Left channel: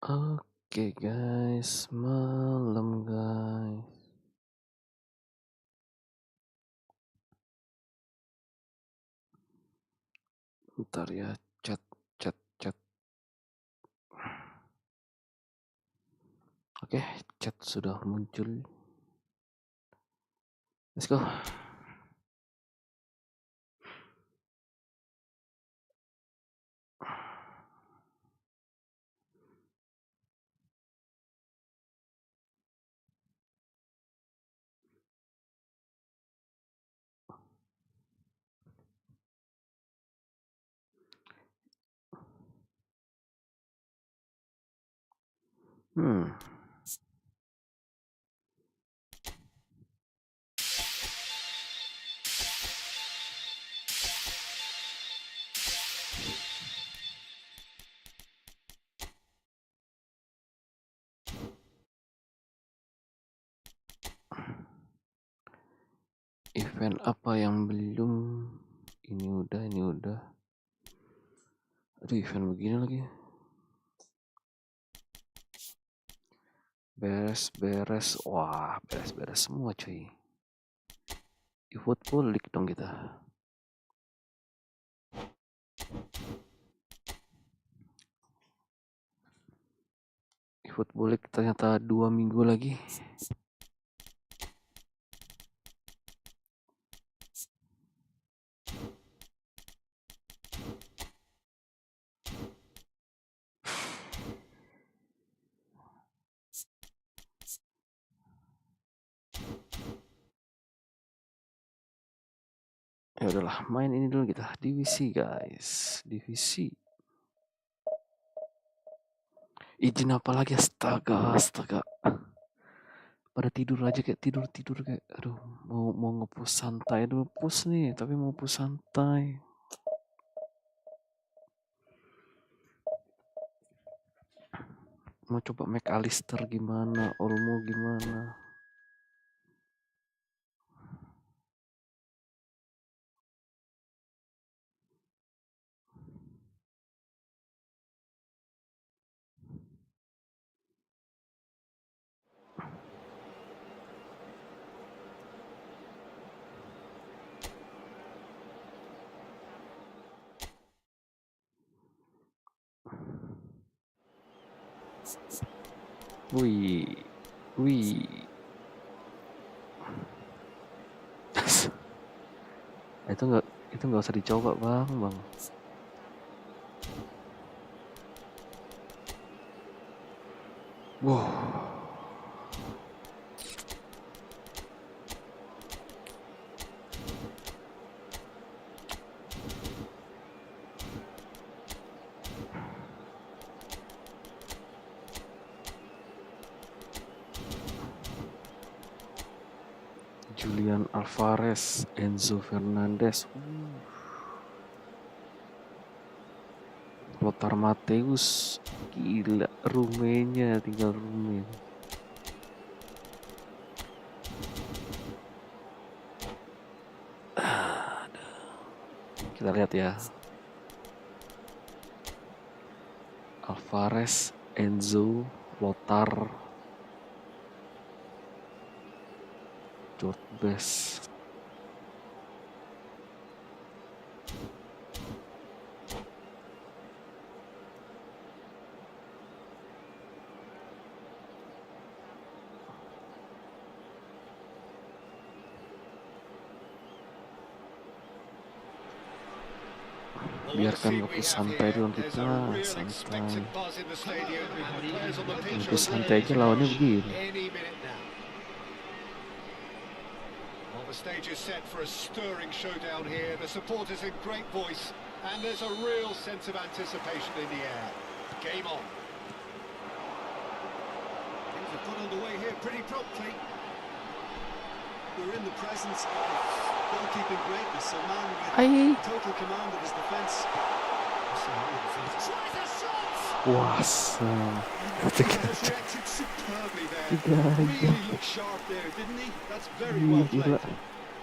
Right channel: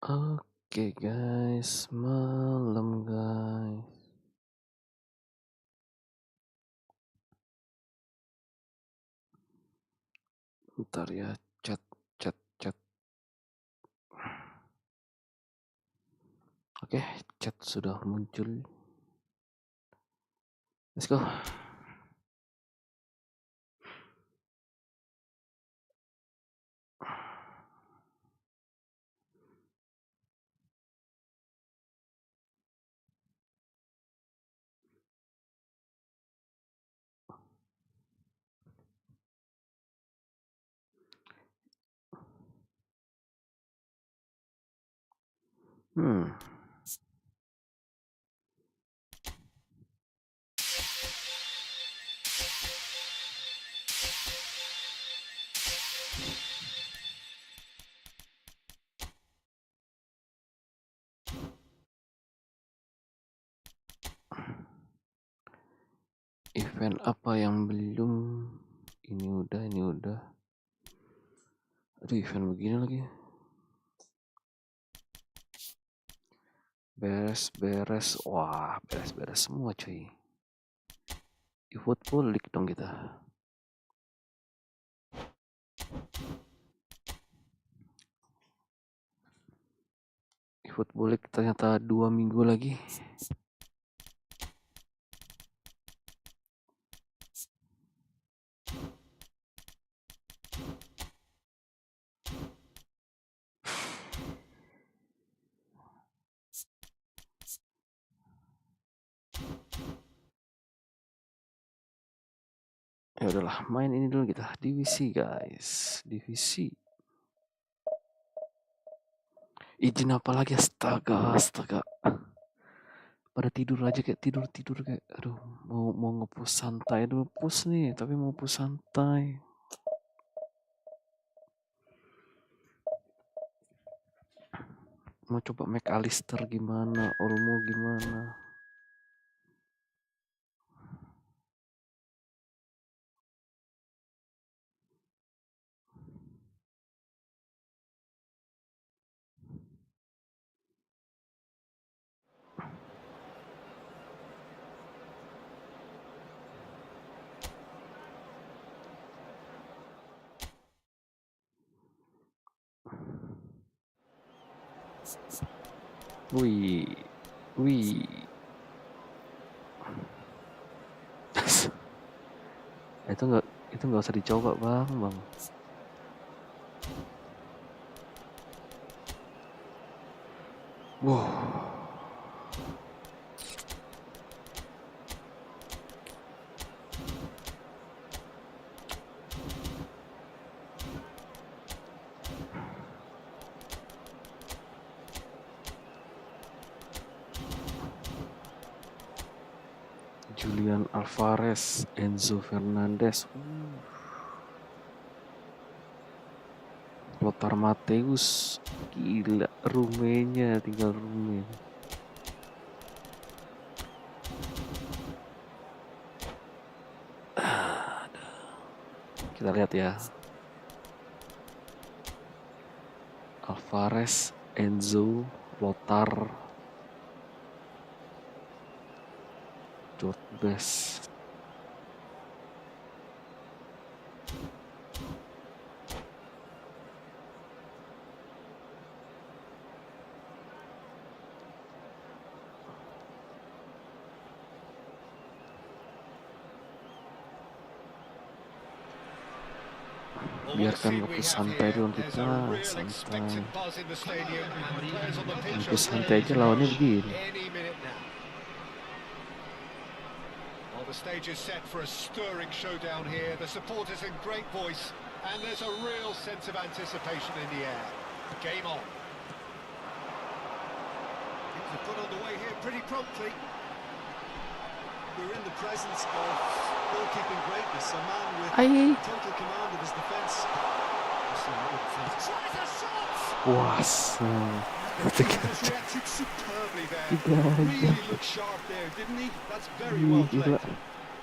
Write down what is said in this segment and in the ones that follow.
Oke guys, malam guys. Bentar ya, chat. Oke, chat sudah muncul. Let's go. Event apa yang belum? Ini udah. Aduh, event begini lagi. Beres. Wah, beres semua cuy. EFOOTBALL League dong kita. EFOOTBALL League ternyata 2 minggu lagi. Ya udahlah, main ini dulu kita. Divisi guys, divisi. Izin apa lagi? Astaga. Pada tidur aja kayak tidur kayak aduh, mau nge-push santai dulu, push nih tapi mau push santai. Mau coba MacAllister gimana, Olmo gimana. Wih. itu nggak usah dicoba bang. Wow. Julian Alvarez, Enzo Fernandez, Lothar Matthäus, gila, Rumenya tinggal Rumen. Kita lihat ya. Alvarez, Enzo, Lothar, George Best. Biarkan waktu santai dulu kita, santai. Waktu santai aja lawannya begini. The stage is set for a stirring showdown here. The supporters in great voice, and there's a real sense of anticipation in the air. Game on. Things have got underway here pretty promptly. We're in the presence of goalkeeping greatness, a man with total command of his defence. Tries a shot. Reacted superbly there. Really looked sharp there, didn't he? That's very well played.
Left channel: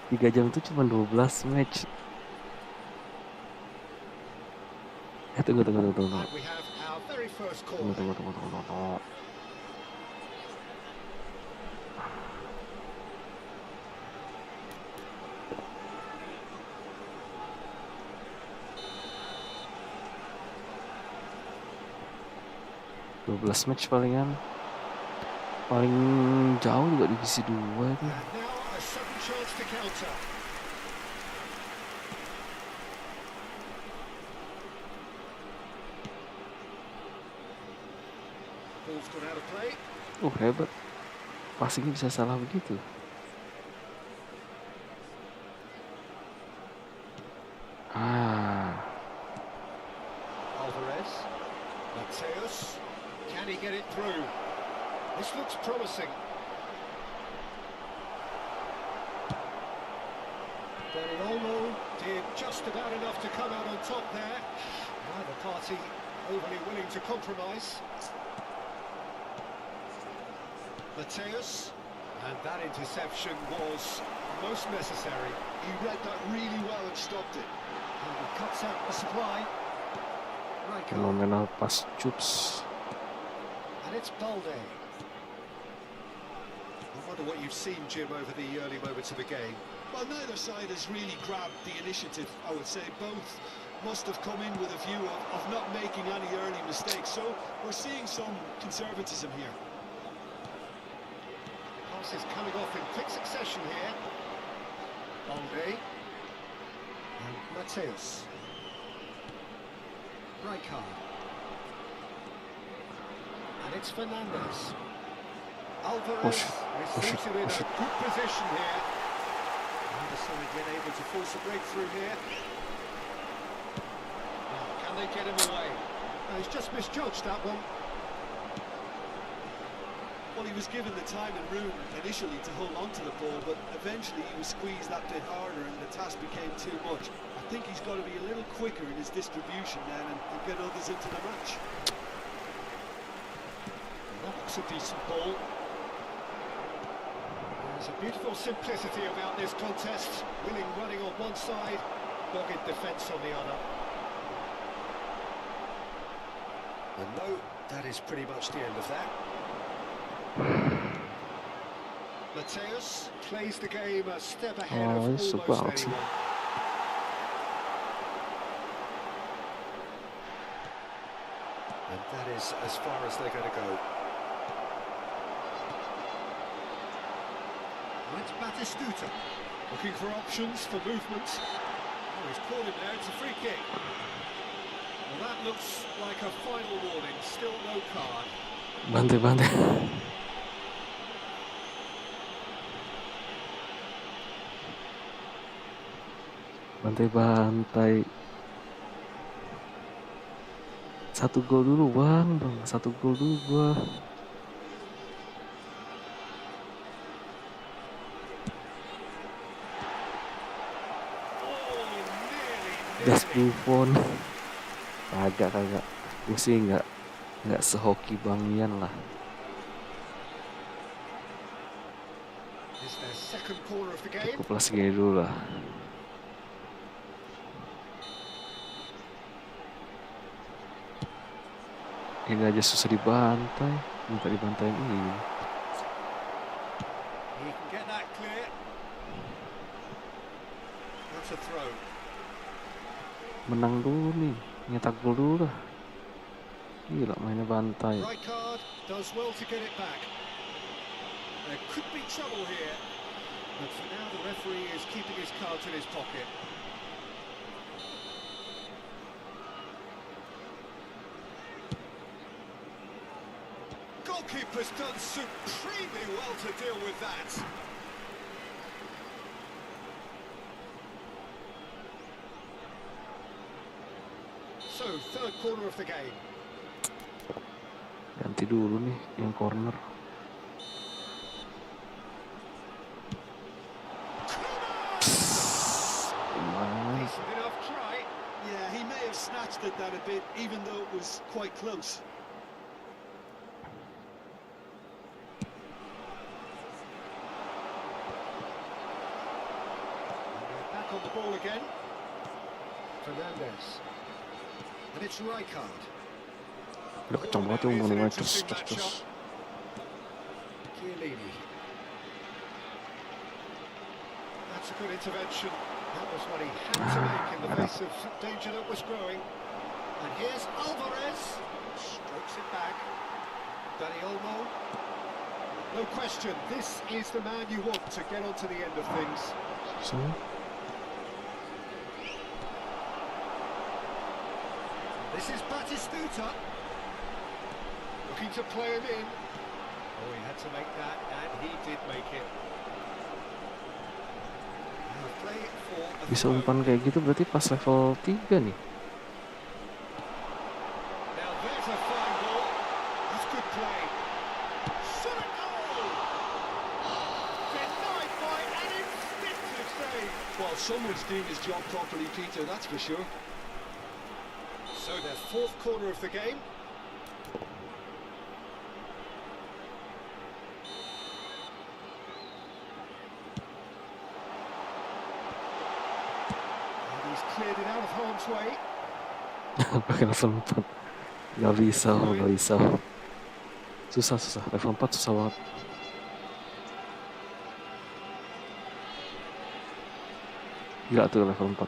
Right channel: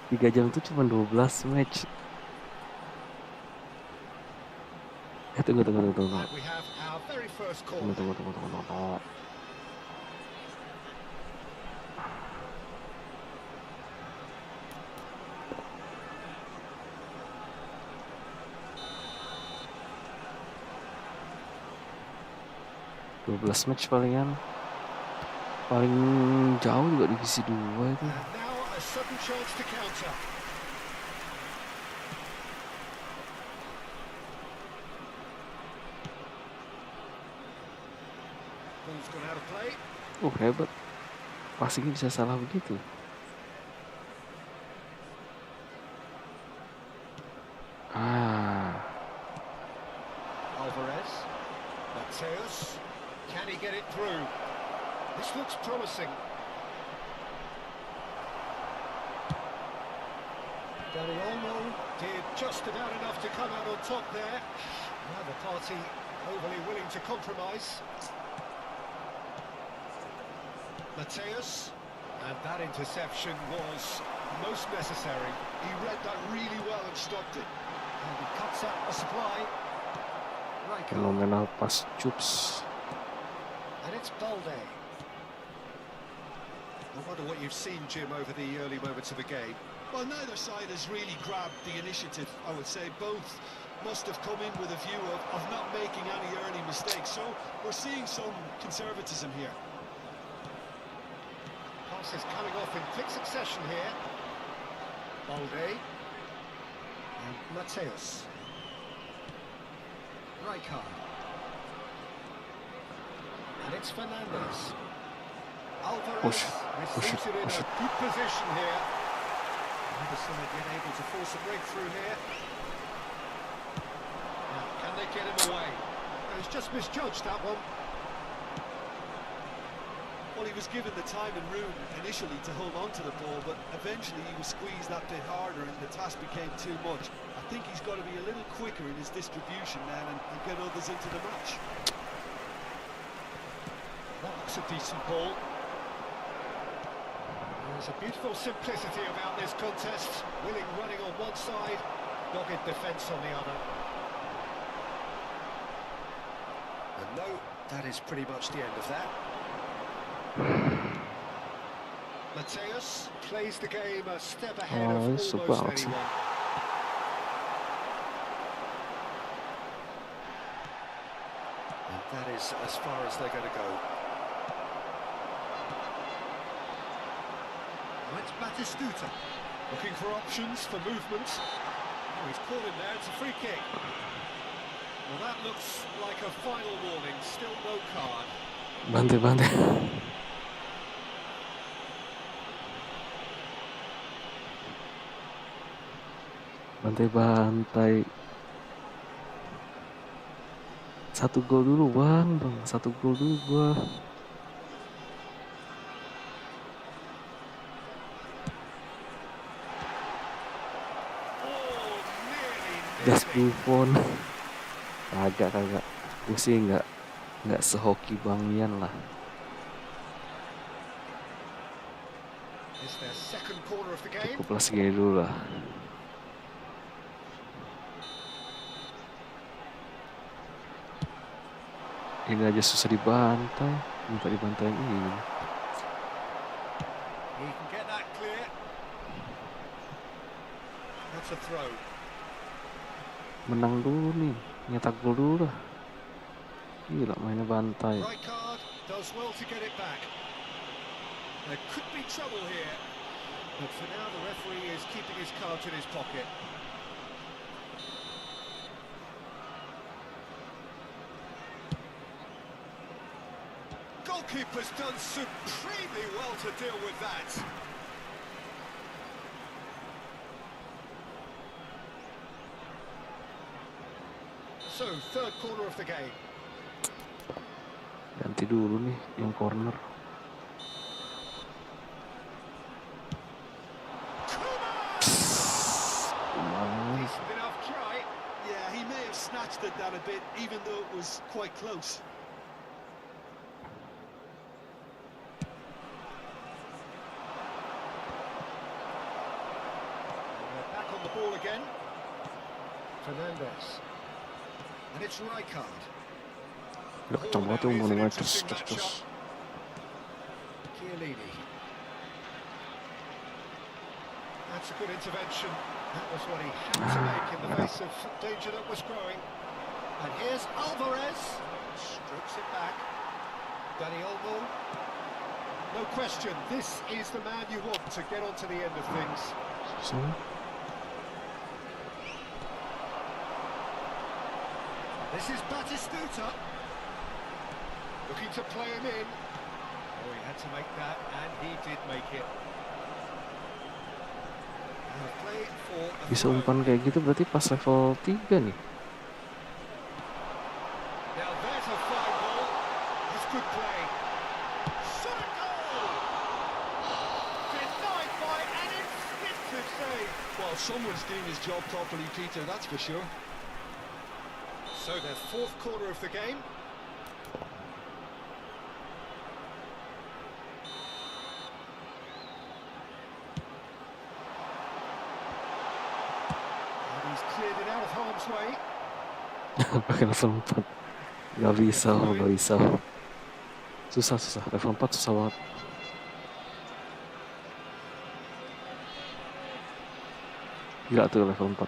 3 jam itu cuma 12 match. Tunggu. our very first Tunggu, corner. tunggu. 12 match palingan. Paling jauh juga divisi 2 itu. And now a sudden chance to counter. Ball's gone out of play. Hebat. Passingnya bisa salah begitu. Alvarez. Mateus. Can he get it through? This looks promising. Danny Olmo did just about enough to come out on top there. Neither party overly willing to compromise. Mateus, and that interception was most necessary. He read that really well and stopped it. And he cuts out the supply. Fenomenal pass Chups. And it's Balde. I wonder what you've seen, Jim, over the early moments of the game. Well, neither side has really grabbed the initiative, I would say. Both must have come in with a view of not making any early mistakes. So we're seeing some conservatism here. Passes coming off in quick succession here. Balde. And Mateus. Rijkaard. And it's Fernandez. Alvarez receives it in a good position here. Neither side yet able to force a breakthrough here. Now, can they get him away? He's just misjudged that one. Well, he was given the time and room initially to hold on to the ball, but eventually he was squeezed that bit harder and the task became too much. I think he's got to be a little quicker in his distribution then and get others into the match. That looks a decent ball. There's a beautiful simplicity about this contest. Willing running on one side, dogged defence on the other. And no, that is pretty much the end of that. Mateus plays the game a step ahead of almost anyone. And that is as far as they're going to go. Now it's Batistuta, looking for options for movement. Oh, he's caught him there, it's a free kick. Well, that looks like a final warning, still no card. Bantai. Bantai. Satu gol dulu bang. Satu gol dulu gua. Gas Buffon. Kagak. Gue sih nggak sehoki Bangian lah. Cukup lah segini dulu lah. Ini aja susah dibantai. Minta dibantai ini. He can get that clear. That's a throw. Menang dulu nih, nyetak gol dulu lah. Gila mainnya bantai. Rijkaard does well to get it back. There could be trouble here, but for now the referee is keeping his cards in his pocket. Goalkeeper's done supremely well to deal with that. So, third corner of the game. Ganti dulu nih yang corner. Decent enough try. Yeah, he may have snatched at that a bit, even though it was quite close. And they're back on the ball again. Fernandez. And it's Rijkaard. Udah kencang banget ya umpan-umpan cus. Chiellini. That's a good intervention. That was what he had to make in the face of danger that was growing. And here's Alvarez. Strokes it back. Danny Olmo. No question, this is the man you want to get onto the end of things. So. This is Batistuta. Looking to play him in. Oh, he had to make that, and he did make it. Play for a Bisa throw. umpan kayak gitu berarti pas level 3 nih. Now there's a fine ball. That's good play. Shot a goal! Denied by an instinctive save. Well, someone's doing his job properly, Peter, that's for sure. So their fourth corner of the game. And he's cleared it out of harm's way. Pakai level 4. Gak bisa. Susah. Level 4 susah banget. Gila tuh level 4.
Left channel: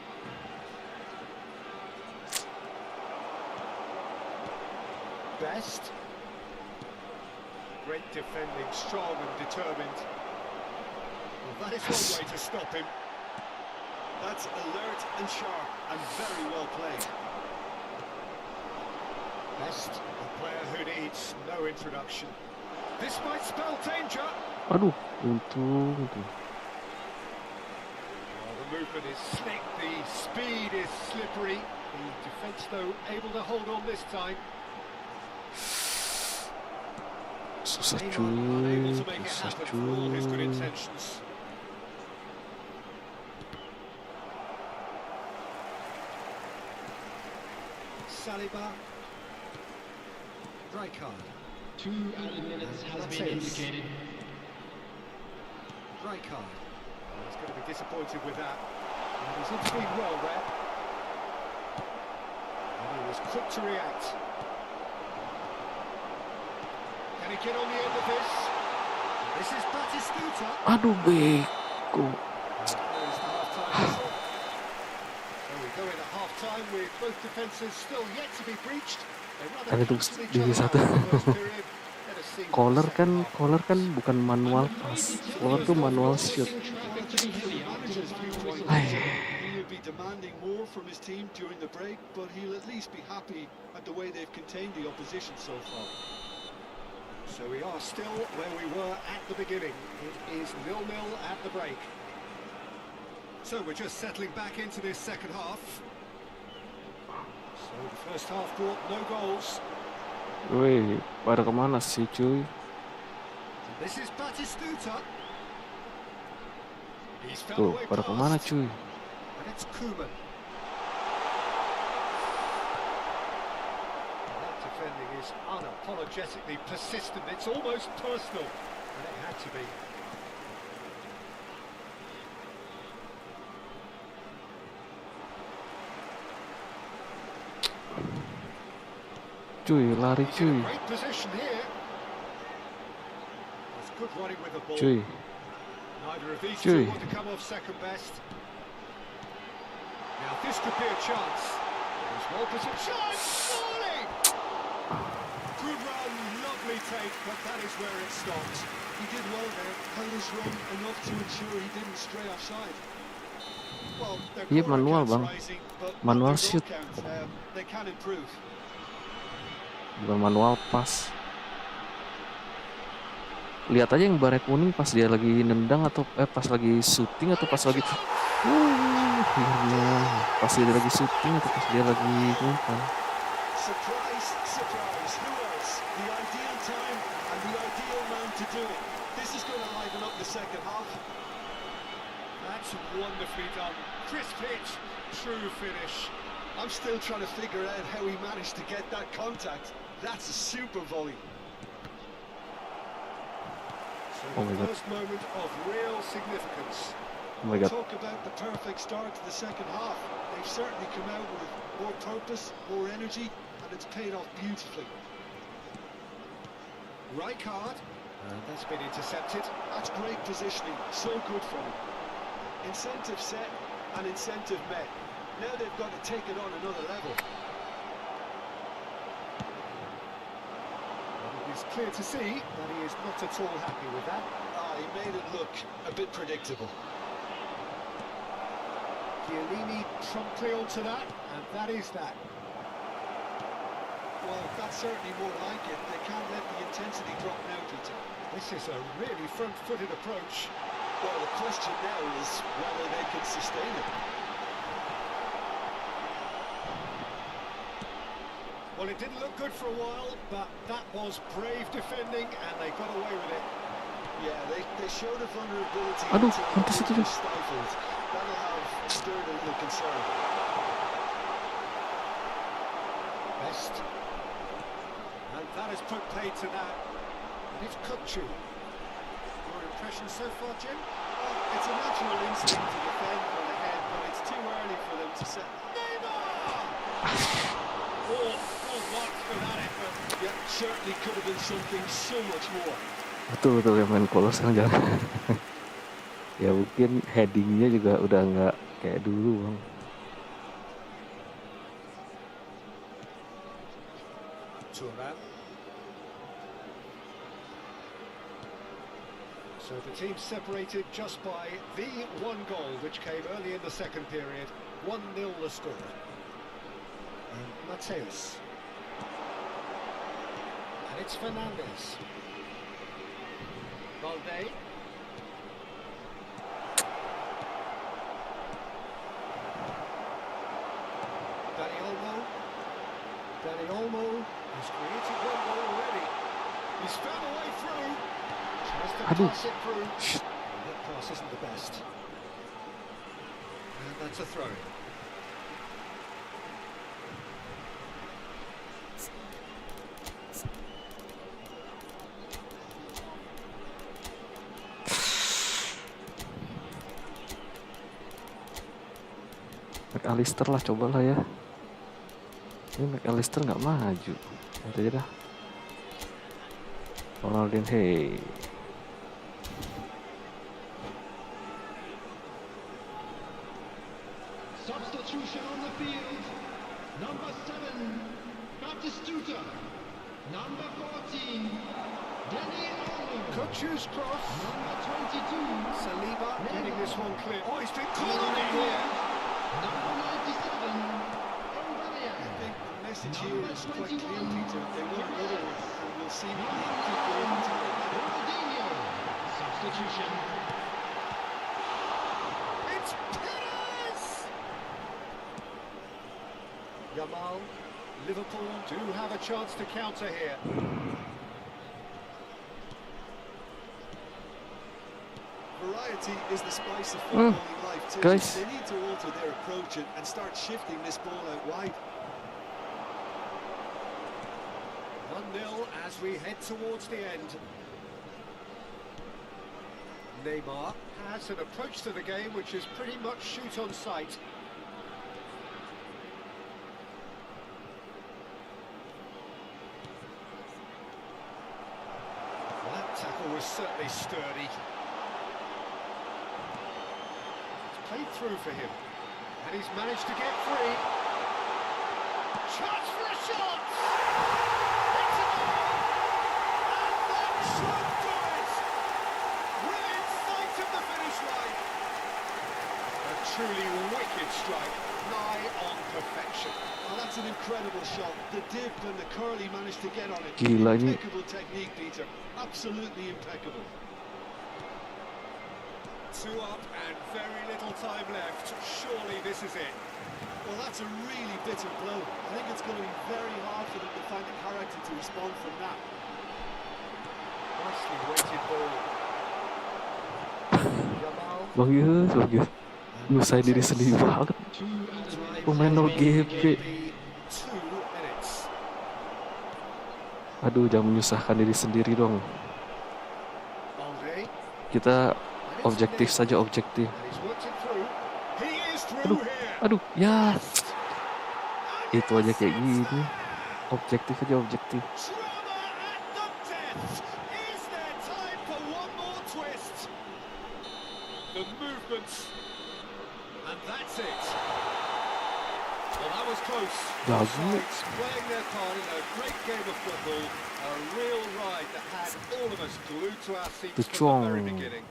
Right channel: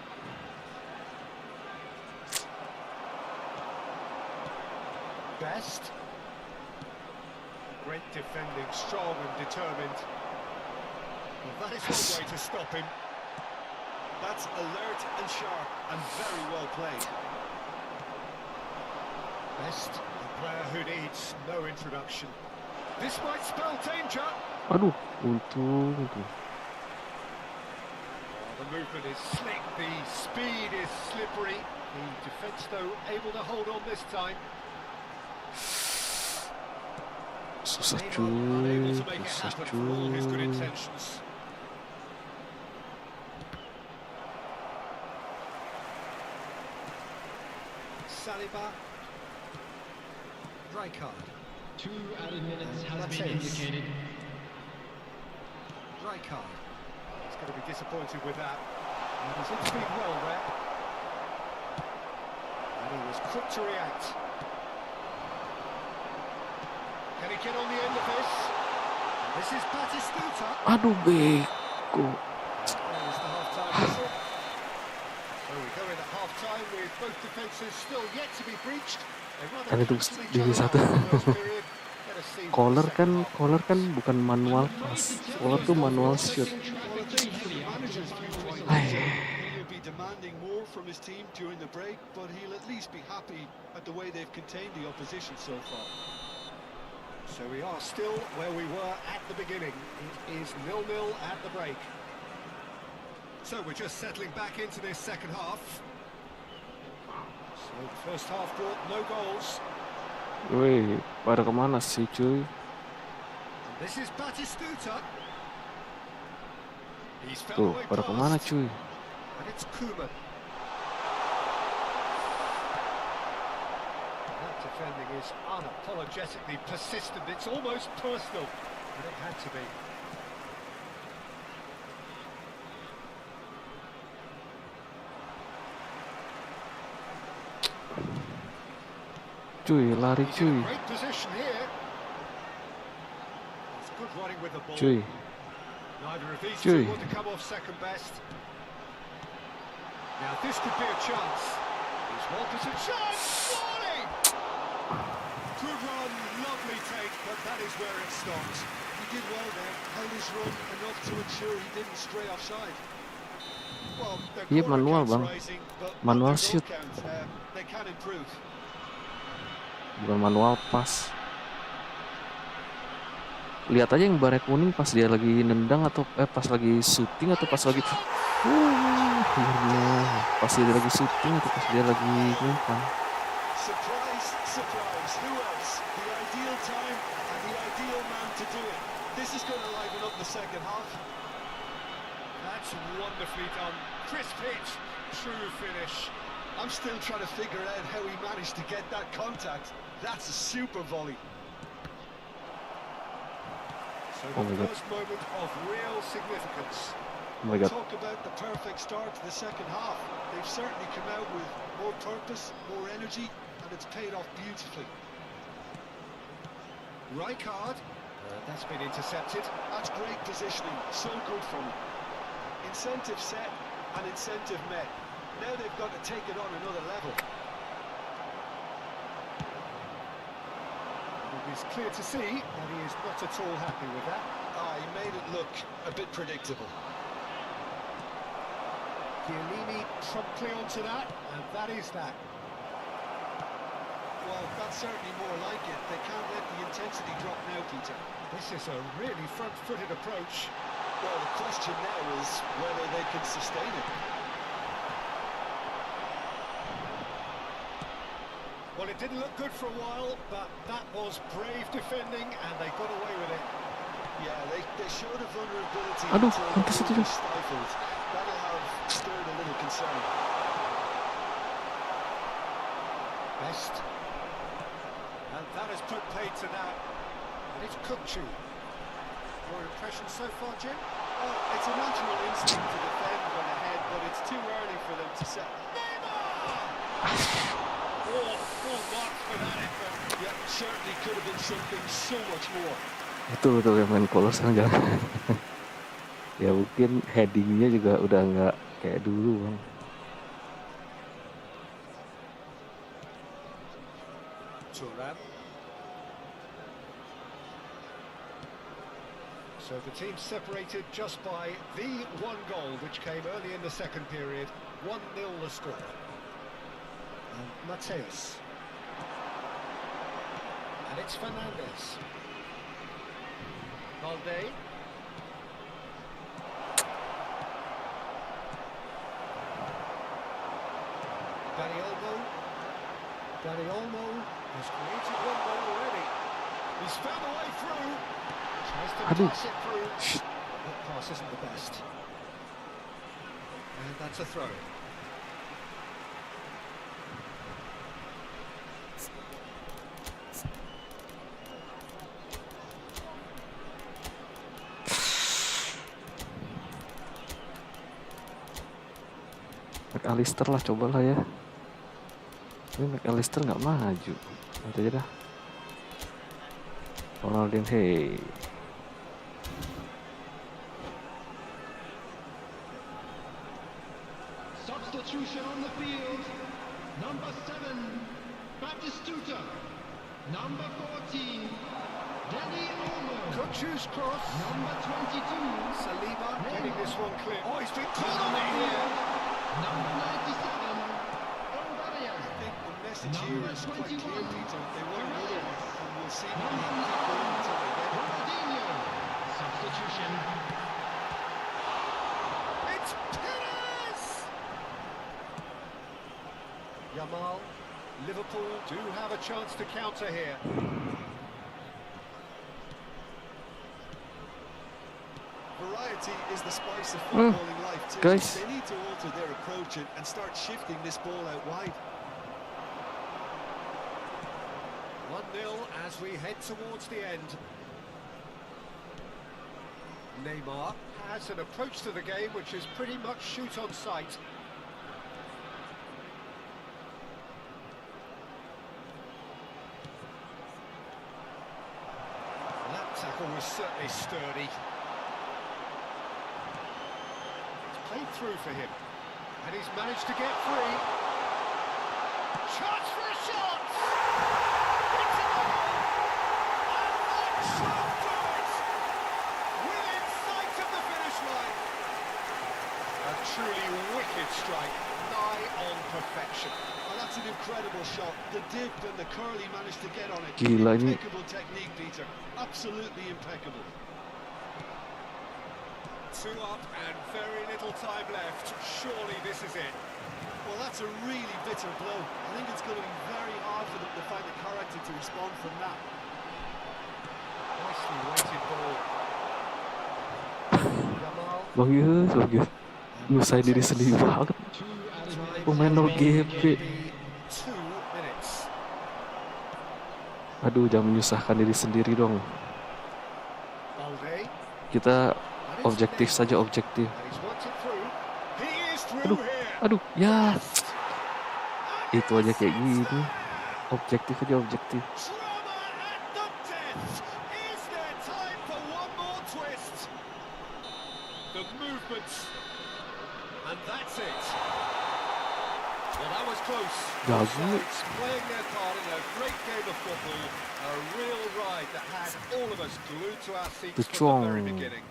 Best. Great defending, strong and determined. Well, that is one way to stop him. That's alert and sharp and very well played. Best, a player who needs no introduction. This might spell danger. Aduh, untung. Oh, the movement is slick, the speed is slippery. The defence, though, able to hold on this time. Susah Unable to make it susah happen for all his good cuy. intentions. Saliba. Rijkaard. 2 added minutes has That's been it. indicated. Rijkaard. He's going to be disappointed with that. And he's intervened well there. And he was quick to react. Can he get on the end of this? This is Batistuta. Aduh beko. There is the half-time whistle. So we go in at half-time with both defences still yet to be breached. They rather Kan itu cancel each di other satu. out in the first period. Let us see what the second half Collar kan bukan manual pass. Collar tuh manual shoot. Well, I think from the manager's viewpoint, he'll be demanding more from his team during the break, but he'll at least be happy at the way they've contained the opposition so far. So we are still where we were at the beginning. It is 0-0 at the break. So we're just settling back into this second half. So the first half brought no goals. Wih, pada kemana sih cuy? This is Batistuta. He's found a Tuh, way pada kemana past. cuy? And it's Koeman. That defending is unapologetically persistent. It's almost personal, and it had to be. Cuy, lari He's in cuy. a great position here. That's good running with the ball. Cuy. Neither of these Cuy. two want to come off second best. Now this could be a chance. He's well positioned. Chance! Volley! Good run, lovely take, but that is where it stopped. He did well there, held his run enough to ensure he didn't stray offside. Well, their Iya, corner manual, count's Bang. rising, but Manual their goal shoot. count, they can improve. Bukan manual pass. Lihat aja yang baret kuning pas dia lagi nendang atau pas lagi syuting atau pas lagi akhirnya pas dia lagi syuting atau pas dia lagi ngumpan. Surprise, surprise, who else? The ideal time and the ideal man to do it. This is going to liven up the second half. That's wonderfully done. Crisp hit, true finish. I'm still trying to figure out how he managed to get that contact. That's a super volley. So Oh my the God. first moment of real significance. Oh my god. Talk about the perfect start to the second half. They've certainly come out with more purpose, more energy, and it's paid off beautifully. Rijkaard. That's been intercepted. That's great positioning, so good from him. Incentive set and incentive met. Now they've got to take it on another level. It is clear to see that he is not at all happy with that. He made it look a bit predictable. Chiellini promptly onto that, and that is that. Well, that's certainly more like it. They can't let the intensity drop now, Peter. This is a really front-footed approach. Well, the question now is whether they can sustain it. Well, it didn't look good for a while, but that was brave defending, and they got away with it. Yeah, they showed a vulnerability Aduh, until hampir situ. they stifled. That'll have stirred a little concern. Best. And that has put paid to that. And it's Kukçu. Your impression so far, Jim? Well, it's a natural instinct to defend when ahead, but it's too early for them to set. Neymar! Oh, full marks for that effort. Yeah, certainly could have been something so much more. Betul yang main polos sekarang jangan. Ya mungkin headingnya juga udah nggak kayak dulu, Bang. Thuram. So the team separated just by the one goal, which came early in the second period. 1-0 the score. And Mateus. And it's Fernandes. Valde. Dani Olmo has created one goal already. He's found a way through. Tries to Aduh. pass it through. That pass isn't the best. And that's a throw. MacAllister lah, cobalah ya. Tapi MacAllister nggak maju. Nanti aja dah. Ronaldinho, hey. Substitution on the field. Number 7, Batistuta. Number 14, Dani Olmo. Kukçu's cross. Number 22, Saliba getting this one clear. Oh, he's been called on Number it here. number 97, I think the message here is quite clear, Peter. They want another one, and we'll see how they keep going until they get it. Ronaldinho. Substitution. It's Perez! Yamal, Liverpool do have a chance to counter here. Variety is the spice of footballing life too. Guys. They need to alter their approach and start shifting this ball out wide. 1-0 as we head towards the end. Neymar has an approach to the game which is pretty much shoot on sight. Well, that tackle was certainly sturdy. It's played through for him, and he's managed to get free. Chance for a shot! It's a goal! And that should do it! Within sight of the finish line. A truly wicked strike, nigh on perfection. Oh, that's an incredible shot. The dip and the curl he managed to get on it. Gila ini. Impeccable technique, Peter. Absolutely impeccable. 2 up and very little time left. Surely this is it. Well, that's a really bitter blow. I think it's going to be very hard for them to find the character to respond from that. Nicely weighted ball. Yamal. Bagus. Nyusahin diri sendiri banget. Pemain no GP. 2 minutes. Aduh, jangan menyusahkan diri sendiri dong. Valde. Kita objektif saja, objektif. And he's worked it through. He is through here. Aduh, ya. Itu aja kayak gini. Objektif aja, objektif. Drama at the death. the movements, and that's it. Well, that was close. Both sides playing their part in a great game of football, a real ride that had all of us glued to our seats from the very beginning.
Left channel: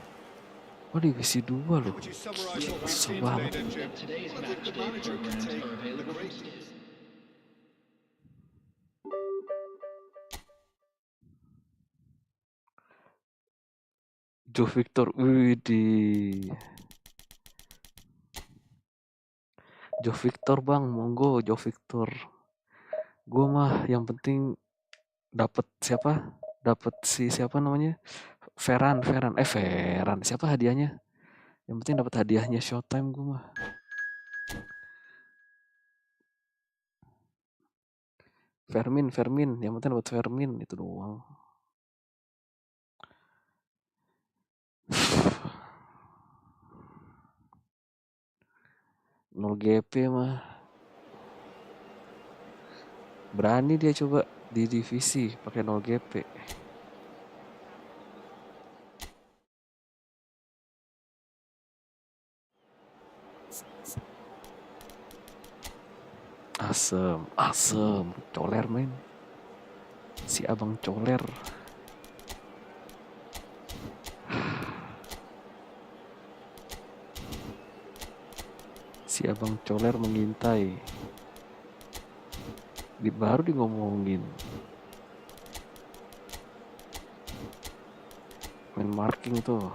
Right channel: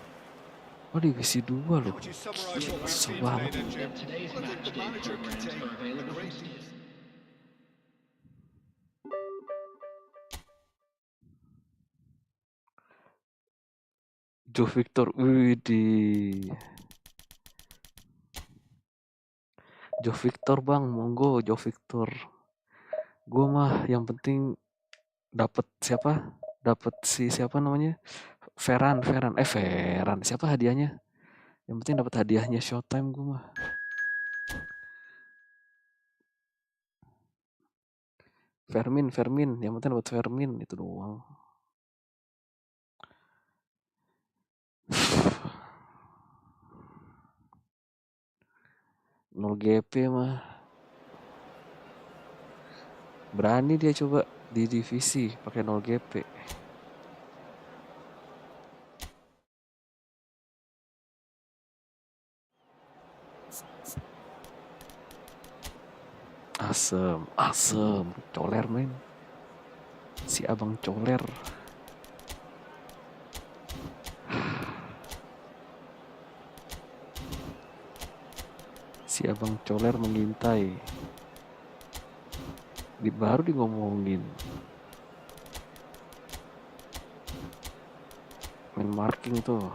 Oh, divisi 2 How loh. would you summarize what we've Kesel seen today, banget. then, Jim? Today's Well, I think match the day manager can programs take are available a from great Steve. Joe Victor, widih. Joe Victor bang, monggo Joe Victor. Gue mah yang penting dapat siapa? Dapat siapa namanya? Ferran. Siapa hadiahnya? Yang penting dapat hadiahnya Showtime gue mah. Fermin, yang penting dapat Fermin itu doang. Nol GP mah. Berani dia coba di divisi pakai 0 GP. Asem, coler men. Si abang coler. Si abang coler mengintai. Baru di ngomongin. Main marking tuh.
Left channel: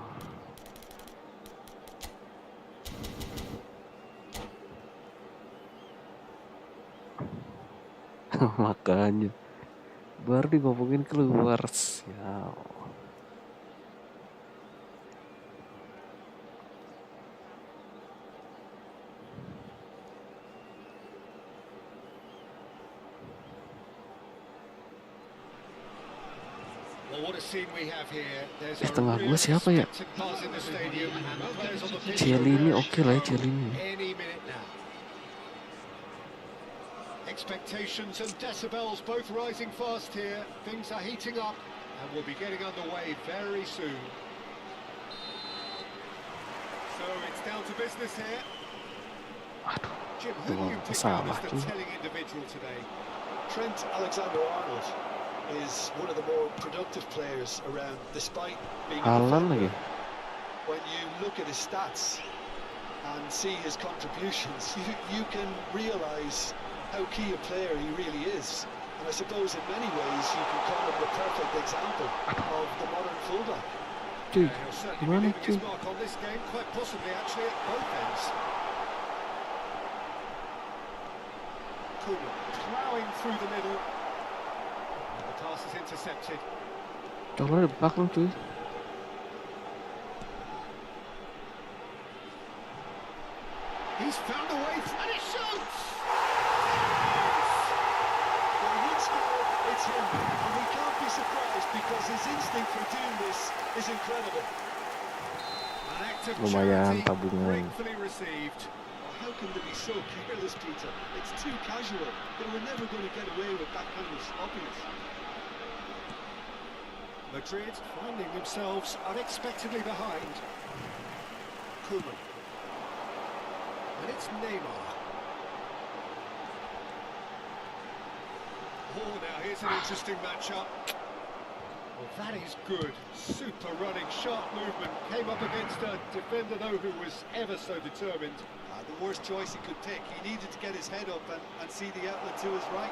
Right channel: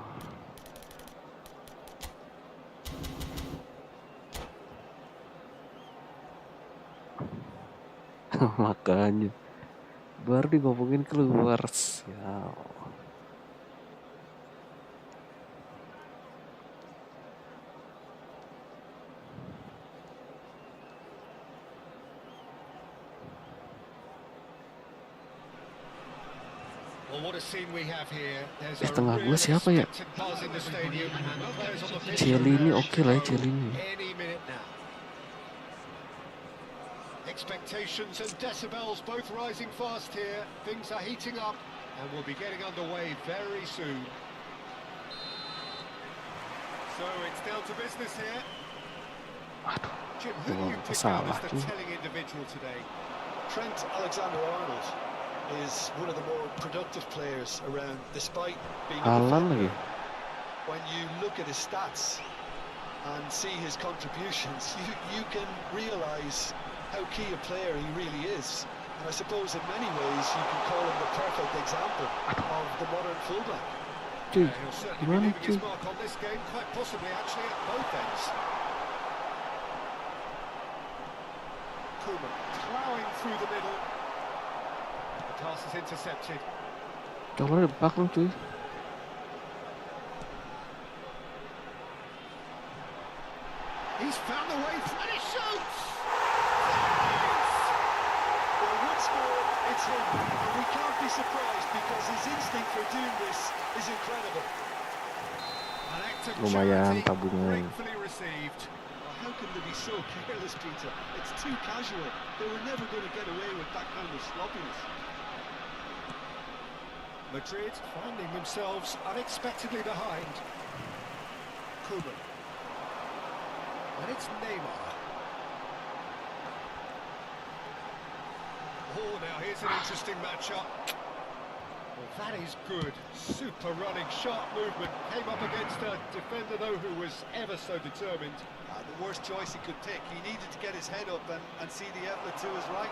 Makanya baru di ngomongin keluar. Sial. Tengah gue siapa ya? Cielini oke lah ya, Cielini. Expectations and decibels both rising fast here. Things are heating up and we'll be getting underway very soon. So it's down to business here. Jim, who do you pick out as the telling individual today? Trent Alexander-Arnold is one of the more productive players around, despite being a defender. When you look at his stats and see his contributions, you can realise how key a player he really is. And I suppose in many ways you can call him the perfect example of the modern fullback. He'll certainly be leaving his mark on this game, quite possibly actually at both ends. Koeman ploughing through the middle. The pass is intercepted. Coba belakang cuy. He's found a way and he shoots! Well, once more, it's him, and we can't be surprised because his instinct for doing this is incredible. An act of Lumayan charity tabungan. gratefully received. How can they be so careless, Peter? It's too casual. They were never going to get away with that kind of sloppiness. Madrid finding themselves unexpectedly behind. Koeman. And it's Neymar. Oh, now here's an interesting matchup. Well, that is good. Super running, sharp movement. Came up against a defender, though, who was ever so determined. The worst choice he could pick. He needed to get his head up and see the outlet to his right.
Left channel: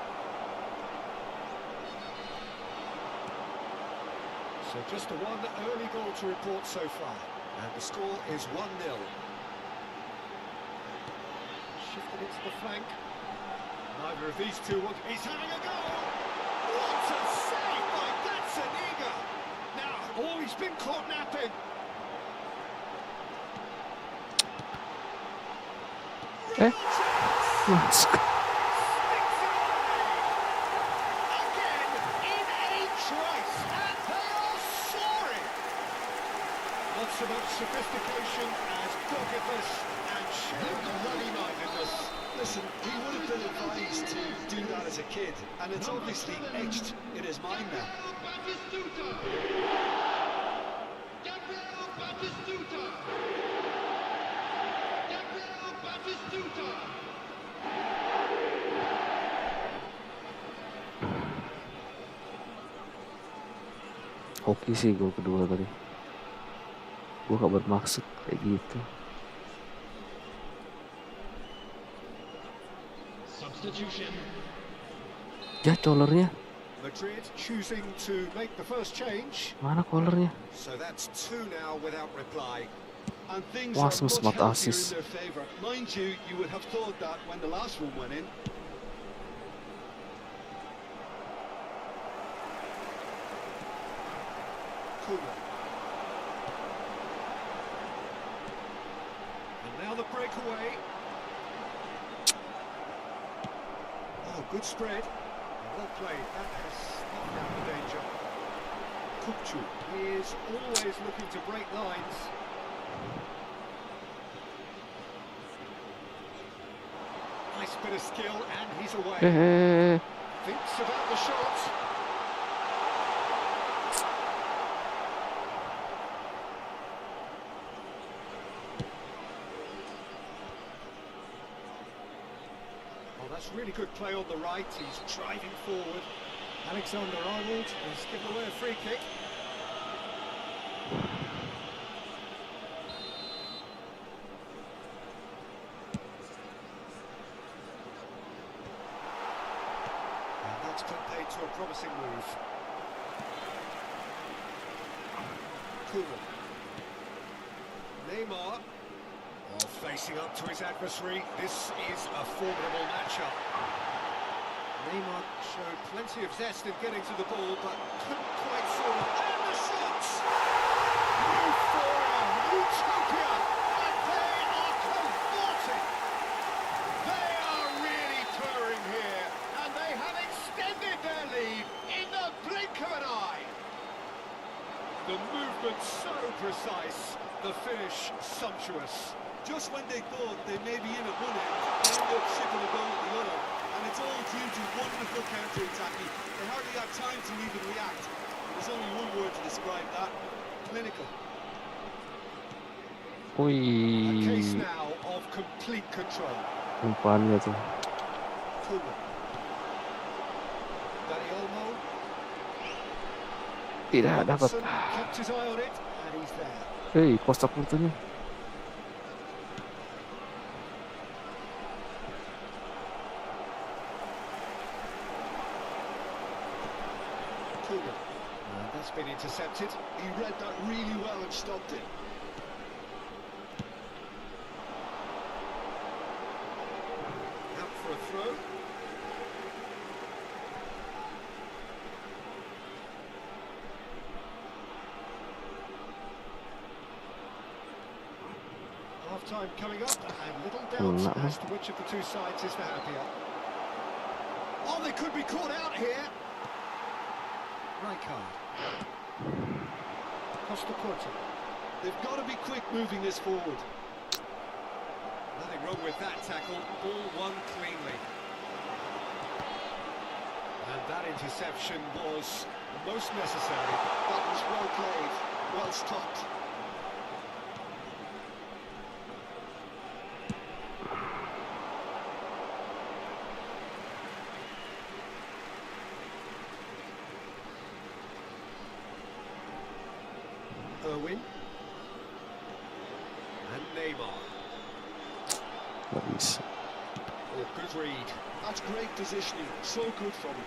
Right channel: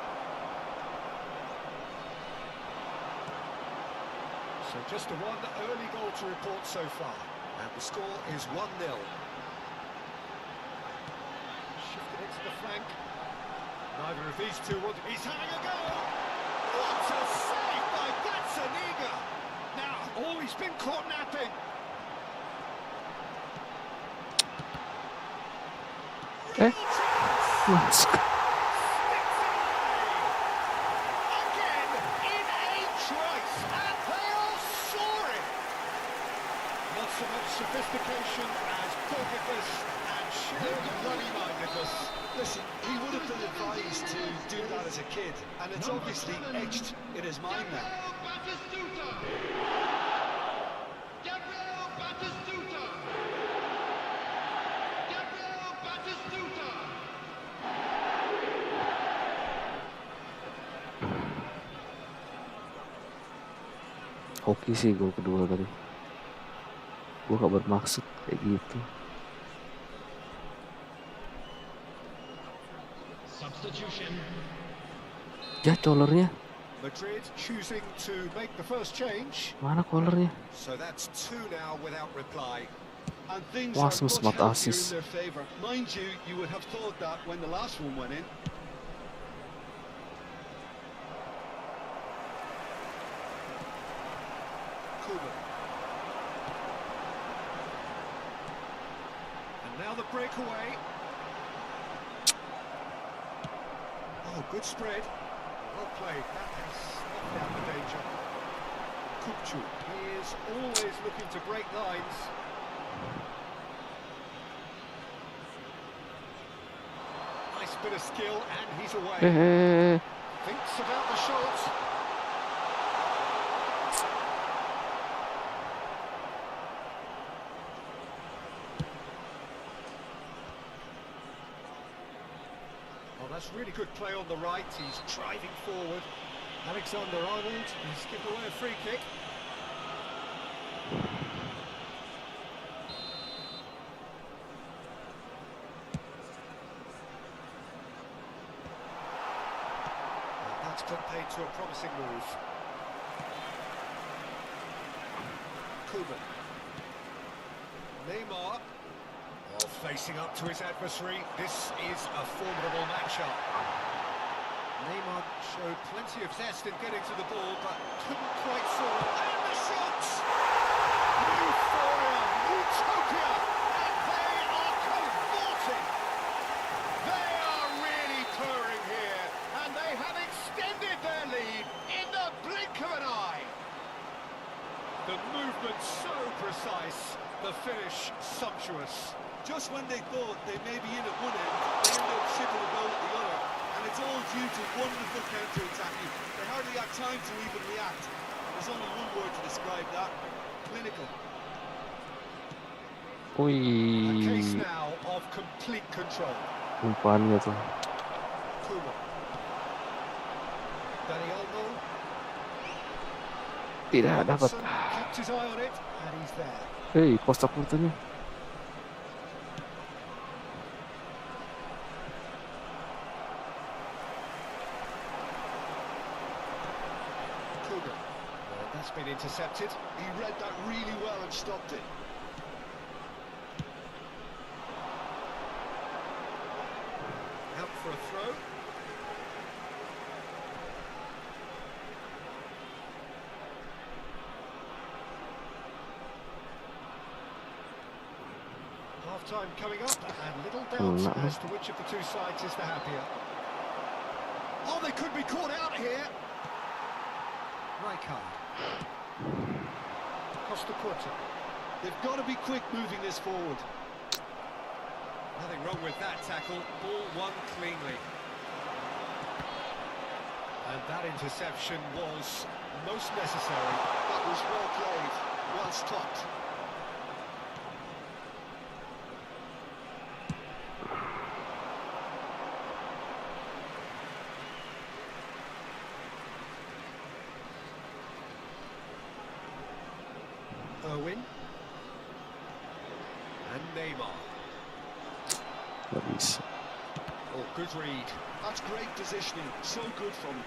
So just the one early goal to report so far. And the score is 1-0. Shifted into the flank. Neither of these two want... He's having a go! What a save by Gazzaniga! Now, oh, he's been caught napping. Real chance! Masuk. Sticks it away! Again, in a trice, and they are soaring! Not so much sophistication as doggedness and sheer bloody-mindedness. Listen, he would have been advised to do that as a kid, and it's obviously etched in his mind now. Gabriel Batistuta. Batistuta. Hoki sih gol kedua tadi. Gue gak bermaksud kayak gitu. Substitution. Ya colornya. Madrid choosing to make the first change. Mana colornya? So that's two now without reply. And things Wah, are much sempat healthier in assist. their favour. Mind you, you would have thought that when the last one went in. Koeman. And now the breakaway. Oh, good spread. Well played. That has snuffed out the danger. Kupchu. He is always looking to break lines. Nice bit of skill, and he's away. Thinks about the shot. Oh, that's really good play on the right. He's driving forward. Alexander-Arnold has given away a free kick. And that's put paid to a promising move. Koeman. Neymar. Oh, facing up to his adversary. This is a formidable matchup. Neymar showed plenty of zest in getting to the ball, but couldn't quite sort it. And the shots! Euphoria, utopia, and they are cavorting. They are really purring here, and they have extended their lead in the blink of an eye. The movement so precise, the finish sumptuous. Just when they thought they may be in at one end, they end up shipping a goal at the other. And it's all due to wonderful counter-attacking. They hardly had time to even react. There's only one word to describe that: clinical. A case Wih, now of complete control. umpannya tuh. Koeman. Olmo. Tidak dapat. Robertson kept his eye on it, and he's there. Hei, kotak putihnya. Koeman. And that's been intercepted. He read that really well and stopped it. Out for a throw. Half-time coming up, and little doubt as to which of the two sides is the happier. Oh, they could be caught out here. Right card. Costa Corta. They've got to be quick moving this forward. Nothing wrong with that tackle. Ball won cleanly. And that interception was most necessary. That was well played, well stopped. Irwin. And Neymar. Gak bisa. Oh, good read. That's great positioning, so good from him.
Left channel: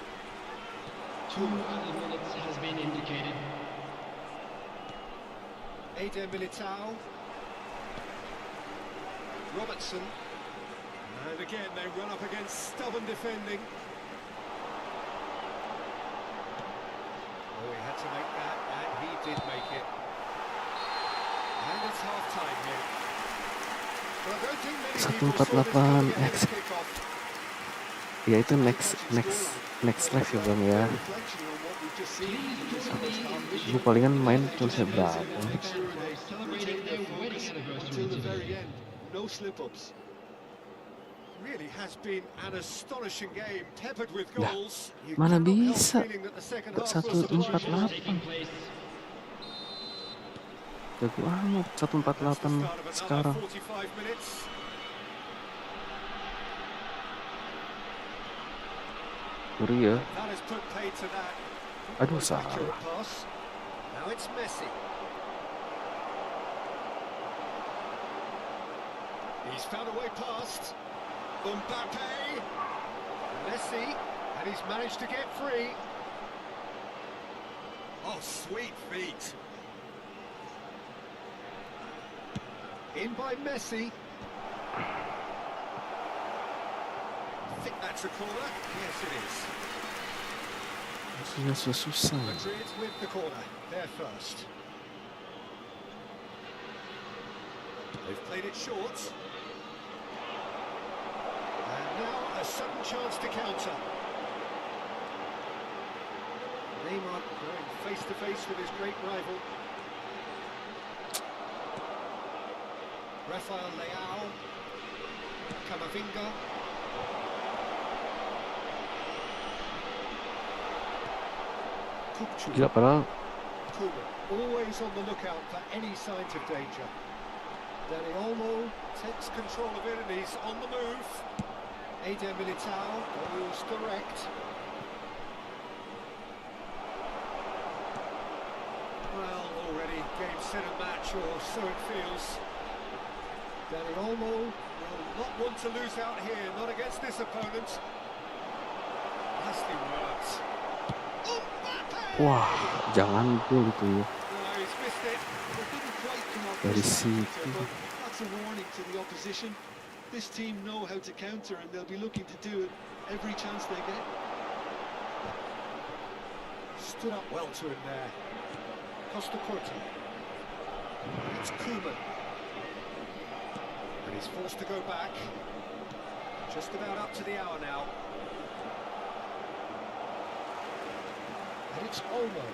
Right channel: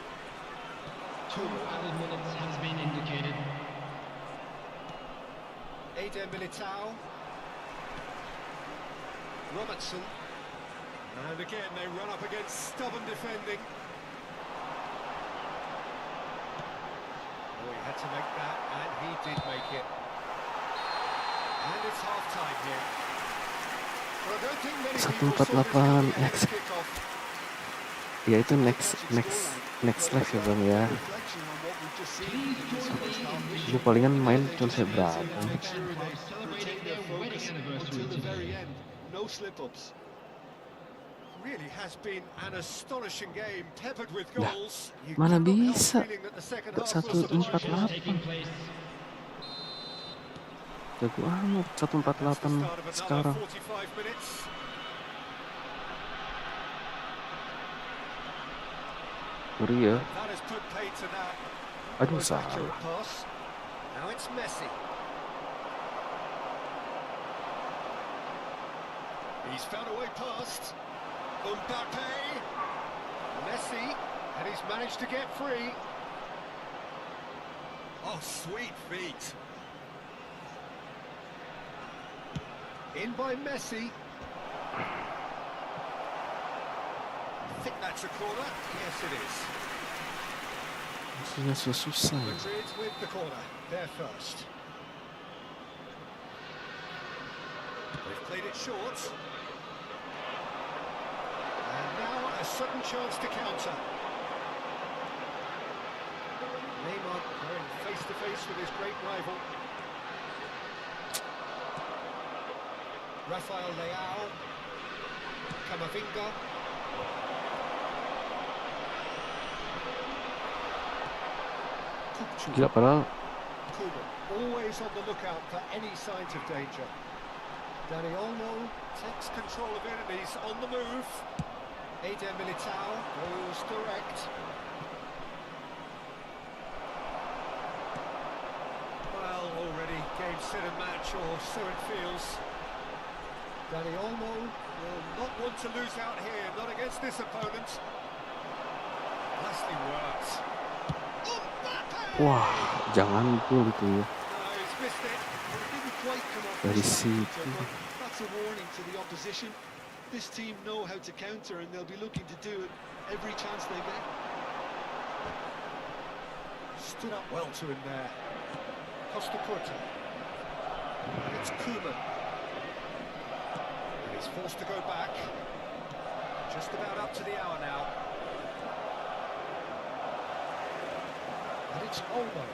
2 added minutes has been indicated. Eder Militao. Robertson. And again, they run up against stubborn defending. Oh, he had to make that, and he did make it. And it's half-time here. But I don't think many people saw this 148 coming ahead of kick-off. Ya itu next live ya bang ya. Reflection on what we've just seen in this first half. Gue palingan main cuma berapa. Make sure they retain their focus until the very end. No slip-ups. Really has been an astonishing game, peppered with Lah, goals. You mana cannot help bisa feeling that the second half was 148. Taking place. Jago amat That's the 148 start of another sekarang. 45 minutes. Ngeri ya. That has put paid to that. Aduh, Most accurate salah. pass. Now it's Messi. He's found a way past. Mbappe. Messi. And he's managed to get free. Oh, sweet feet. In by Messi. I think that's a corner. Yes, it is. Maksudnya susah. Madrid with the corner. They're first. They've played it short. And now a sudden chance to counter. Neymar going face to face with his great rival. Rafael Leao. Camavinga. Gila padahal. Koeman, always on the lookout for any signs of danger. Dani Olmo takes control of it and he's on the move. Eder Militao goes direct. Well, already game, set and match, or so it feels. Dani Olmo will not want to lose out here, not against this opponent. Nicely worked. Wah, jangan gol itu ya. No, he's missed it. Well, it didn't quite come off Dari this time, situ. Peter, but that's a warning to the opposition. This team know how to counter and they'll be looking to do it every chance they get. Stood up well to him there. Costa Curta. And it's Koeman. And he's forced to go back. Just about up to the hour now. And it's Olmo.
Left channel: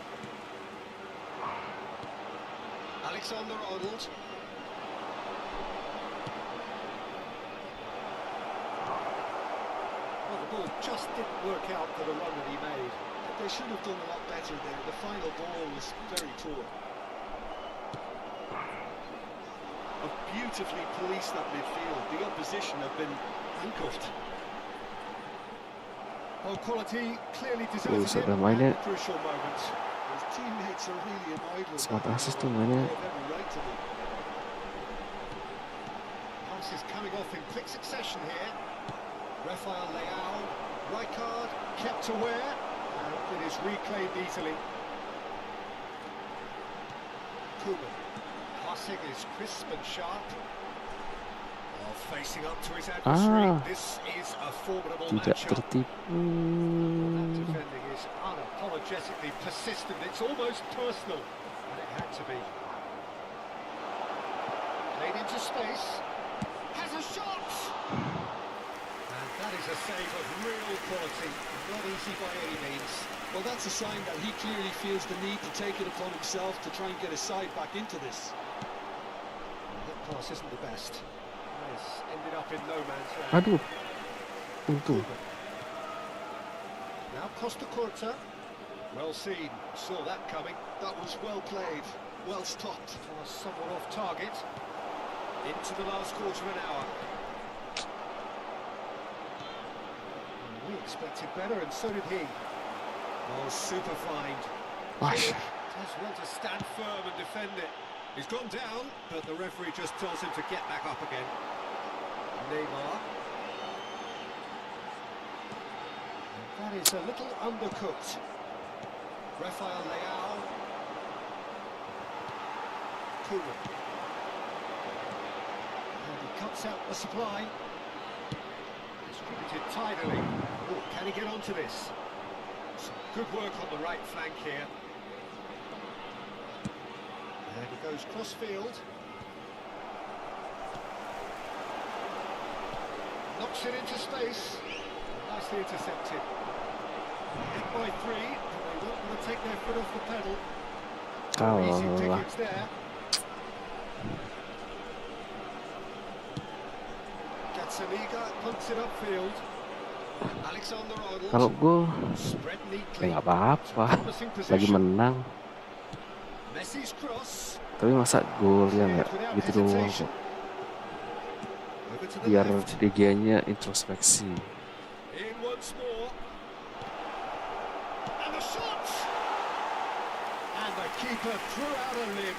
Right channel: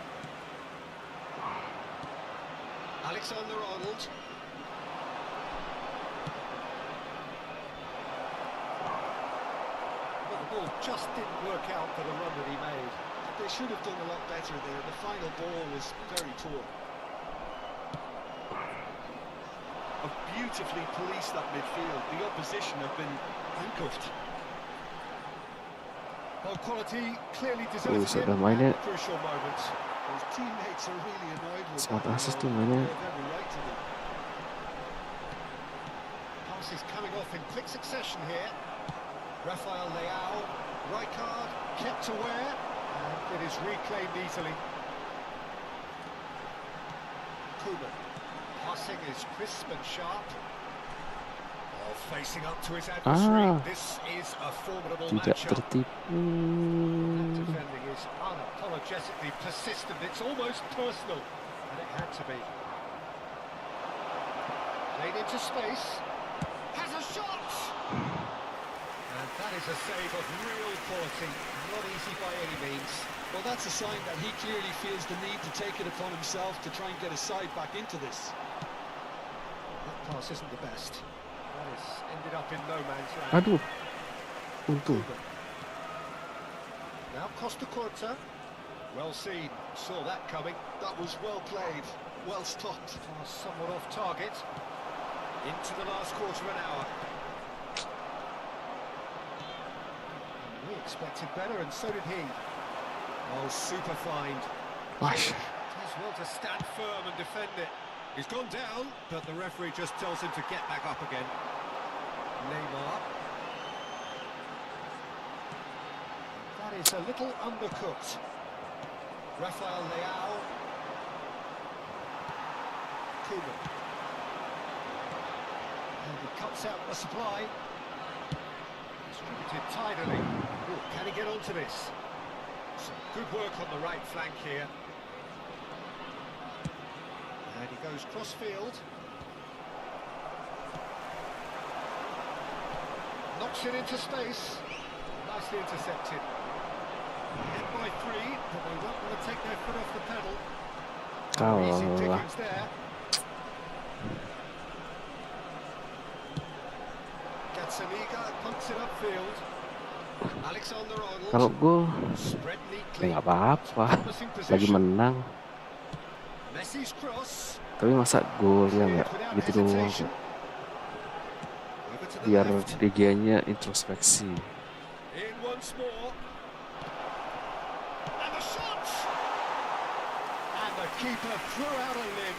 Alexander-Arnold. Well, the ball just didn't work out for the run that he made. But they should have done a lot better there. The final ball was very poor. Have beautifully policed that midfield. The opposition have been handcuffed. Oh, quality clearly deserves Buset it dah at mainnya. the crucial moment. His teammates are really annoyed with Smart that. assist tuh They mainnya. have every right to be. Passes coming off in quick succession here. Rafael Leao, Rijkaard kept aware, and it is reclaimed easily. Koeman, passing is crisp and sharp. Oh, facing up to his adversary, this is a formidable Tidak matchup. tertipu. That defending is unapologetically persistent. It's almost personal, and it had to be. Played into space. Has a shot! And that is a save of real quality. Not easy by any means. Well, that's a sign that he clearly feels the need to take it upon himself to try and get his side back into this. That pass isn't the best. That has ended up in no man's land. Aduh. Untung. Now Costa Curta. Well seen. Saw that coming. That was well played, well stopped. Pass somewhat off target. Into the last quarter of an hour. And we expected better, and so did he. Oh, super find. Wah. Does well to stand firm and defend it. He's gone down, but the referee just tells him to get back up again. Neymar. And that is a little undercooked. Rafael Leao. Koeman. And he cuts out the supply. Distributed tidily. Oh, can he get onto this? Some good work on the right flank here. And he goes cross-field. Knocks it into space. Nicely intercepted. Hit by three, but they won't want to take their foot off the pedal. Easy Kalah. pickings there. Gazzaniga punts it upfield. Alexander-Arnold. Kalau gol, Spread ya neatly. nggak apa-apa. Promising Lagi position. menang. Messi's cross. Tapi masa gol ya nggak Without gitu doang hesitation. kok. Over to the Biar left. DG-nya introspeksi. In once more. keeper threw out a limb.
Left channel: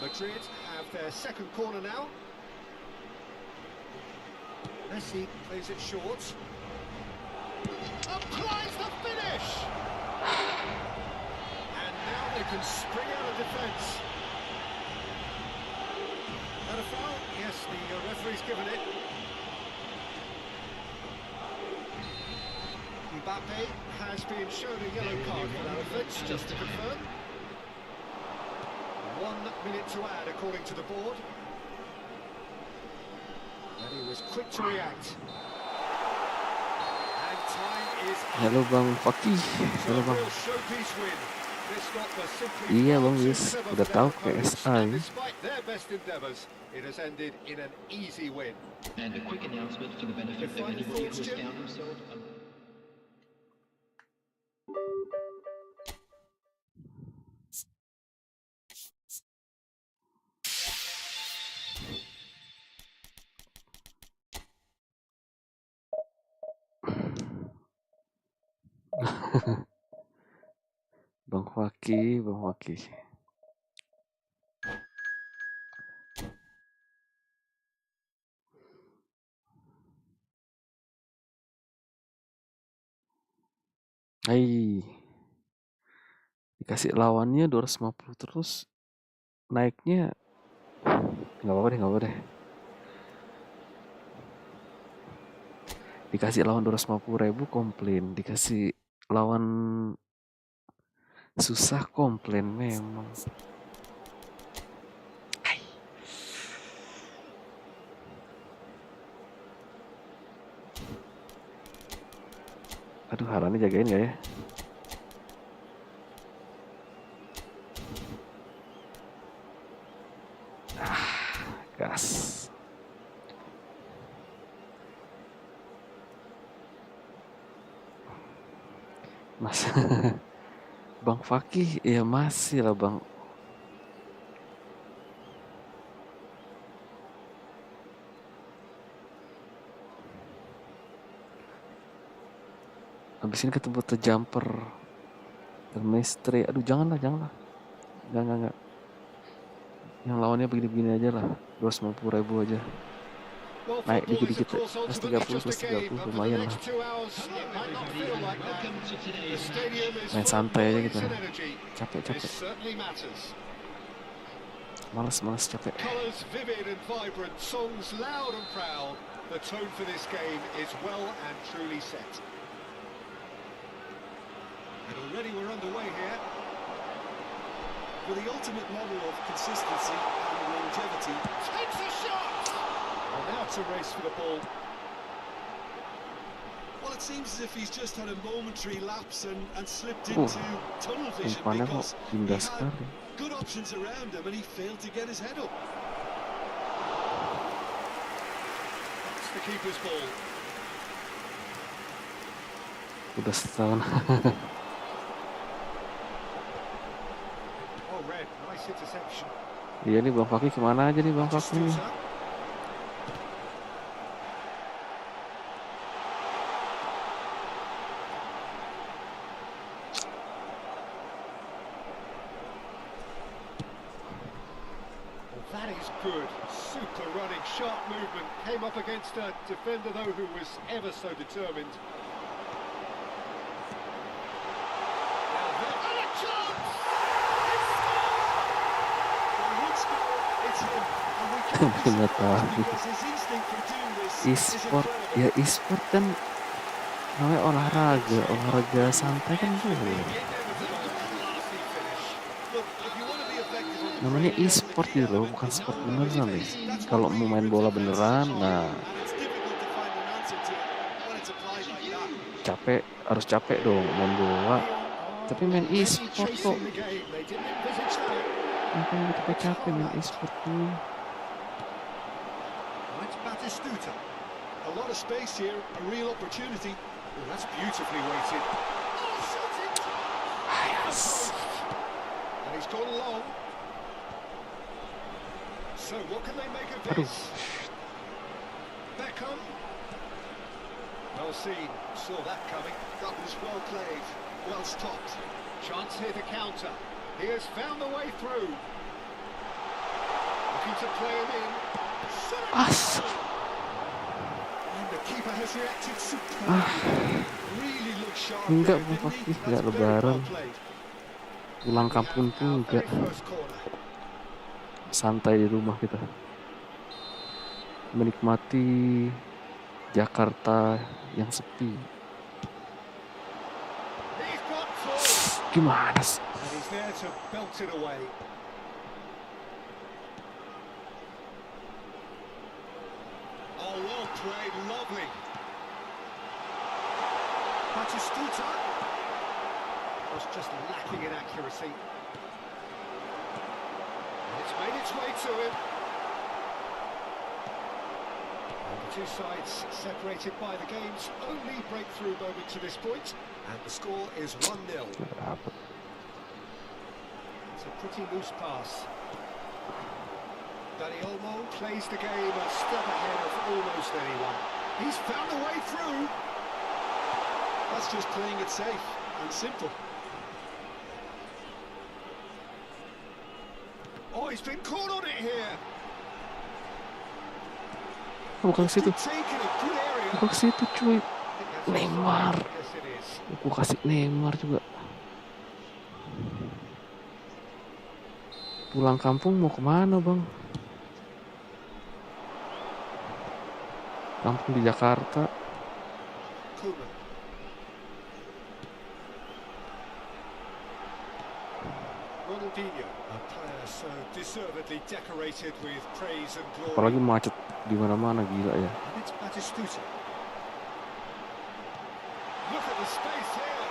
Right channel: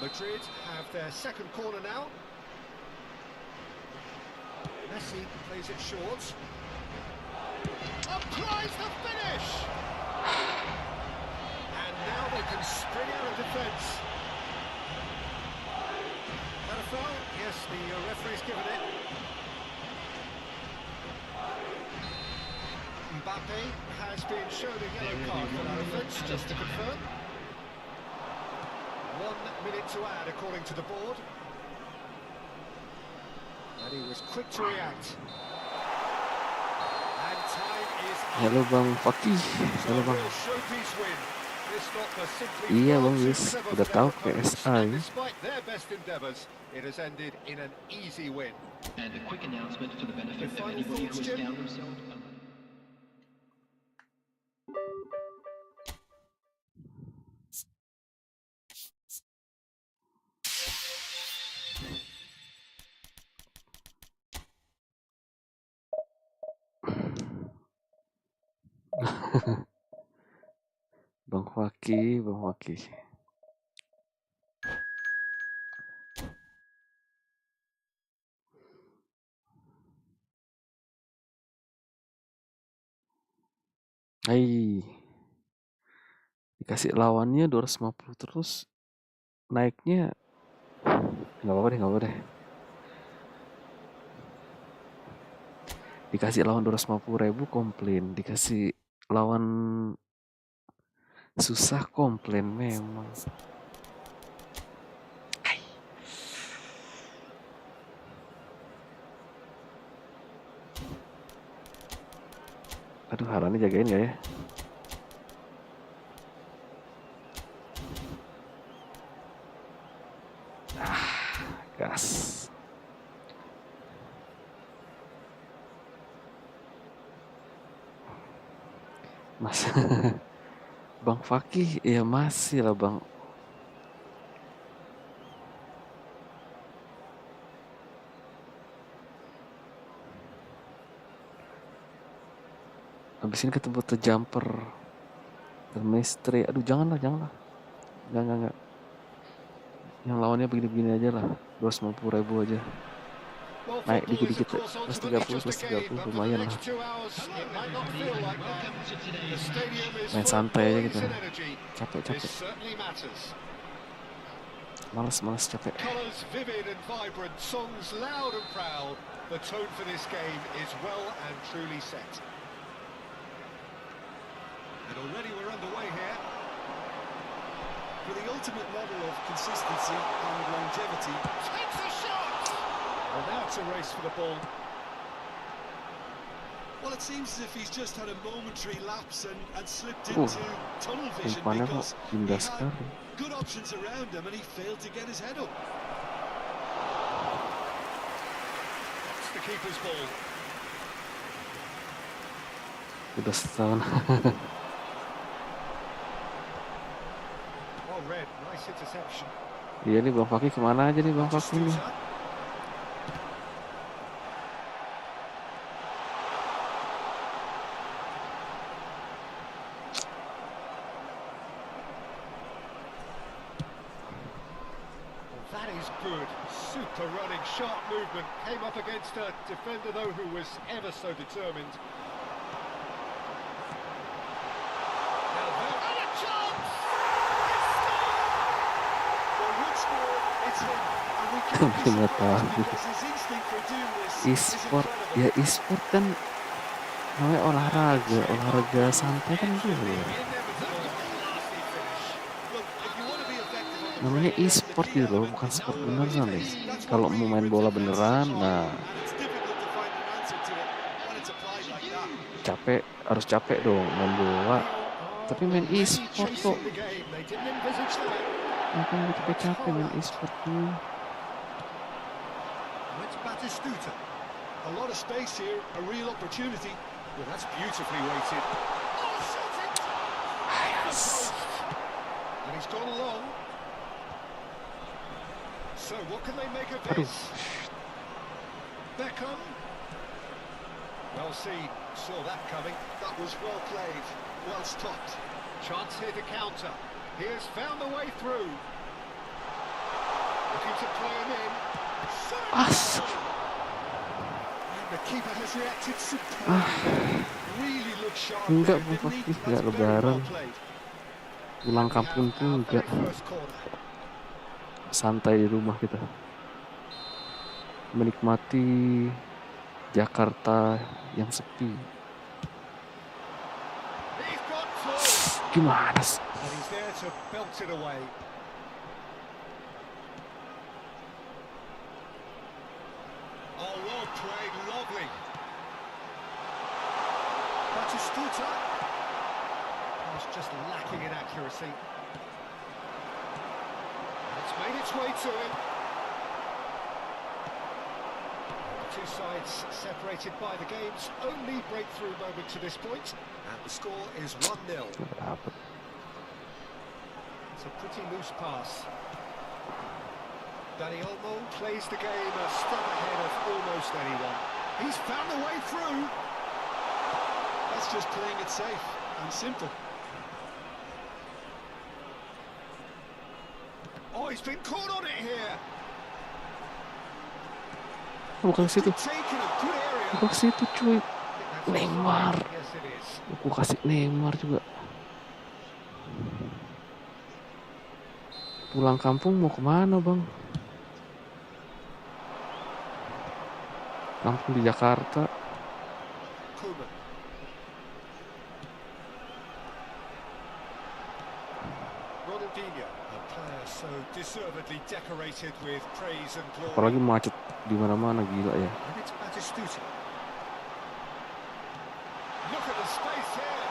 Madrid have their second corner now. Messi plays it short. Applies the finish! And now they can spring out of defence. That a foul? Yes, the referee's given it. Mbappe has been shown a yellow card for that offence, just to confirm. 1 minute to add, according to the board. And he was quick to react. And time is up. Halo Bang Fakih, So halo a Bang. real showpiece win. This stopper simply Iya far Bang too Yus, clever udah for tahu their kayak opponents. SA And ya. despite their best endeavours, it has ended in an easy win. And a quick announcement for the benefit of Final anybody thoughts, who has Jim? found themselves. Bang Fakih, Bang Fakih. Hai. Dikasih lawannya 250 terus naiknya nggak apa-apa deh. Dikasih lawan 250.000 komplain, dikasih lawan susah komplain memang. Hai. Aduh, Harani jagain gak ya? Gas. Mas Bang Fakih, ya masih lah Bang. Abis ini ketemu The Jumper, The Mystery. Aduh, janganlah. Jangan. Yang lawannya begini-begini aja lah. 250.000 aja. Well, Naik football is, of dikit-dikit. course, Plus ultimately 30, just plus a game, 30 but for the lumayan lah. next 2 hours, it might not feel like that. Welcome to The today's stadium is Main full of santai aja noise kita. and energy. This Capek. certainly matters. Males capek. Colours vivid and vibrant, songs loud and proud. The tone for this game is well and truly set. And already we're underway here. For the ultimate model of consistency and longevity, Takes a shot! And now it's a race for the ball. well, it seems as if he's just had a momentary lapse and slipped into tunnel vision Umpannya kok because he indah had sekali. good options around him and he failed to get his head up. That's the keeper's ball. Udah setahun. Oh, Red, nice interception. Iya nih Bang Fakih, kemana aja nih Bang Fakih nih? Stuta. That is good. Super running, sharp movement. Came up against a defender, though, who was ever so determined. Now there, and a chance! It's scored! Well, Woodsmore, it's him, and we can't be Nggak surprised tahu. because his instinct for doing this is E-sport, incredible. ya e-sport kan namanya olahraga santai kan boleh. Inevitable, classy finish. Look, if you want to be effective on the Namanya break, e-sport the key gitu loh, element bukan is sport know beneran where nih. it is. That's Kalau what mau really main brings bola offense to beneran, try, nah and it's difficult to find an answer to it when it's applied like that. harus capek dong main bola. Tapi main Already e-sport kok, chasing the game. They didn't envisage that. makanya gue capek main e-sport nih. Now it's Batistuta. A lot of space here, a real opportunity. Oh, that's beautifully weighted. Oh, shot it! Yes. And he's gone long. So what can they make of Aduh, this? Beckham. Well seen, saw that coming. That was well played, well stopped. Chance here to counter. He has found the way through. Looking to play him in. As. And the keeper has reacted superbly. Really looked sharp Enggak, there, didn't he? Pak, enggak That's very well lebaran. played. Pulang We kampung have pun our enggak. very first corner. Santai di rumah kita. Menikmati Jakarta yang sepi. He's got through. Gimana sih? And he's there to belt it away. Oh, well played, lovely. Batistuta. Was just lacking in accuracy. And it's made its way to him. And the two sides separated by the game's only breakthrough moment to this point. And the score is 1-0. Nggak dapet. It's a pretty loose pass. Olmo plays the game a step ahead of almost anyone. He's found a way through. That's just playing it safe and simple. Oh, he's been caught on it here. Bukan ke situ. Taken a good area. Bukan ke situ, cuy. I think that's Neymar. offside. Yes, it is. Aku kasih Neymar juga. Pulang kampung mau kemana, Bang? Kampung di Jakarta. Koeman. Ronaldinho, a player so deservedly decorated with praise and glory. Apalagi macet di mana-mana, gila ya. And it's Batistuta. Look at the space here.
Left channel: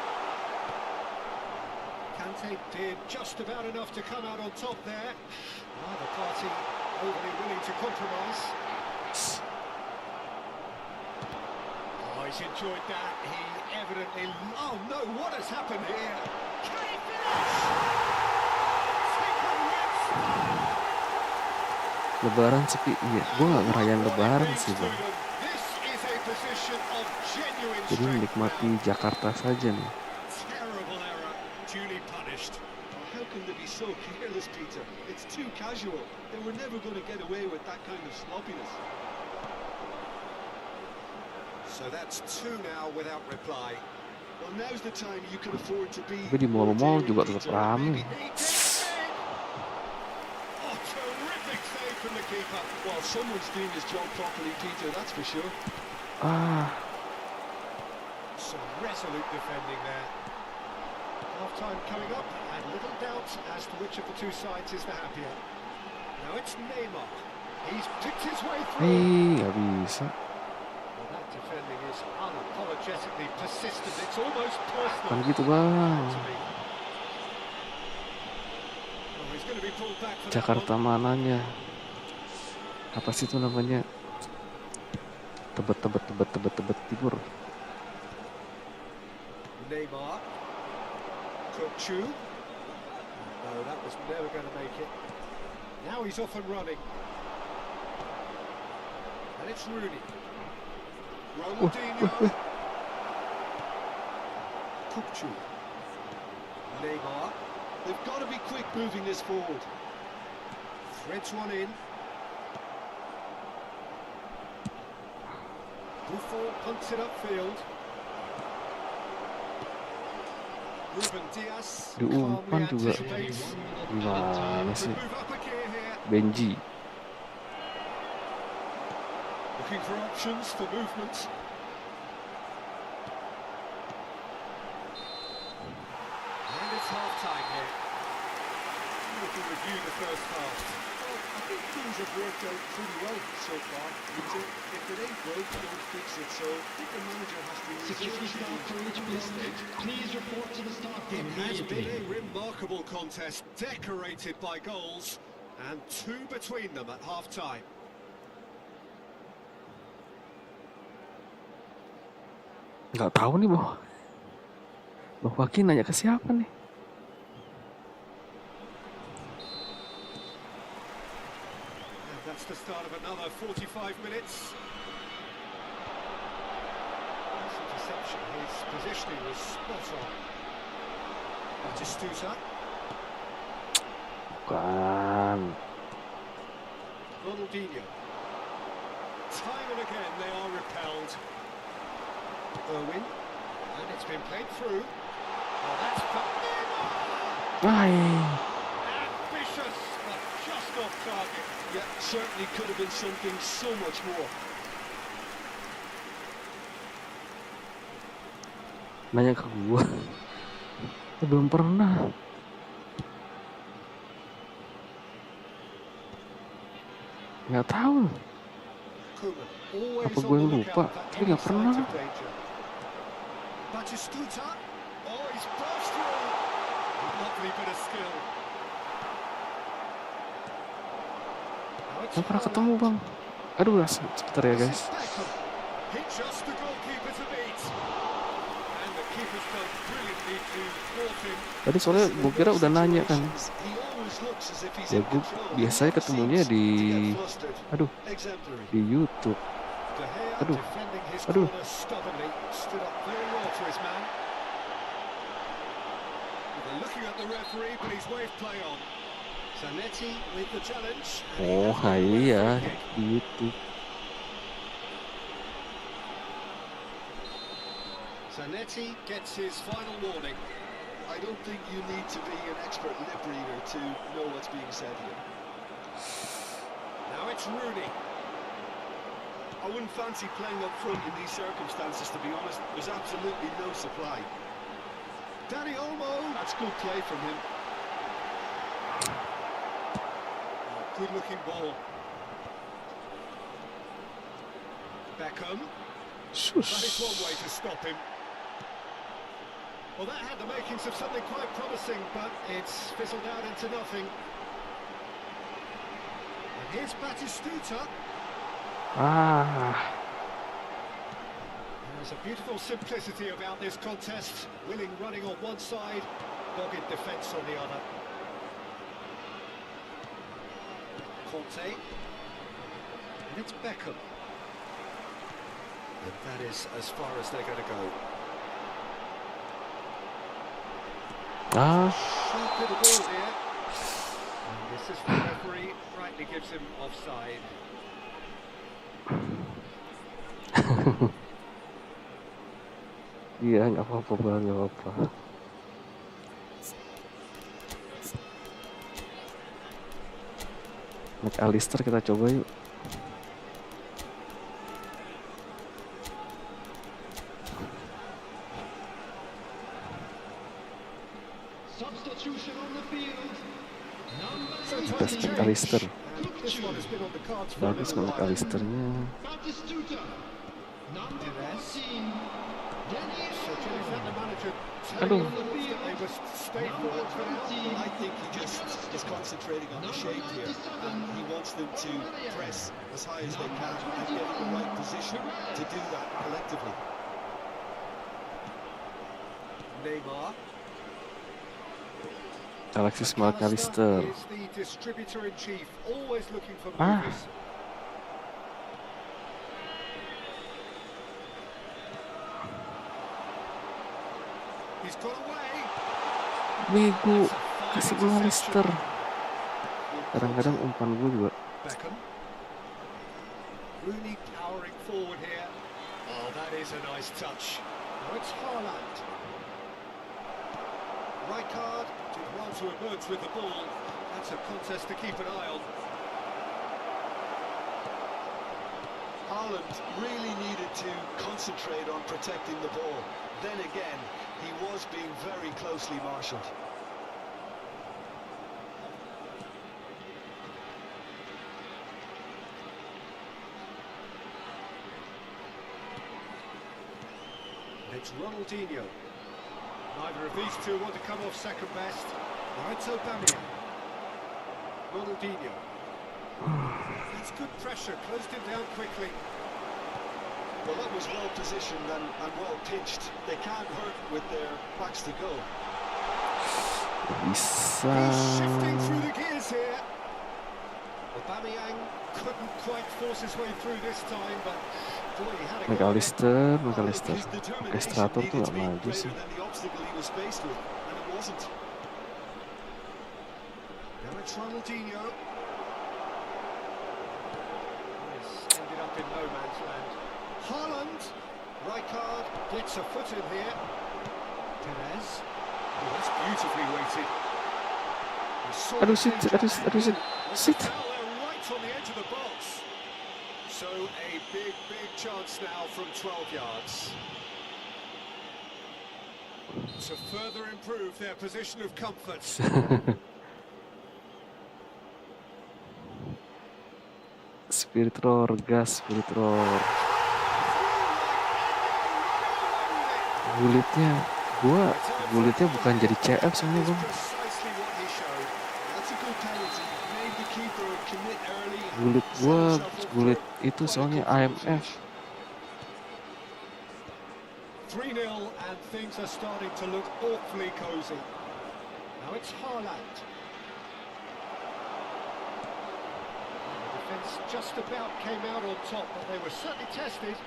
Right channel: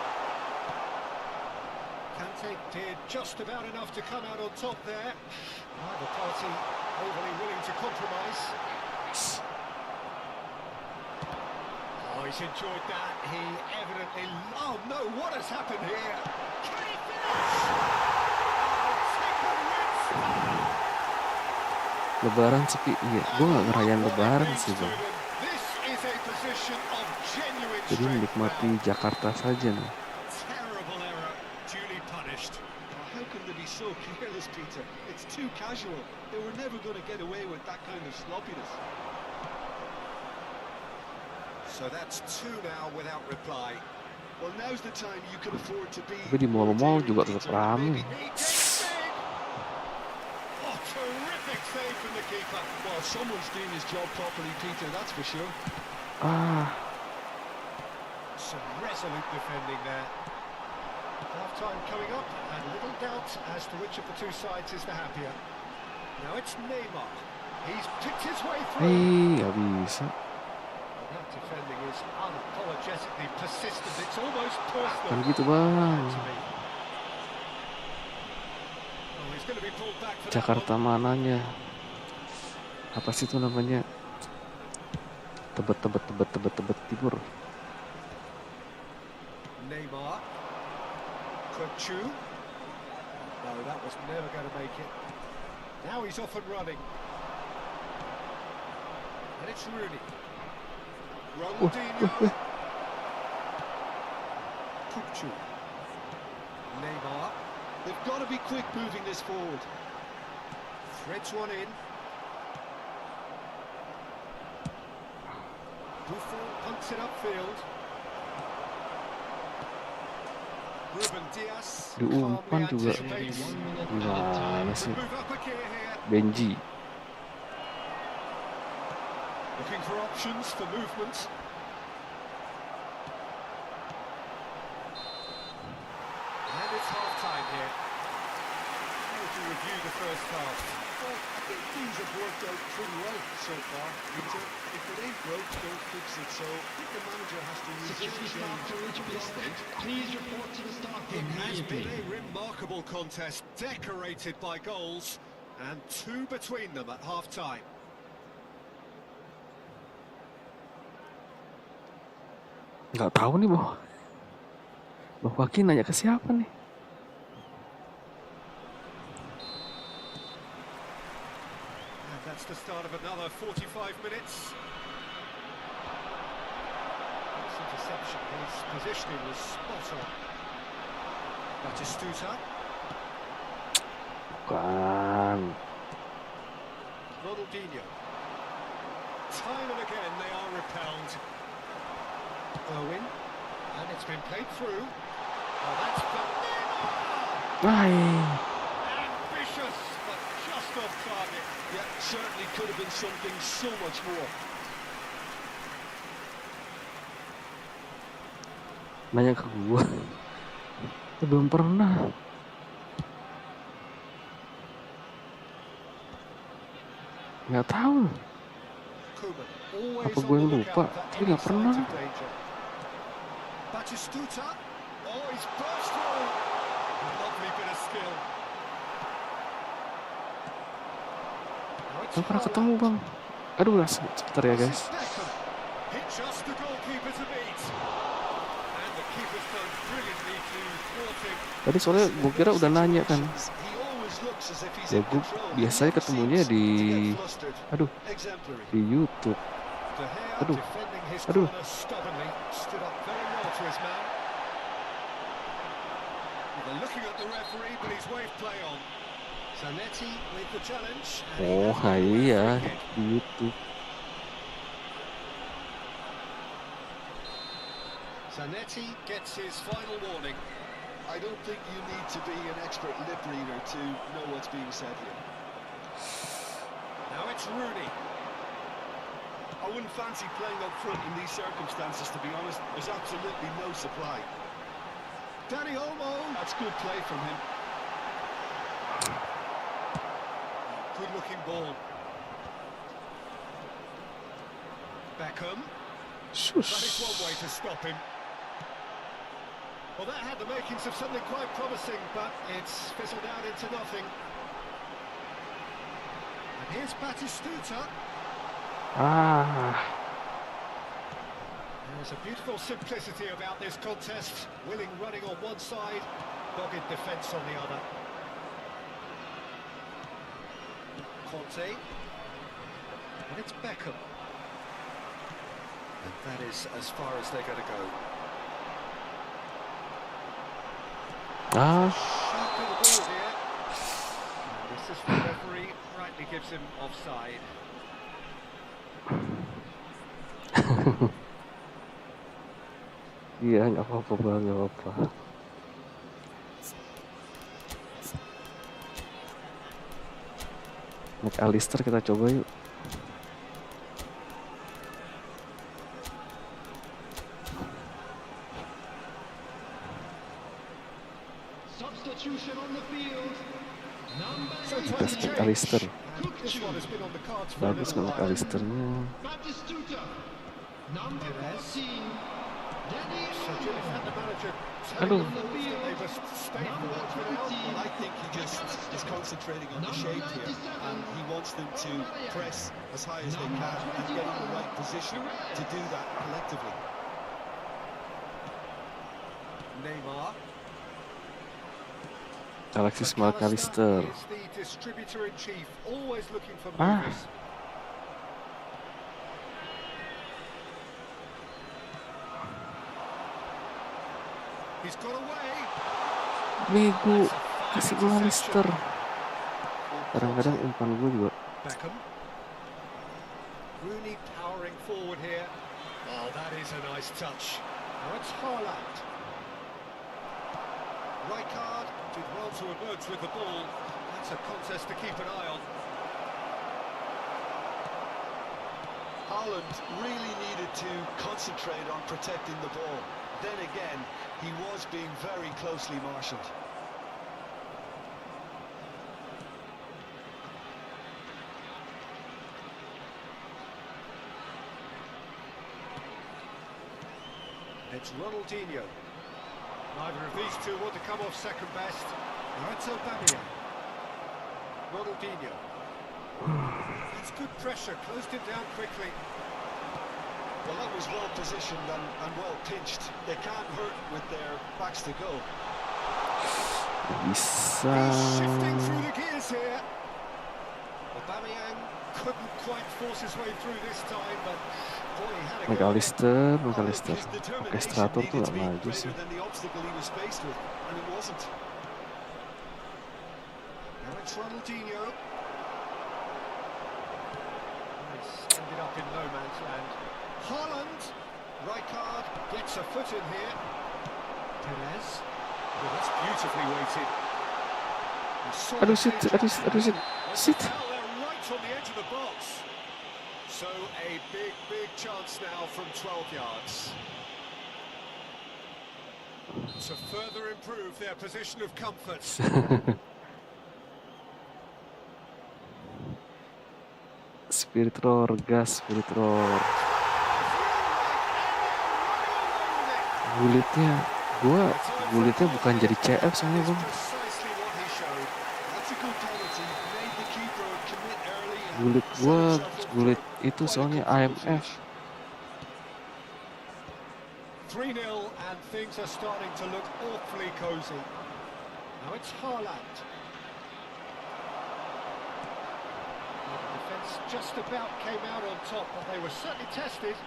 Kante did just about enough to come out on top there. Neither party overly willing to compromise. Oh, he's enjoyed that. He evidently... Oh, no, what has happened here? Can he finish? Oh, taken with style. Lebaran sepi, iya. Gue gak ngerayain Lebaran sih, Bang. This is a position of genuine Jadi strength menikmati now. Jakarta saja nih. Terrible error, duly punished. Oh, how can they be so careless, Peter? It's too casual. They were never going to get away with that kind of sloppiness. So that's two now without reply. Well, now's the time you can afford to be... Tapi di mall-mall juga tetap Peter. rame. He takes it. Oh, terrific save from the keeper. Well, someone's doing his job properly, Peter, that's for sure. Ah, Some resolute defending there. Half-time coming up, and little doubt as to which of the two sides is the happier. Now it's Neymar. He's picked his way through. gak bisa. Well, that defending is unapologetically persistent. It's almost personal. Kan gitu, Bang. To me. Oh, he's going to be pulled back for that Jakarta one. mananya? Apa sih itu namanya? Tebet timur. Neymar. Kutsu. No, that was never going to make it. Now he's off and running. And it's Rooney. Ronaldinho. Kutsu. Neymar. They've got to be quick moving this forward. Threads one in. Buffon punts it upfield. Ruben Dias Diumpan calmly juga. anticipates. Gimana sih? Move up a gear here. Benji. Looking for options for movement. And it's half-time here. How to review the first half? Well, I think things have worked out pretty well so far, Peter. If it ain't broke, don't fix it. So I think the manager has to Security staff for each this block. stage. Please report to the start It room has been immediately. a remarkable contest, decorated by goals, and two between them at half-time. Nggak tahu nih, Bang. Bang Waki nanya ke siapa nih? And that's the start of another 45 minutes. interception. His positioning was spot on. Batistuta. Bukan. Ronaldinho. Time and again they are repelled. Irwin. And it's been played through. Oh, that's Ay. ambitious, but just off target. Yeah, certainly could have been something so much more. Nanya ke gua. Belum pernah. Nggak tahu. Koeman, always Apa on gue the yang lupa? lookout for Tapi any nggak pernah. signs of danger. Batistuta. Oh, he's burst through. Lovely bit of skill. Now it's Nggak pernah ketemu, Haaland. Bang. Aduh, sebentar ya, This guys. is Beckham. Hit just the goalkeeper to beat. And the keeper's done brilliantly to thwart him. Tadi soalnya gue kira udah nanya kan. He always looks as if he's Ya in gue control. biasanya He never ketemunya seems di, to get flustered. aduh, Exemplary. di YouTube. De Gea Aduh. defending his Aduh. corner stubbornly, stood up very well to his man. Well, they're looking at the referee, but he's waved play on. Zanetti with the challenge. And he Oh, has got away iya, free kick. di YouTube. Zanetti gets his final warning. I don't think you need to be an expert lip reader to know what's being said here. Now it's Rooney. I wouldn't fancy playing up front in these circumstances, to be honest. There's absolutely no supply. Danny Olmo. That's good play from him. Good looking ball. Beckham. That is one way Shush. to stop him. Well, that had the makings of something quite promising, but it's fizzled out into nothing. And here's Batistuta. Ah, There's a beautiful simplicity about this contest. Willing running on one side, dogged defence on the other. Conte. And it's Beckham. And that is as far as they're going to go. ah, Sharp little ball here. And the assistant referee rightly gives him offside. iya nggak apa-apa Bang, nggak apa-apa. MacAllister kita coba yuk. Substitution on the field. Number So 18, time's changed. MacAllister. And this one has been on the cards for a Bagus little kan while. MacAllisternya. Batistuta. Number Perez. 14, Danny So Jim, is that the manager Aduh. telling the Wolves that they must stay forward for now? Well, I think he just is concentrating on the shape here, and he wants them to press as high as they can and get in the right position to do that collectively. Neymar. Alexis MacAllister. is the distributor in chief, always looking for Ah. movers. He's got away. Bego, That's a fine kasih interception. MacAllister. Kadang-kadang umpan gue juga. Beckham. Rooney powering forward here. Oh, that is a nice touch. Now it's Haaland. Rijkaard did well to emerge with the ball. That's a contest to keep an eye on. Haaland really needed to concentrate on protecting the ball. Then again, he was being very closely marshalled. It's Ronaldinho. Neither of these two want to come off second best. Now it's Aubameyang. Ronaldinho. That's good pressure, closed him down quickly. Well, that was well positioned and well pitched. They can't hurt with their backs to go. Bisa. He's shifting through the gears here. Aubameyang couldn't quite force his way through this time, but boy, he had a go. MacAllister. His Pakai determination strator tuh needed gak to be maju greater sih. than the obstacle he was faced with, and it wasn't. Now it's Ronaldinho. He's ended up in no man's land. Haaland. Rijkaard gets a foot in here. Perez. Oh, that's beautifully weighted. Aduh, shit. Sit. They're right on the edge of the box. So a big chance now from 12 yards. To further improve their position of comfort. Spirit roar, gas, spirit roar. Gulitnya bukan jadi CF soalnya bang. Gulit itu soalnya IMF. 3-0 and things are starting to look awfully cozy. Now it's Haaland. The defence just about came out on top, but they were certainly tested.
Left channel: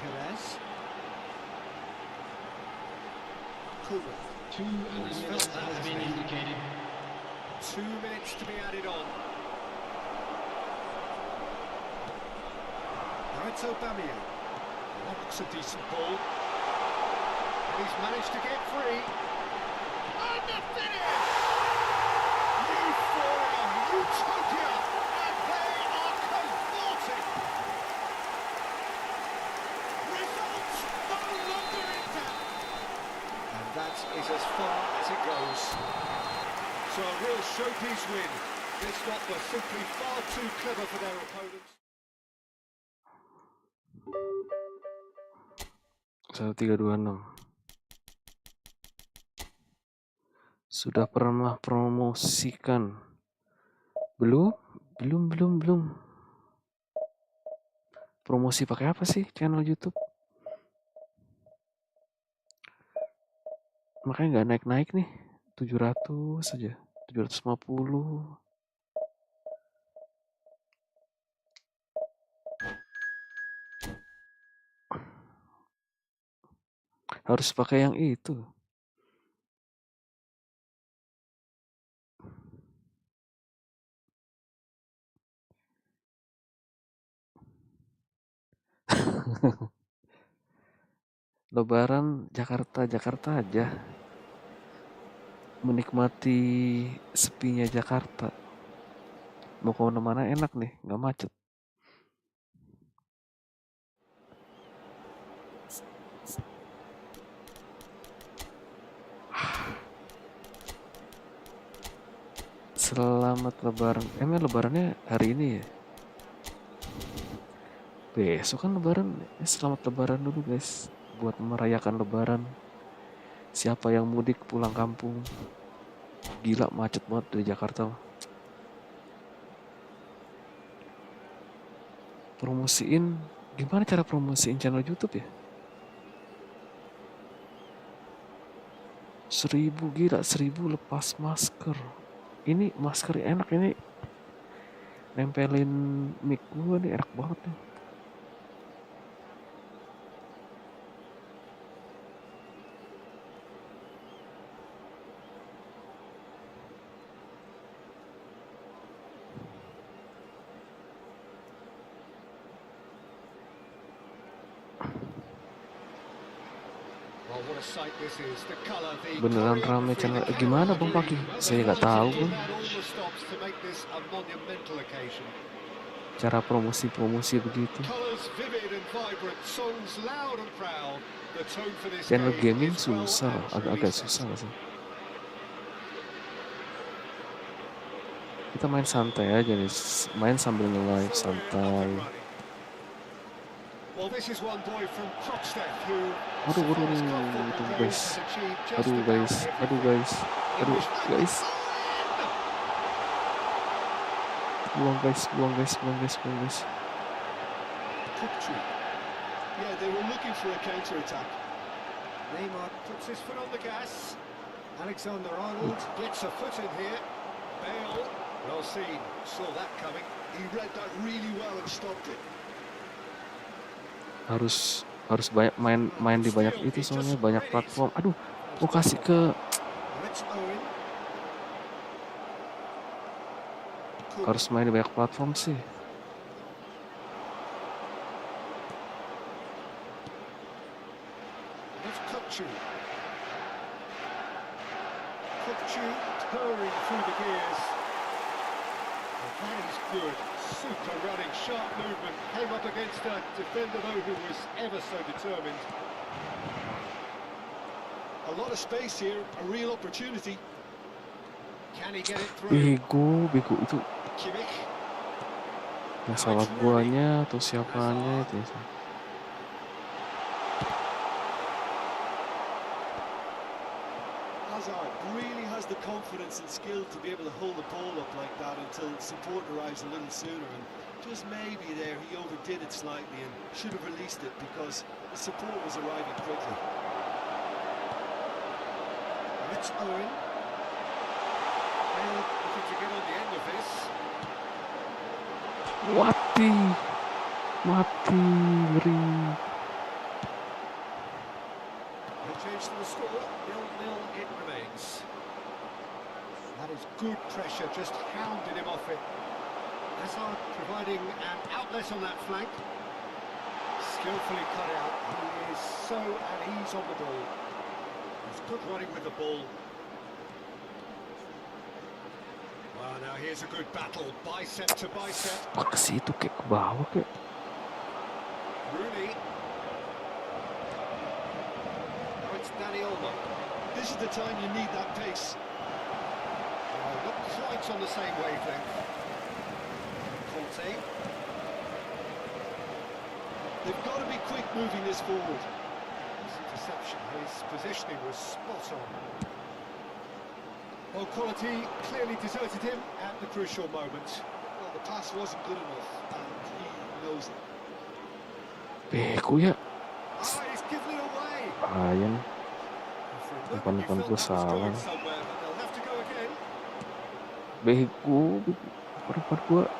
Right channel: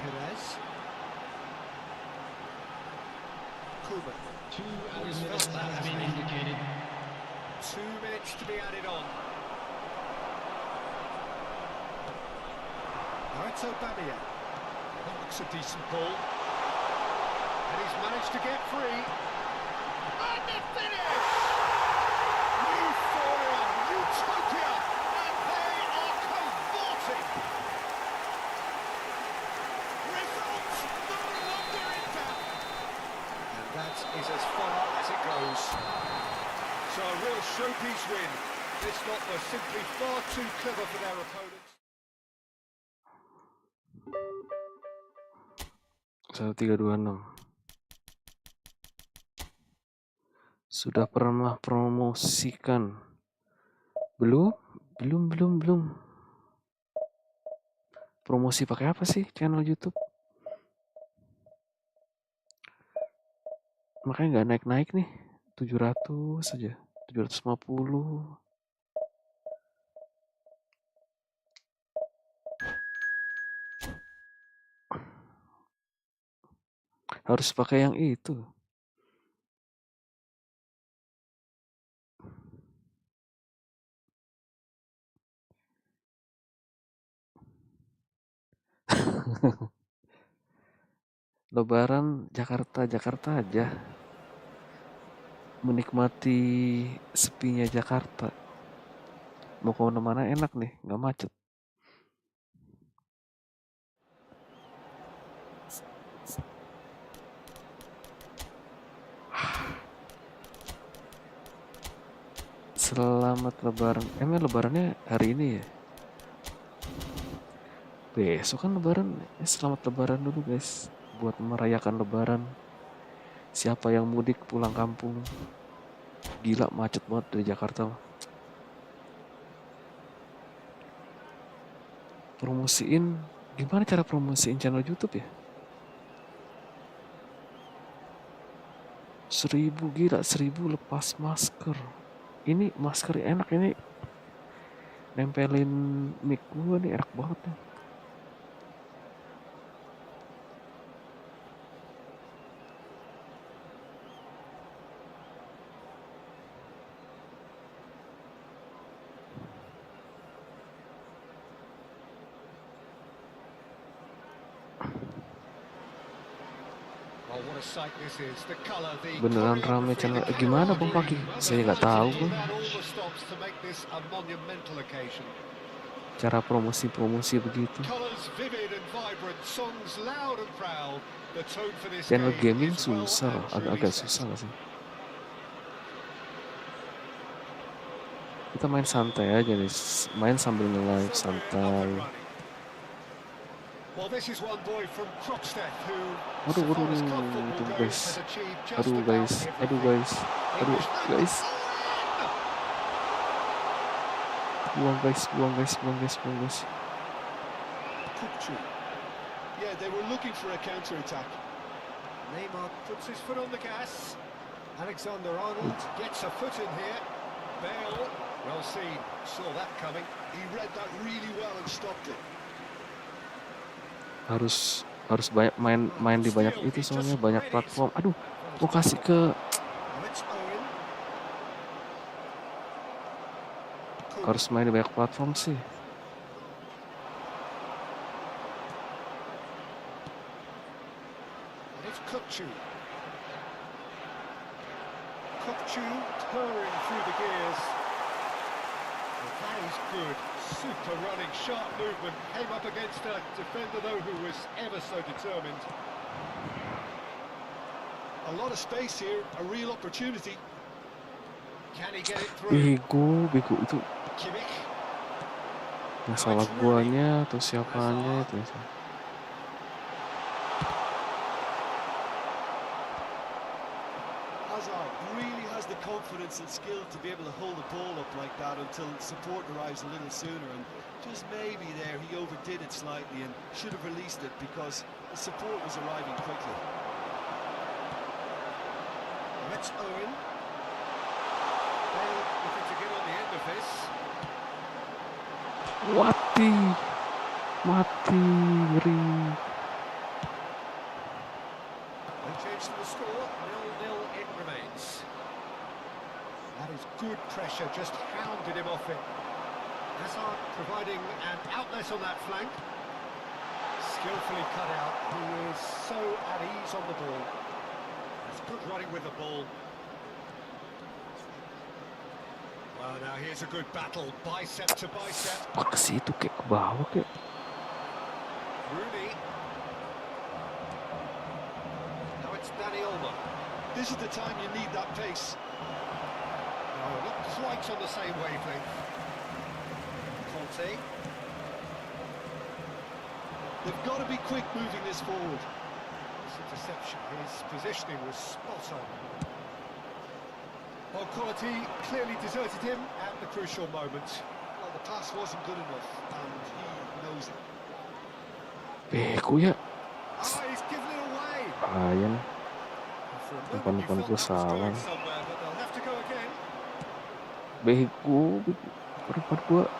Perez. Koeman. 2 added minutes has been indicated. 2 minutes to be added on. Now it's Aubameyang. That looks a decent ball. And he's managed to get free. And the finish! Euphoria, utopia, and they are cavorting. Results no longer in doubt. And that is as far as it goes. So a real showpiece win. This lot were simply far too clever for their opponents. 1326. Sudah pernah promosikan? Belum. Promosi pakai apa sih channel YouTube? Makanya nggak naik nih. 700 saja. 750. Harus pakai yang itu. Lebaran Jakarta aja. Menikmati sepinya Jakarta. Mau ke mana enak nih, nggak macet. Selamat Lebaran. Emang Lebarannya hari ini ya? Besok kan Lebaran. Selamat Lebaran dulu guys. Buat merayakan Lebaran. Siapa yang mudik pulang kampung? Gila macet banget dari Jakarta. Promosiin. Gimana cara promosiin channel YouTube ya? 1000 gila. 1000 lepas masker. Ini masker enak ini. Nempelin mic gue nih enak banget nih. Beneran rame channel. Gimana Bang Paki? Saya nggak tahu Bang. Cara promosi begitu. Channel gaming susah, agak susah nggak sih? Kita main santai aja nih, main sambil nge-live santai. Aduh guys. Buang guys. Yeah, they were looking for a counter attack. Neymar puts his foot on the gas. Alexander-Arnold gets a foot in here. Bale, well seen, saw that coming. He read that really well and stopped it. Harus banyak main di banyak itu, soalnya banyak platform. Aduh, mau kasih ke Now it's Owen. harus main di banyak platform sih. And it's Kukçu. Kukçu purring through the gears. Well, that is good. Super running, sharp movement. Came up against a defender, though, who was ever so determined. A lot of space here, a real opportunity. Can he get it through? Bego itu Kimmich. yang salah guanya atau siapanya itu yang salah. Hazard really has the confidence and skill to be able to hold the ball up like that until support arrives a little sooner, and just maybe there he overdid it slightly and should have released it because the support was arriving quickly. Now it's Owen. Bale looking to get on the end of this. Mati, ngeri. No change to the score, 0-0 it remains. That is good pressure, just hounded him off it. Hazard providing an outlet on that flank. Skillfully cut out, he is so at ease on the ball. That's good running with the ball. Well, now here's a good battle, bicep to bicep. Ke situ kayak ke bawah kayak. Rooney. Now it's Danny Olmo. This is the time you need that pace. No, not quite on the same wavelength. Conte. They've got to be quick moving this forward. This interception, his positioning was spot on. Well, quality clearly deserted him at the crucial moment. Well, the pass wasn't good enough, and he knows it. Bego ya. Ah, he's given it away. Bahaya nih. For a moment, you Umpan-umpan felt gue that was salah. going somewhere, but they'll have to go again. Bego. Umpan gue And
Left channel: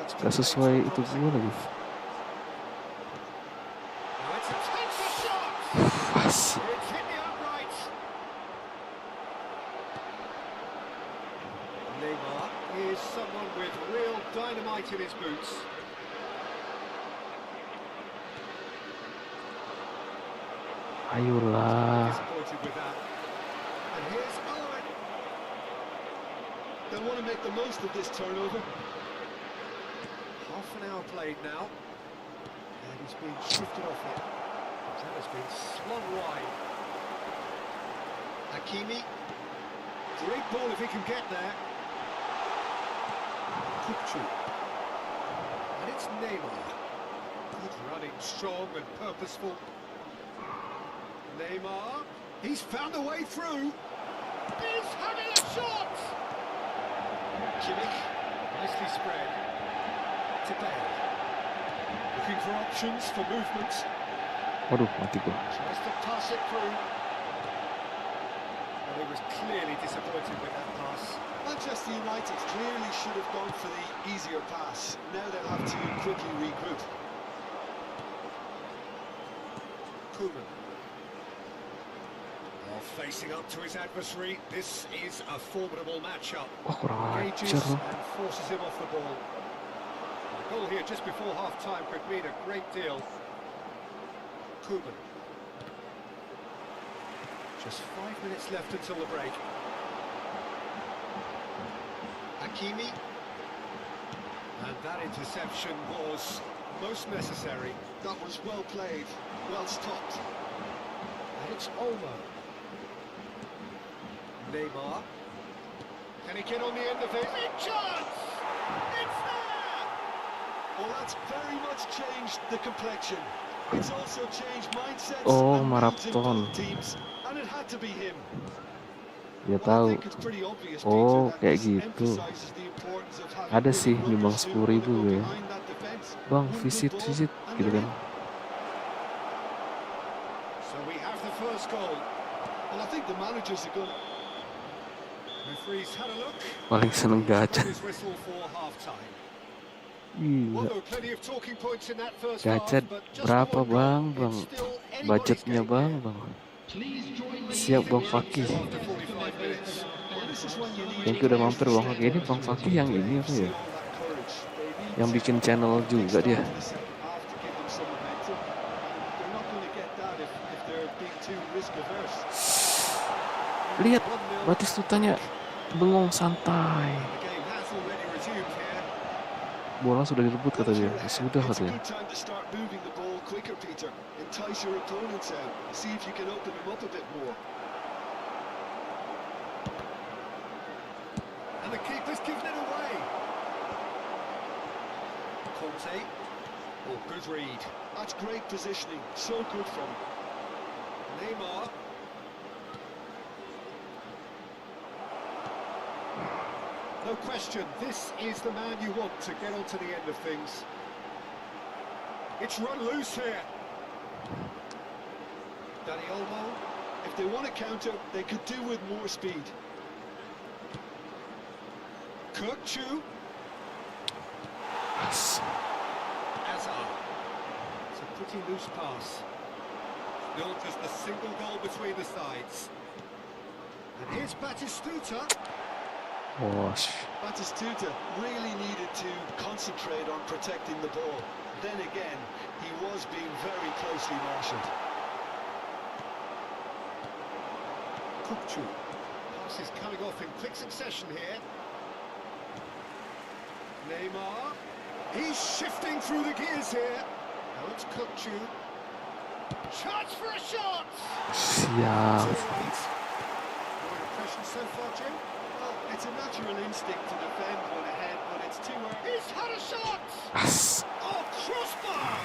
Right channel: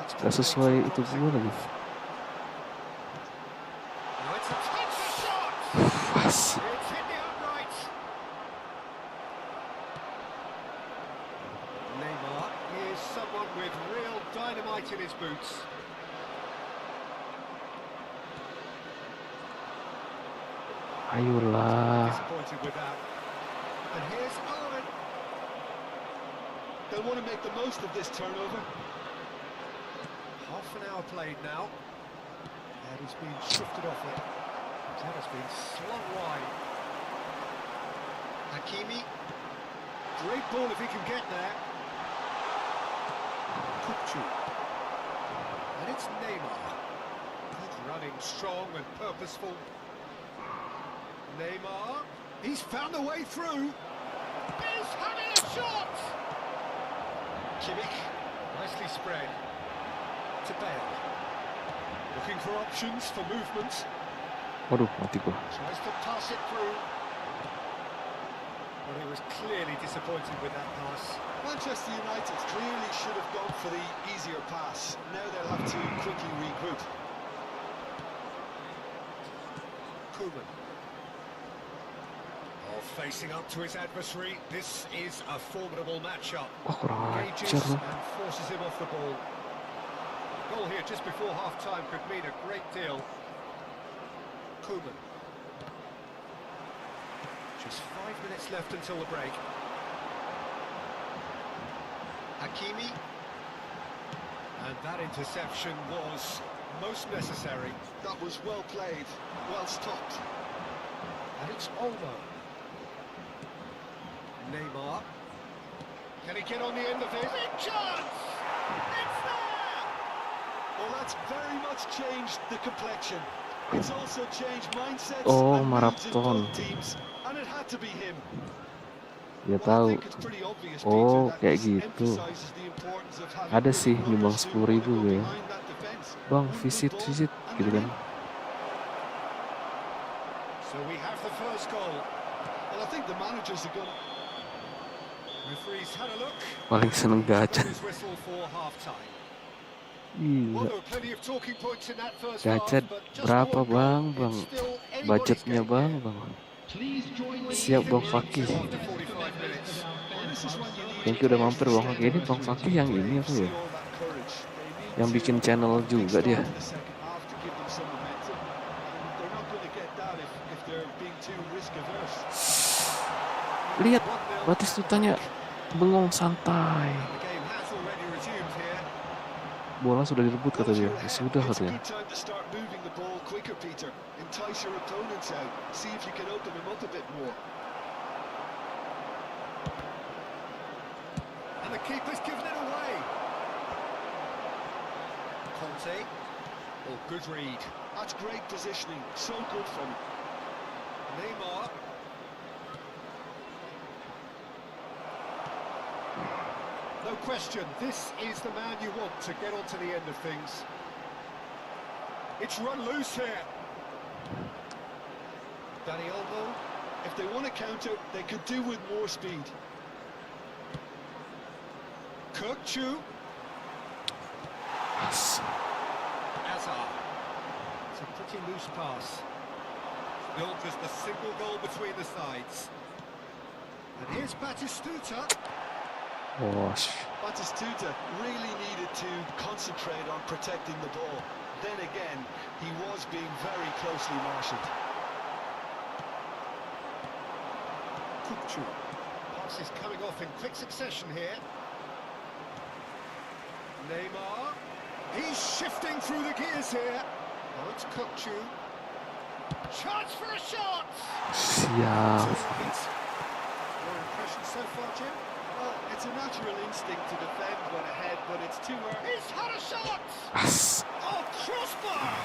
that's gak gonna make sesuai some itu promising gue lagi. move. Now it's a tense shot. Pas. It's hit the upright. Neymar is someone with real dynamite in his boots. Ayolah. Disappointed with that. And here's Owen. They'll want to make the most of this turnover. Half an hour played now. And he's been shifted off it. That has been slung wide. Hakimi. Great ball if he can get there. Kukçu. And it's Neymar. Good running, strong and purposeful. Neymar. He's found a way through. He's having a shot! Kimmich. Nicely spread. To Bale. Looking for options for movement. Waduh, mati gua. Tries to pass it through. Well, he was clearly disappointed with that pass. Manchester United clearly should have gone for the easier pass. Now they'll have to quickly regroup. Koeman. Well, facing up to his adversary, this is a formidable matchup. Wah, kurang Engages ajar loh. and forces him off the ball. A goal here just before half-time could mean a great deal. Koeman. Just 5 minutes left until the break. Hakimi. And that interception was most necessary. That was well played, well stopped. And it's Olmo. Neymar. Can he get on the end of it? Big chance! It's there! Well, that's very much changed the complexion. It's also changed mindsets Oh, and moods in marathon. both teams, and it had to be him. Dia Well, I tahu. think it's pretty obvious, Oh, Peter, that kayak this gitu. emphasizes the importance of having Ada good sih nyumbang runners who wanna 10.000 go gue ya. behind that defense. Bang, One good visit ball, gitu and kan. they're in. So we have the first goal. Well, I think the managers are going. Referee's had a look. Paling seneng He's gacha. blown his whistle for half-time. Well, Gila. there were plenty of talking points in that first Gacha half, but just berapa one goal, bang? it's still anybody's Budgetnya game bang, here. bang. Please join me Siap in Bang the Fakih. So after success 45 minutes. Well, this is when you need Thank your you udah players mampir to Bang step Fakih. Ini up Bang to Fakih yang ini apa see ya? all that courage. They need Yang to bikin channel big juga start dia. to the second half to give them some momentum. And they're not going to get that if they're being too risk averse. Lihat, 1-0 Batistutanya bengong santai. The game has already resumed here. Bola sudah direbut Well, kata if dia. you're ahead, Sudah it's a katanya. good time to start moving the ball quicker, Peter. Entice your opponents out. See if you can open them up a bit more. And the keeper's given it away. Conte. Oh, good read. That's great positioning. So good from him. Neymar. No question, this is the man you want to get onto the end of things. It's run loose here. Olmo. If they want to counter, they could do with more speed. Kirkchu. Azar. It's a pretty loose pass. Still just a single goal between the sides. And here's Batistuta. Wash. Batistuta really needed to concentrate on protecting the ball. Then again, he was being very closely marshalled. Kirkchu. Pass is coming off in quick succession here. Neymar. He's shifting through the gears here. Now it's Kirkchu. Chance for a shot! Siap. Your impression so far, Jim? Well, it's a natural instinct to defend when ahead, but it's too early. He's had a shot! As. Oh, crossbar!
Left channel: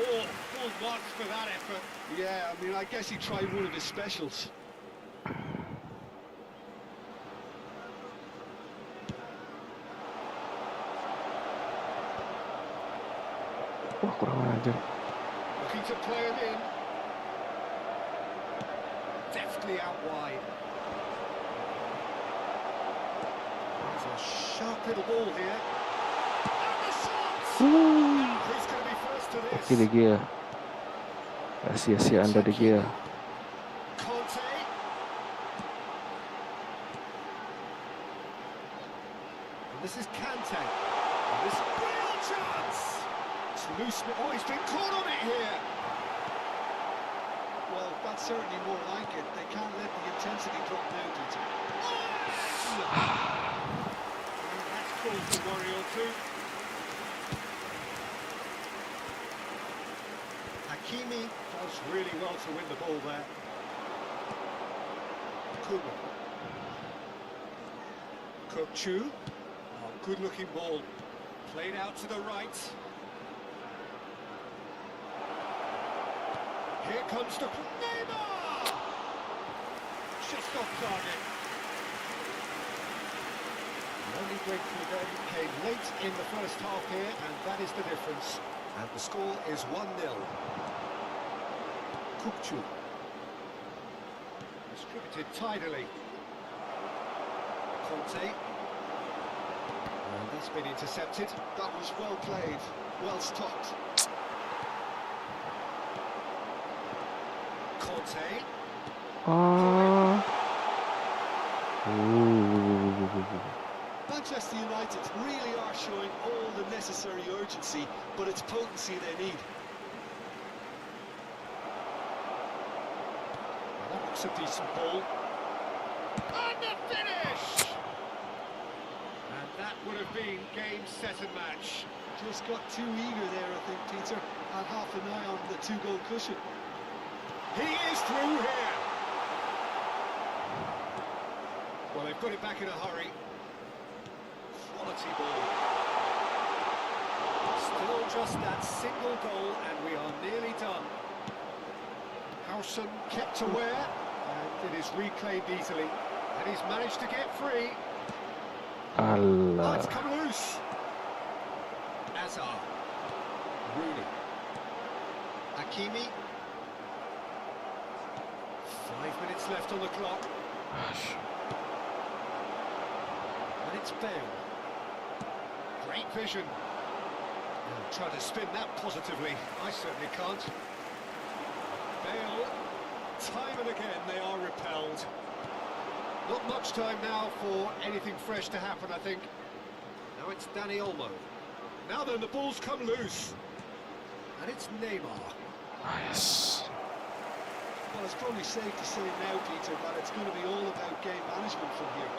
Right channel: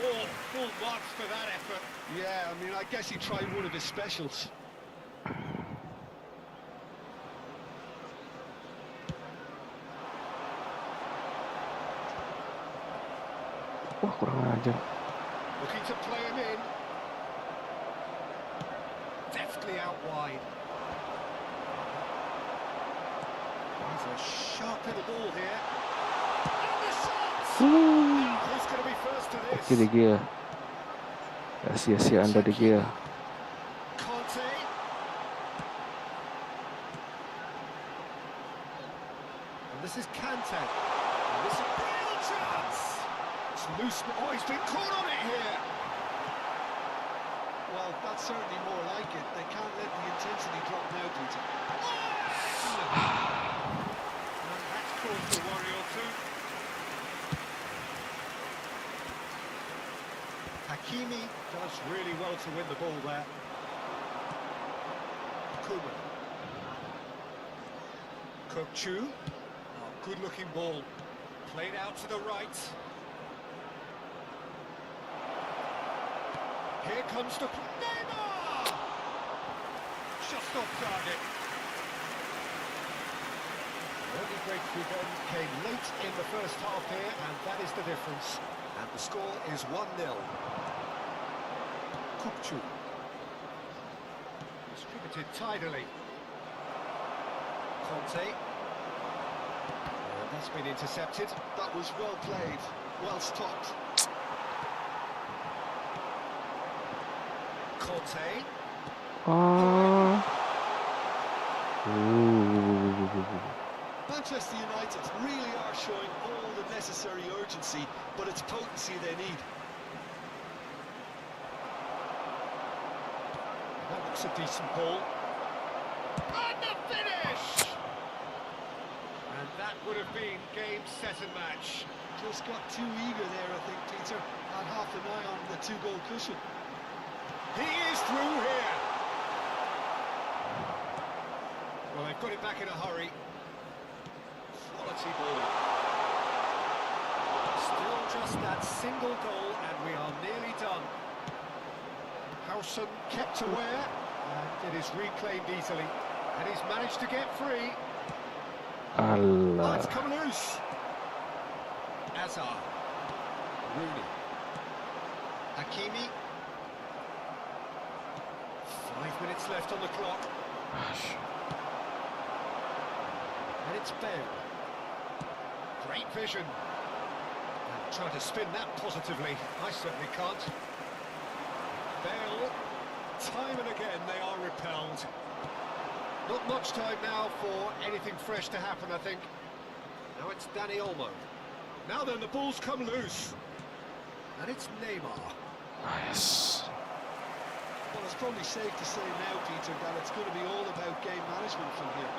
Oh, full marks for that effort. Yeah, I mean, I guess he tried one of his specials. Wah, kurang ajar. Looking to play him in. Deftly out wide. There's a sharp little ball here. And the shot! Now, who's going to be first to this? Oke, De Gea. Gak sia-sia Anda, De Gea. Conte. And this is Kante. And this is a real chance! It's loose. Oh, he's been caught on it here. Well, that's certainly more like it. They can't let the intensity drop now, Peter. And that's called for worry or two. Hakimi does really well to win the ball there. Koeman. Kirkchu. Oh, good-looking ball. Played out to the right. Here comes the... Neymar! Just off target. The only breakthrough then came late in the first half here, and that is the difference. And the score is 1-0. Kirkchu. Distributed tidily. Conte. And that's been intercepted. That was well played, well stopped. Conte. Oh. Manchester United really are showing all the necessary urgency, but it's potency they need. That looks a decent ball. And the finish! And that would have been game, set and match. Just got too eager there, I think, Peter. Had half an eye on the two-goal cushion. He is through here. Well, they've got it back in a hurry. Quality ball. Still just that single goal, and we are nearly done. Howson kept aware, and it is reclaimed easily. And he's managed to get free. Oh, it's Alah. come loose. Azar. Rooney. Hakimi. 5 minutes left on the clock. And it's Bale. Great vision. Now try to spin that positively. I certainly can't. Bale. Time and again they are repelled. Not much time now for anything fresh to happen, I think. Now it's Olmo. Now then, the ball's come loose. And it's Neymar. Nice. Well, it's probably safe to say now, Peter, that it's going to be all about game management from here.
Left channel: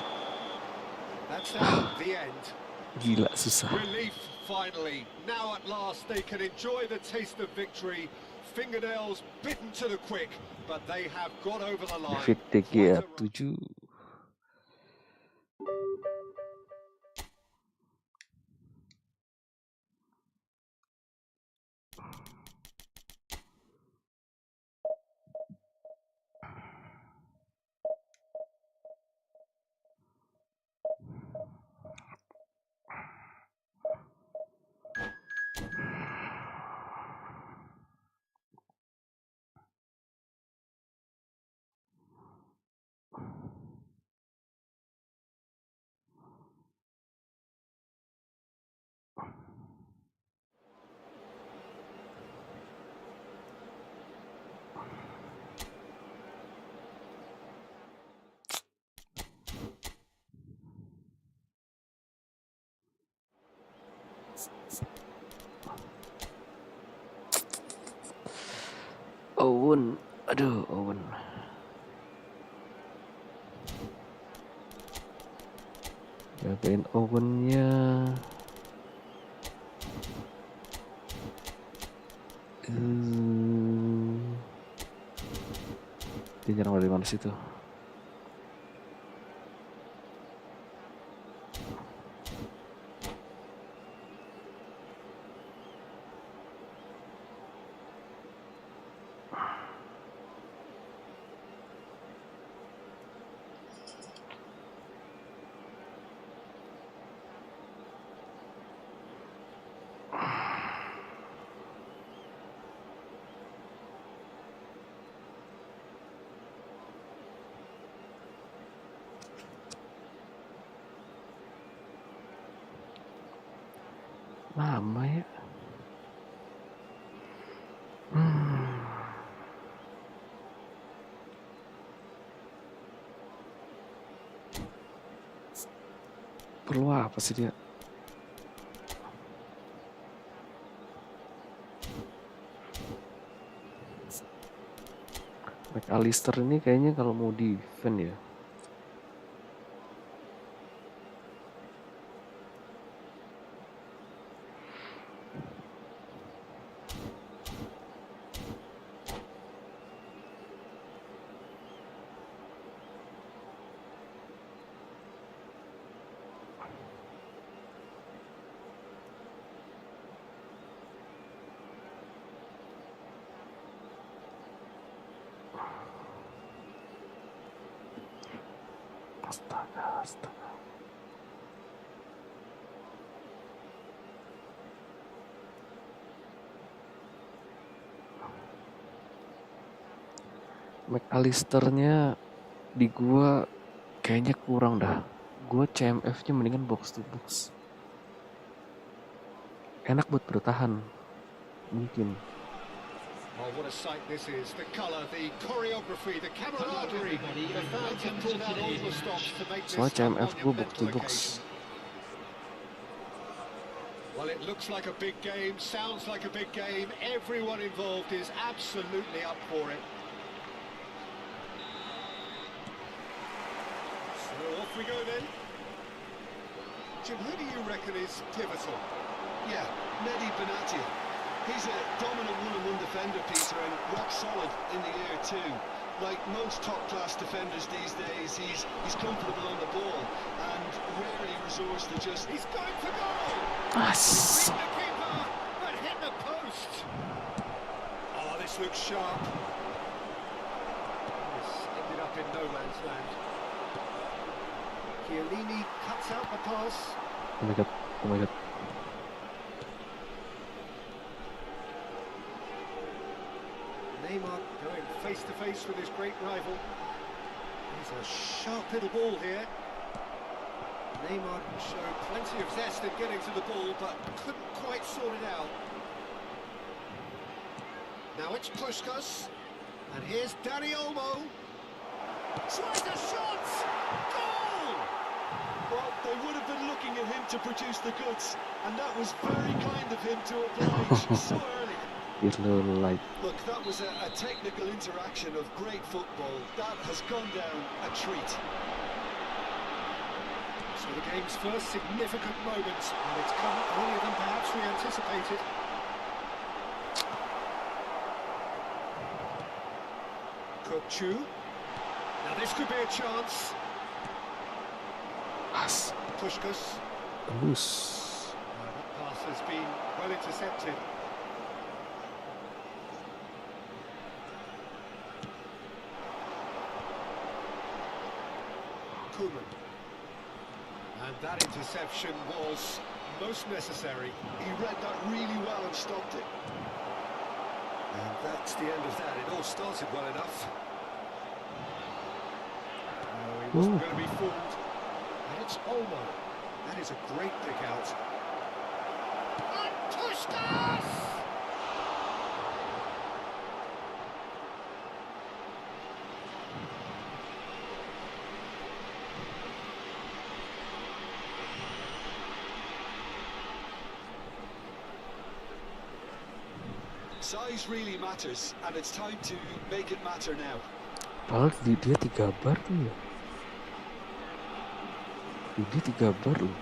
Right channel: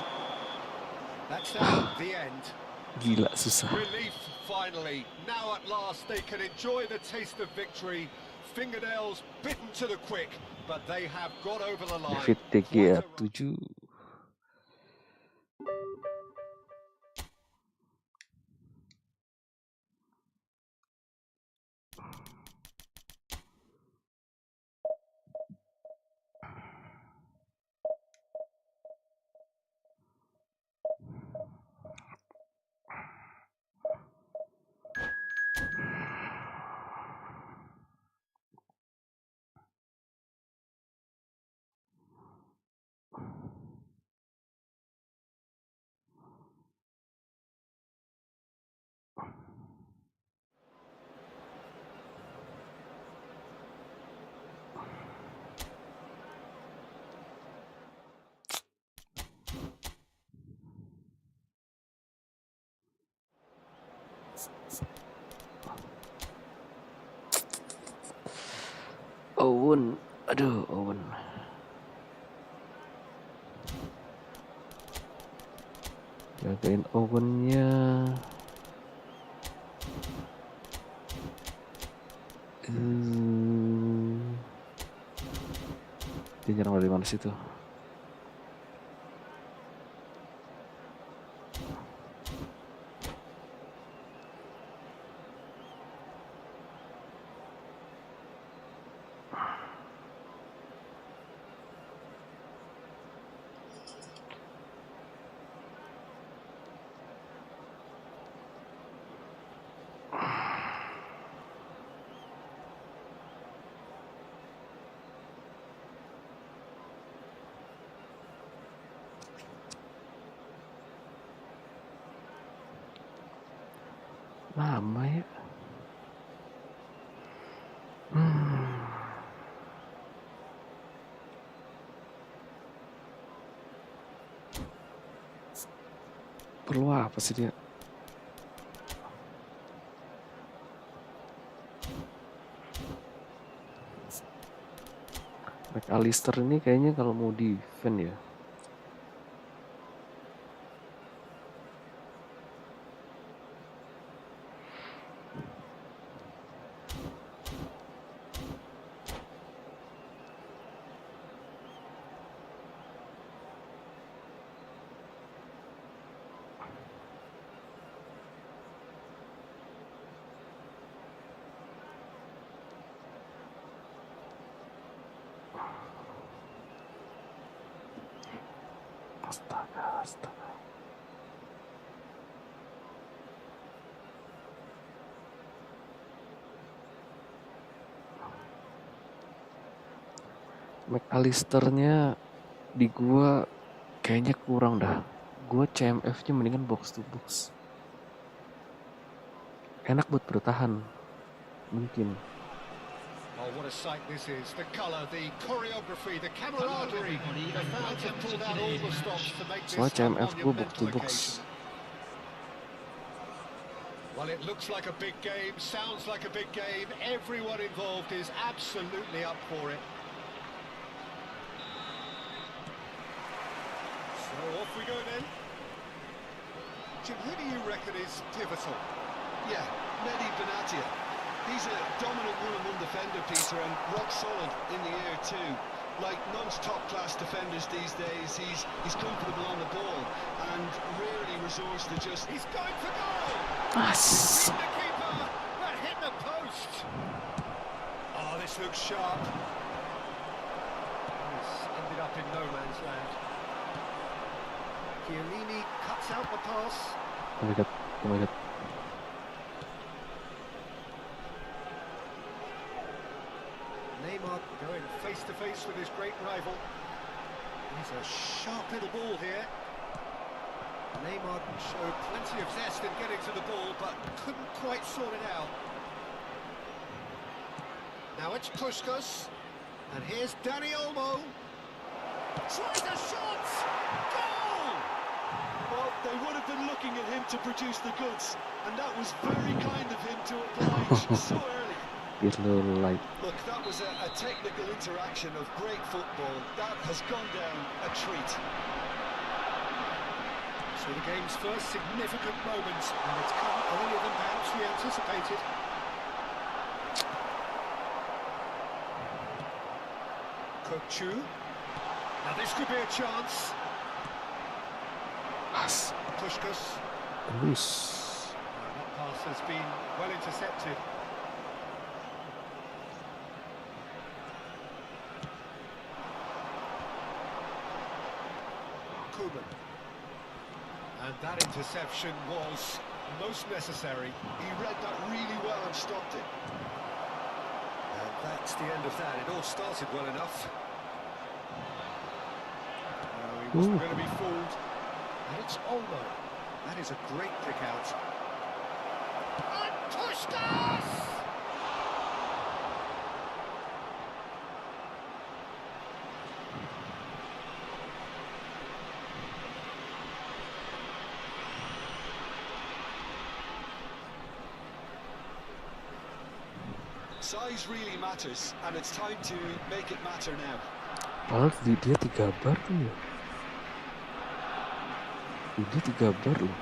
That's at the end. Gila, susah. Relief, finally. Now at last they can enjoy the taste of victory. Fingernails bitten to the quick, but they have got over the line. David De Gea 7. Owen, aduh Owen. Jagain Owennya. Dia nyerang dari mana situ? Lama ya. Perlu apa sih dia? MacAllister ini kayaknya kalau mau defend ya. Astaga. MacAllisternya di gua kayaknya kurang dah. Gua CMF-nya mendingan box to box. Enak buat bertahan. Mungkin. Oh, what a sight this is. The colour, the choreography, the camaraderie. The fans have pulled out all the stops to make this Soalnya CMF gua box to monumental box. occasion. Well, it looks like a big game, sounds like a big game. Everyone involved is absolutely up for it. So off we go then. Jim, who do you reckon is pivotal? Yeah, Mehdi Benatia. He's a dominant one-on-one defender, Peter, and rock solid in the air too. Like most top-class defenders these days, he's comfortable on the ball and rarely resorts to just... He's going for goal! As. Beat the keeper, but hit the post! Oh, this looks sharp. This ended up in no man's land. Chiellini cuts out the pass. Oh my god. Neymar going face-to-face with his great rival. He's a sharp little ball here. Neymar showed plenty of zest in getting to the ball, but couldn't quite sort it out. Now it's Puskas, and here's Olmo. Tries a shot! Goal! Well, they would have been looking at him to produce the goods, and that was very kind of him to oblige so early. Look, that was a technical interaction of great football. That has gone down a treat. So the game's first significant moment, and it's come earlier than perhaps we anticipated. Chu. Now this could be a chance. Puskas. That pass has been well intercepted. Koeman. And that interception was most necessary. He read that really well and stopped it. And that's the end of that. It all started well enough. No, he wasn't going to be fooled. And it's Olmo. That is a great pick out. And Puskas! Size really matters, and it's time to make it matter now. Padahal dia 3 bar tuh ya. Dia 3 bar loh.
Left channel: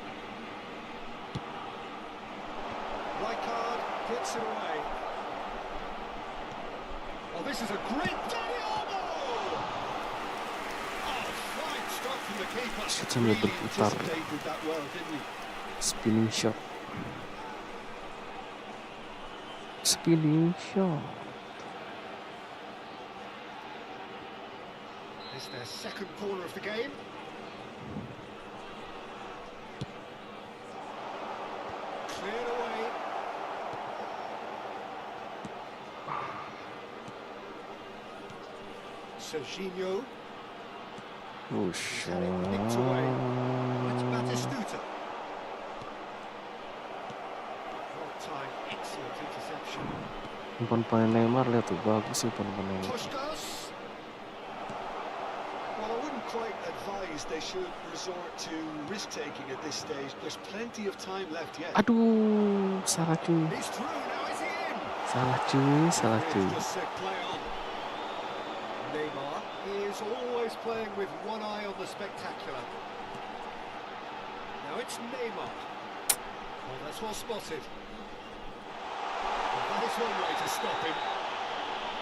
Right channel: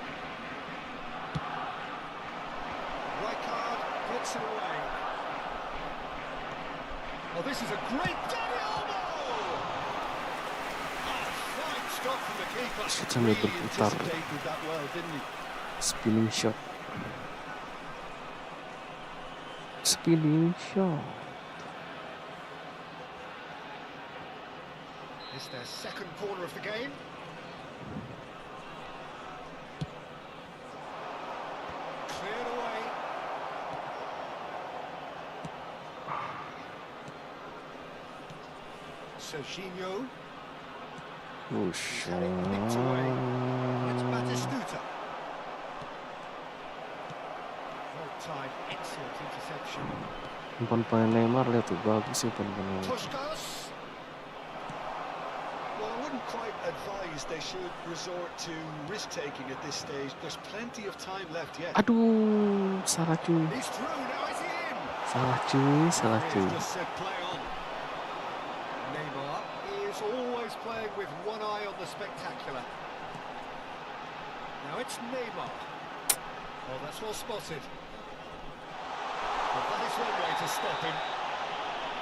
Rijkaard gets it away. Oh, this is a great Olmo! Oh, fine stop from the keeper. Sambil berputar. Anticipated that well, didn't he? Spinning shot. Spinning shot. It's their second corner of the game. Cleared away. Serginho. Buset. Nicked away. It's Batistuta. Well timed, excellent interception. Umpan Neymar lihat tuh, bagus sih umpan Neymar. Puskas. Well, I wouldn't quite advise they should resort to risk-taking at this stage. There's plenty of time left yet. Aduh, salah cuy. He's through, now is he in? Salah cuy, salah cuy. He's just said play on. Neymar is always playing with one eye on the spectacular. Now it's Neymar. Oh, that's well spotted. Well, that is one way to stop him.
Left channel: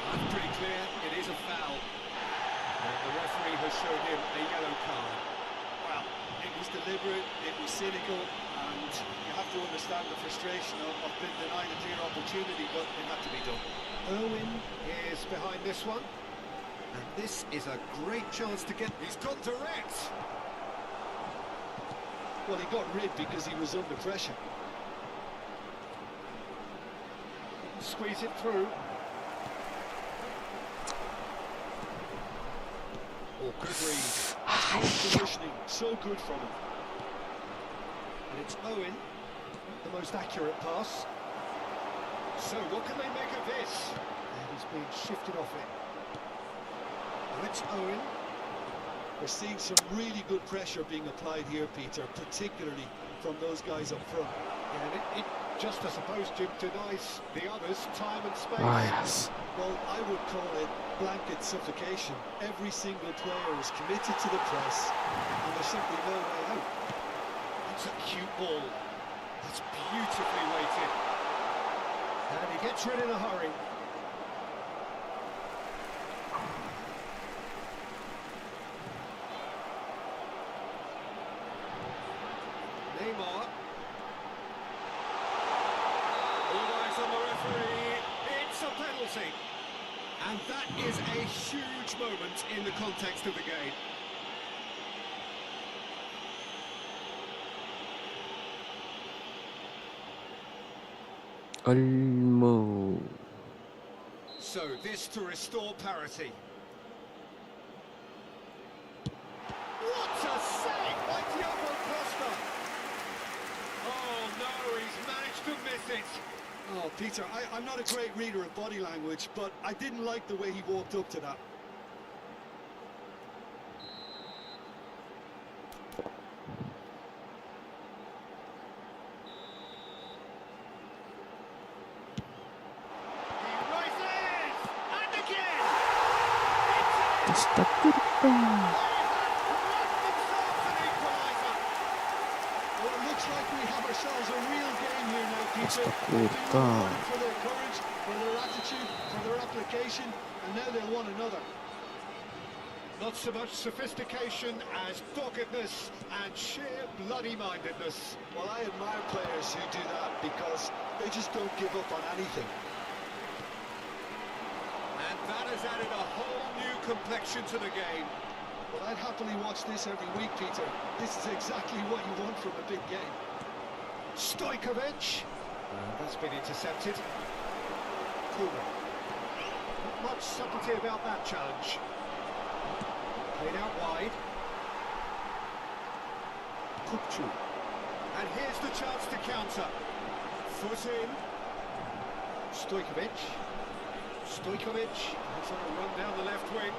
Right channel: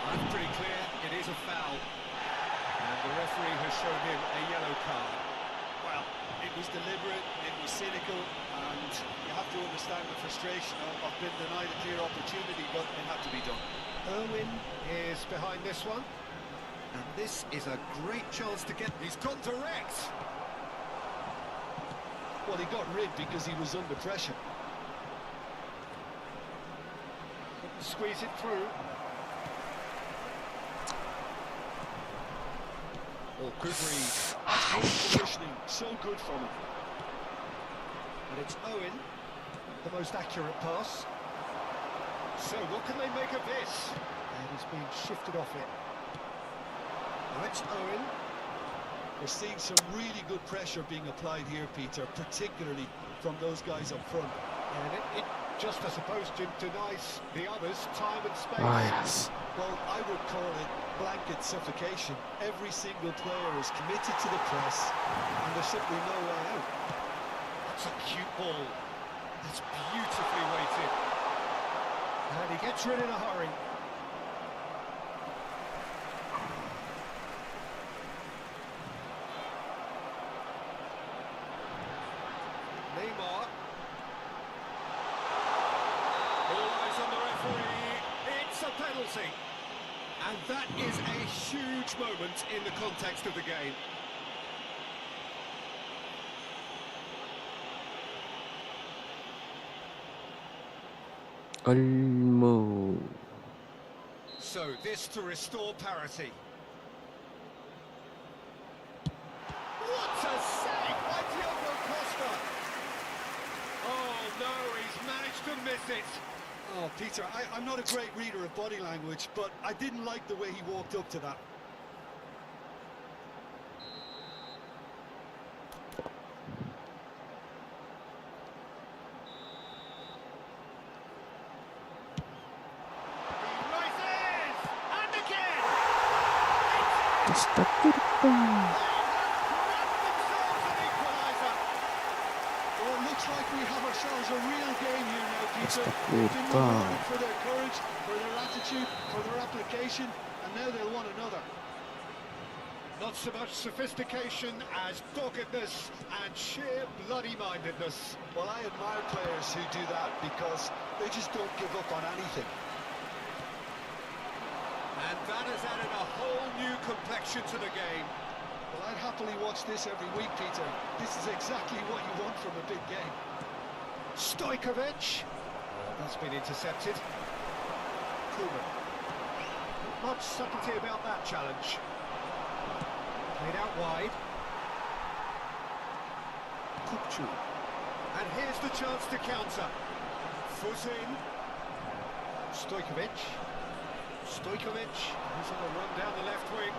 That's pretty clear, it is a foul. And the referee has shown him a yellow card. Well, it was deliberate, it was cynical, and you have to understand the frustration of being denied a clear opportunity, but it had to be done. Irwin is behind this one. And this is a great chance to get... He's gone direct! Well, he got rid because he was under pressure. Squeeze it through. Oh, good read. Excellent positioning, so good from him. And it's Owen, the most accurate pass. So what can they make of this? And he's been shifted off it. Now it's Owen. We're seeing some really good pressure being applied here, Peter, particularly from those guys up front. And it just, I suppose, Jim, denies the others time and space. Ah, yes. Well, I would call it blanket suffocation. Every single player is committed to the press, and there's simply no way out. That's a cute ball. That's beautifully weighted. And he gets rid in a hurry. Neymar. All eyes on the referee. It's a penalty. And that is a huge moment in the context of the game. Olmo. So this to restore parity. What a save by Diogo Costa! to miss it. Oh, Peter, I'm not a great reader of body language, but I didn't like the way he walked up to that. He rises! And again! It's in! Astaghfirullah. They have grabbed themselves an equaliser. Well, it looks like we have ourselves a real game here now, Peter. Astaghfirullah. They've been rewarded for their courage, for their attitude, for their application, and now they'll want another. Not so much sophistication as doggedness and sheer bloody-mindedness. Well, I admire players who do that because they just don't give up on anything. And that has added a whole new complexion to the game. Well, I'd happily watch this every week, Peter. This is exactly what you want from a big game. Stojkovic. That's been intercepted. Koeman. Not much subtlety about that challenge. Played out wide. Kupchu. And here's the chance to counter. Foot in. Stojkovic. Stojkovic. He's on a run down the left wing.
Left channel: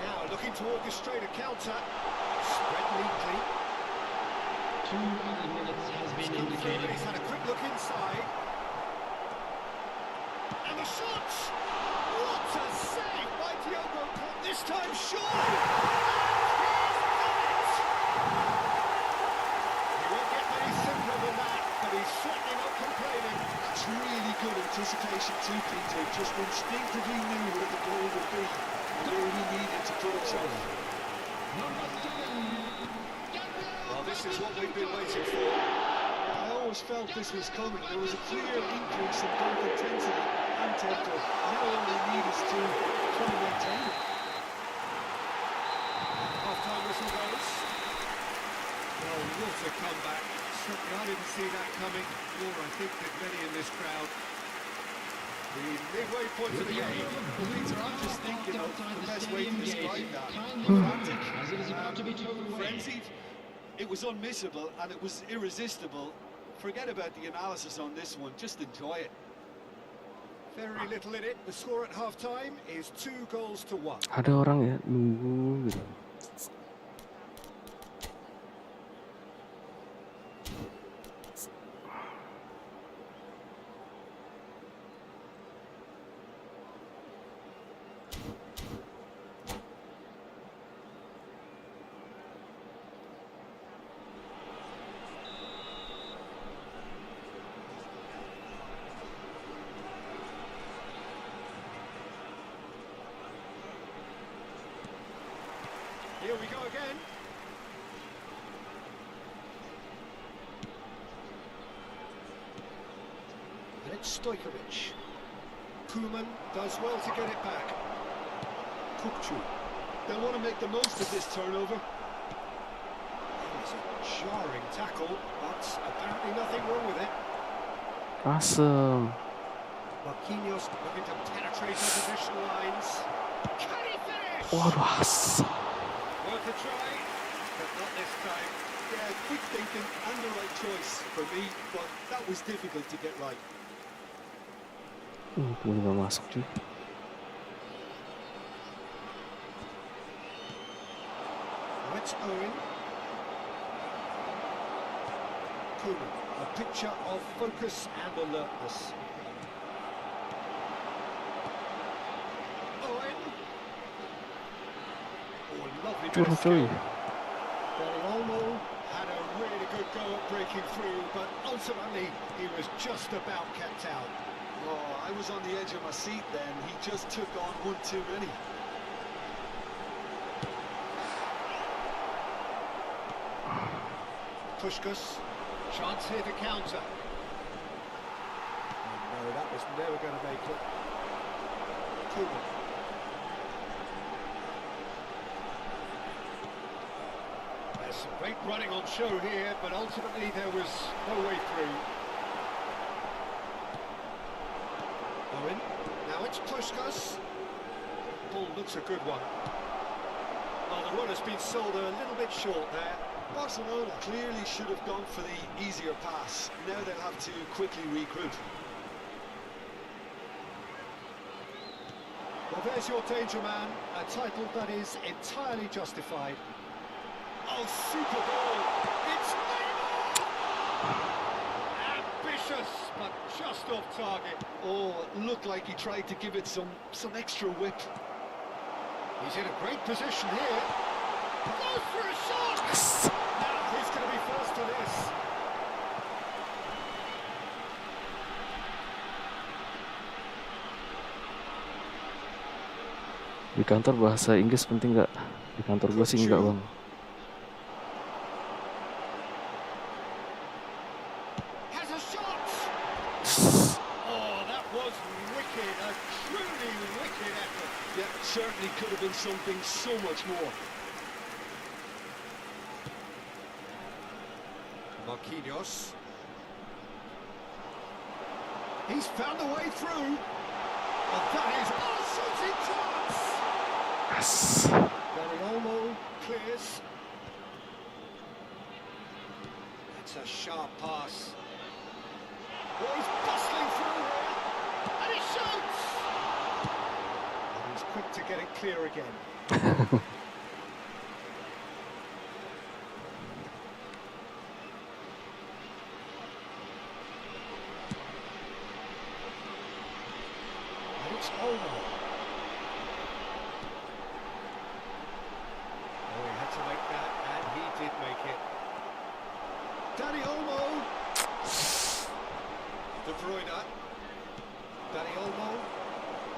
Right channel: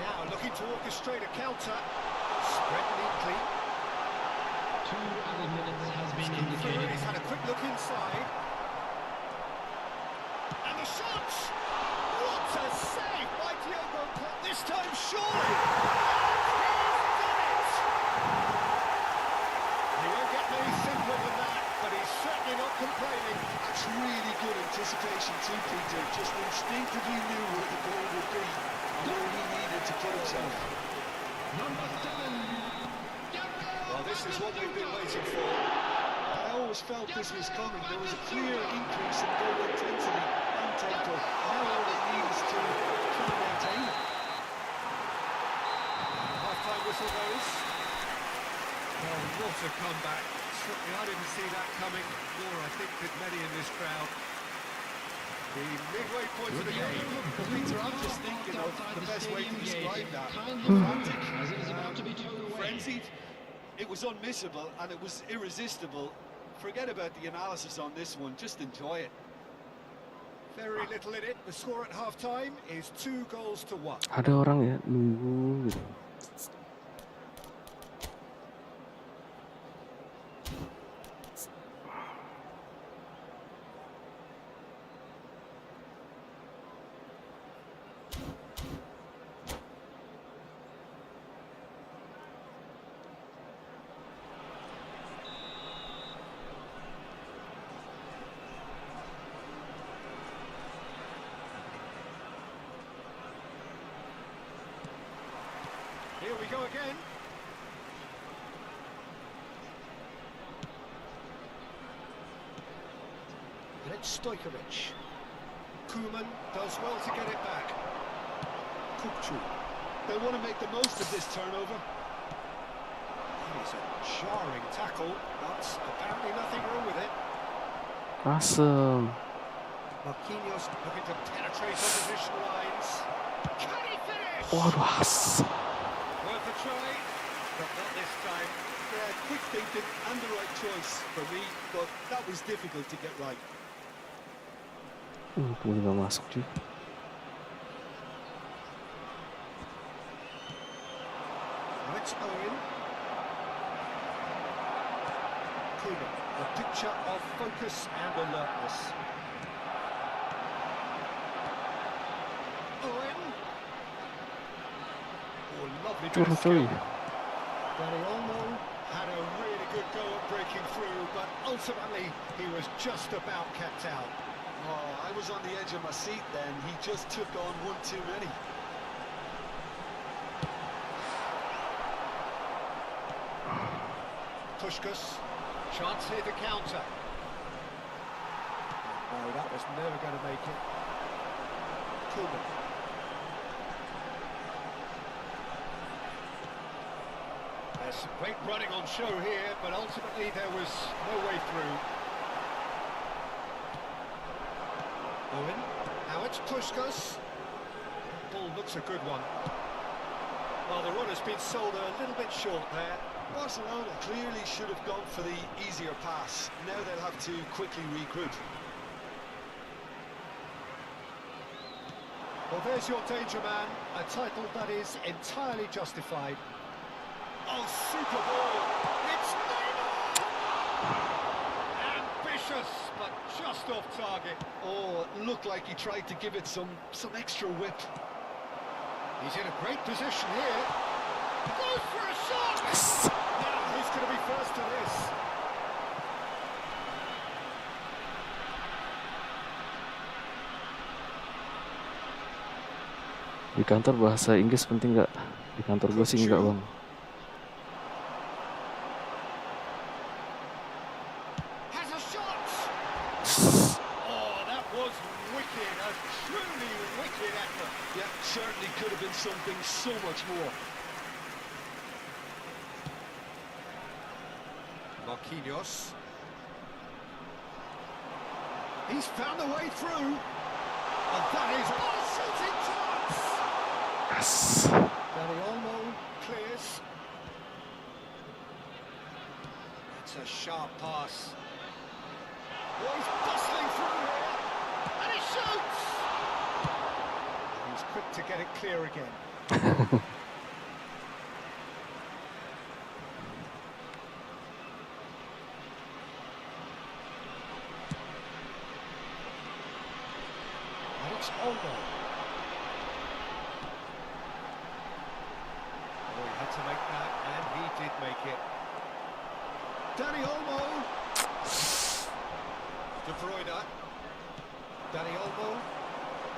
Now looking to orchestrate a counter. Spread neatly. 2 added minutes has been Come through, indicated. he's had a quick look inside. And the shot! What a save by Diogo Costa this time, surely! And he's done it! He won't get many simpler than that, but he's certainly not complaining. That's really good anticipation too, Peter. Just instinctively knew where the ball would be and where he needed to put himself. Number 7. Well, this is what we've been waiting for. Yeah, I always felt this was coming. There was a clear increase in both intensity and tempo. Now all they need is to try and maintain it. Half-time whistle goes. Well, what a comeback. Certainly I didn't see that coming, nor I think that many in this crowd. The midway point of the game. Well, Peter, I'm just thinking of the best way to describe that. Kindly Frantic. as it is about to be towed away. Frenzied. It was unmissable and it was irresistible. Forget about the analysis on this one, just enjoy it. Very little in it. The score at half-time is 2-1. Ada orang ya nunggu gitu. Here we go again. And it's Stojkovic. Koeman does well to get it back. Kupchu. They'll want to make the most of this turnover. It is a jarring tackle, but apparently nothing wrong with it. Asem. Marquinhos looking to penetrate opposition lines. Can he finish? Waduh, asem. Worth a try, but not this time. Yeah, quick thinking and the right choice for me, but that was difficult to get right. Boleh nggak masuk cuy. Now it's Owen. Koeman, a picture of focus and alertness. Owen. Oh, lovely bit Curang of cuy. skill. Danny Olmo had a really good go at breaking through, but ultimately he was just about kept out. Oh, I was on the edge of my seat then. He just took on one too many. Puskás, chance here to counter. Oh, no, that was never going to make it. Koeman. There's some great running on show here, but ultimately there was no way through. Owen, now it's Puskás. Ball looks a good one. Well, the run has been sold a little bit short there. Barcelona clearly should have gone for the easier pass. Now they'll have to quickly regroup. Well, there's your danger man, a title that is entirely justified. Oh, super ball! It's Neymar! Ambitious, but just off target. Oh, it looked like he tried to give it some extra whip. He's in a great position here. Goes for a shot! Now he's going to be first to this. Di kantor bahasa Inggris penting nggak? Di kantor gue sih enggak, Bang. Has a shot! Oh, that was wicked, a truly wicked effort. Yeah, certainly could have been something so much more. Marquinhos. He's found a way through. And that is a shooting chance! Yes. Olmo clears. That's a sharp pass. Oh, he's bustling through here. And he shoots! And he's quick to get it clear again. And it's Olmo. Oh, he had to make that, and he did make it. Olmo. De Bruyne. Olmo.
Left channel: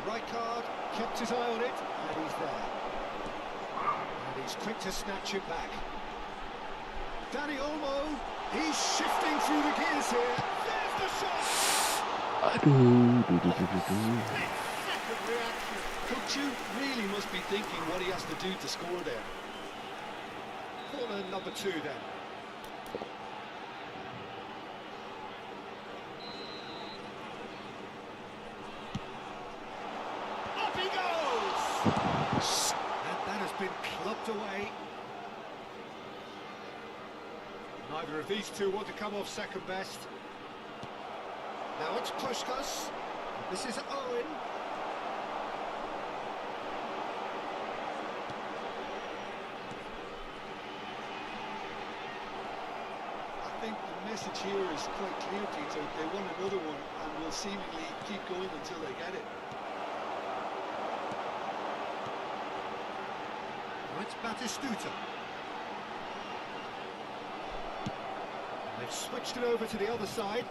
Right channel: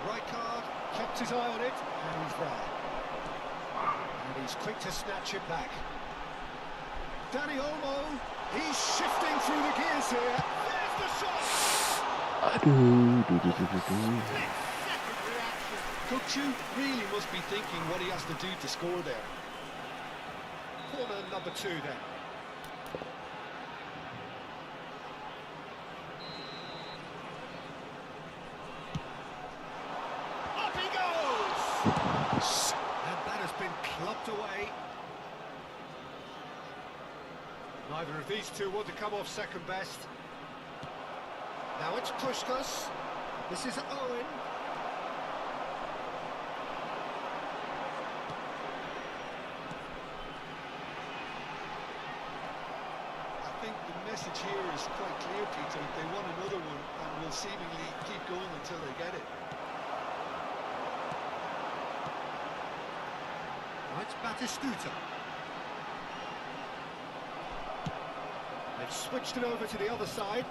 Rijkaard kept his eye on it, and he's there. And he's quick to snatch it back. Olmo. He's shifting through the gears here. There's the shot. Aduh, Second reaction. Kukçu really must be thinking what he has to do to score there. Corner number 2 then. Up he goes! And that has been clubbed away. Neither of these two want to come off second best. Now it's Puskás. This is Owen. I think the message here is quite clear, Peter. They want another one and will seemingly keep going until they get it. Now it's Batistuta. They've switched it over to the other side.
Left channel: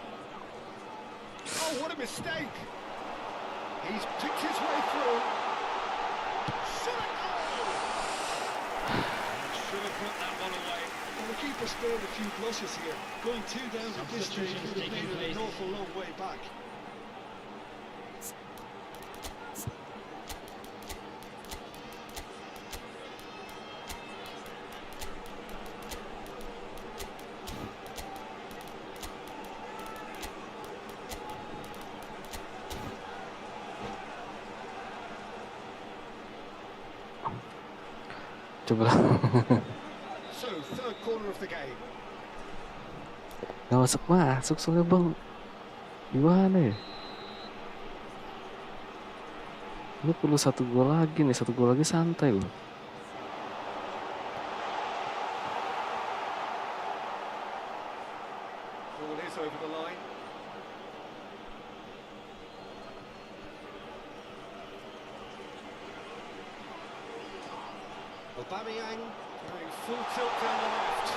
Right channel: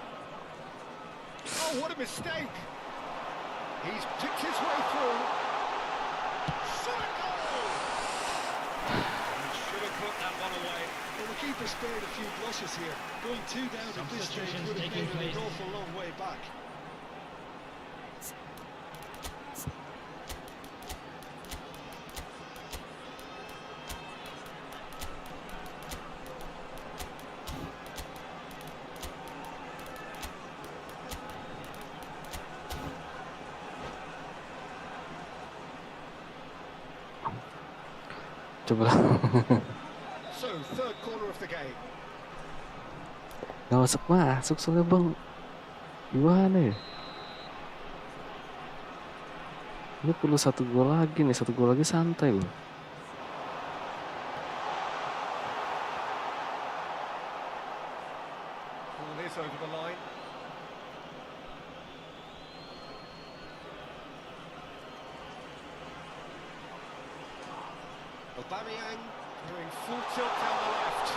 Oh, what a mistake! He's picked his way through. Shot a goal! Should have put that one away. Well, the keeper spared a few blushes here. Going 2 down at this stage would have made it an awful long way back. Coba. So, third corner of the game. Gak masuk soalnya, Bang. Gimana ya? Ini perlu 1 gol lagi nih, 1 gol lagi santai loh. Ball is over the line. Aubameyang doing full tilt down the left.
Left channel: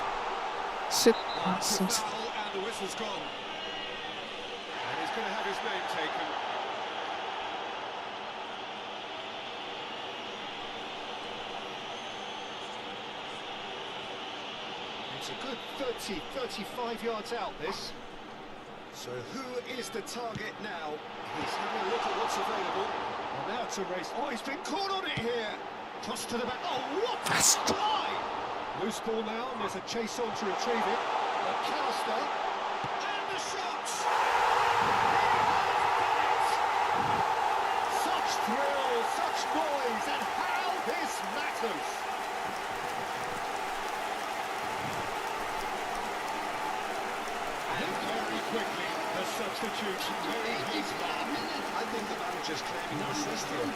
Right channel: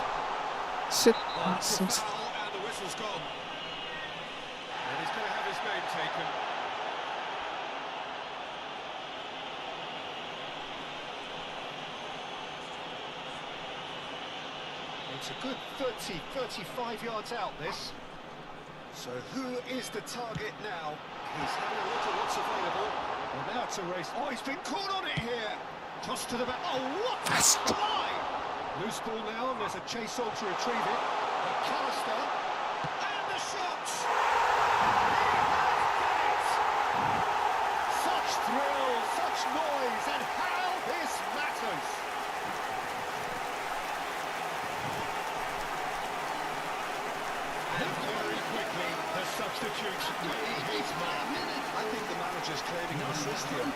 Shit, Oh, it's a langsung. foul and the whistle's gone. And he's going to have his name taken. It's a good 30, 35 yards out, this. So who is the target now? He's having a look at what's available. Well, now it's a race. Oh, he's been caught on it here. Cross to the back. Oh, what a slide! Loose ball now, and there's a chase on to retrieve it. MacAllister. And the shot! He has done it! Such thrill, such noise, and how this matters! And very quickly, the substitute made his mark. I think the manager's claiming an assist here.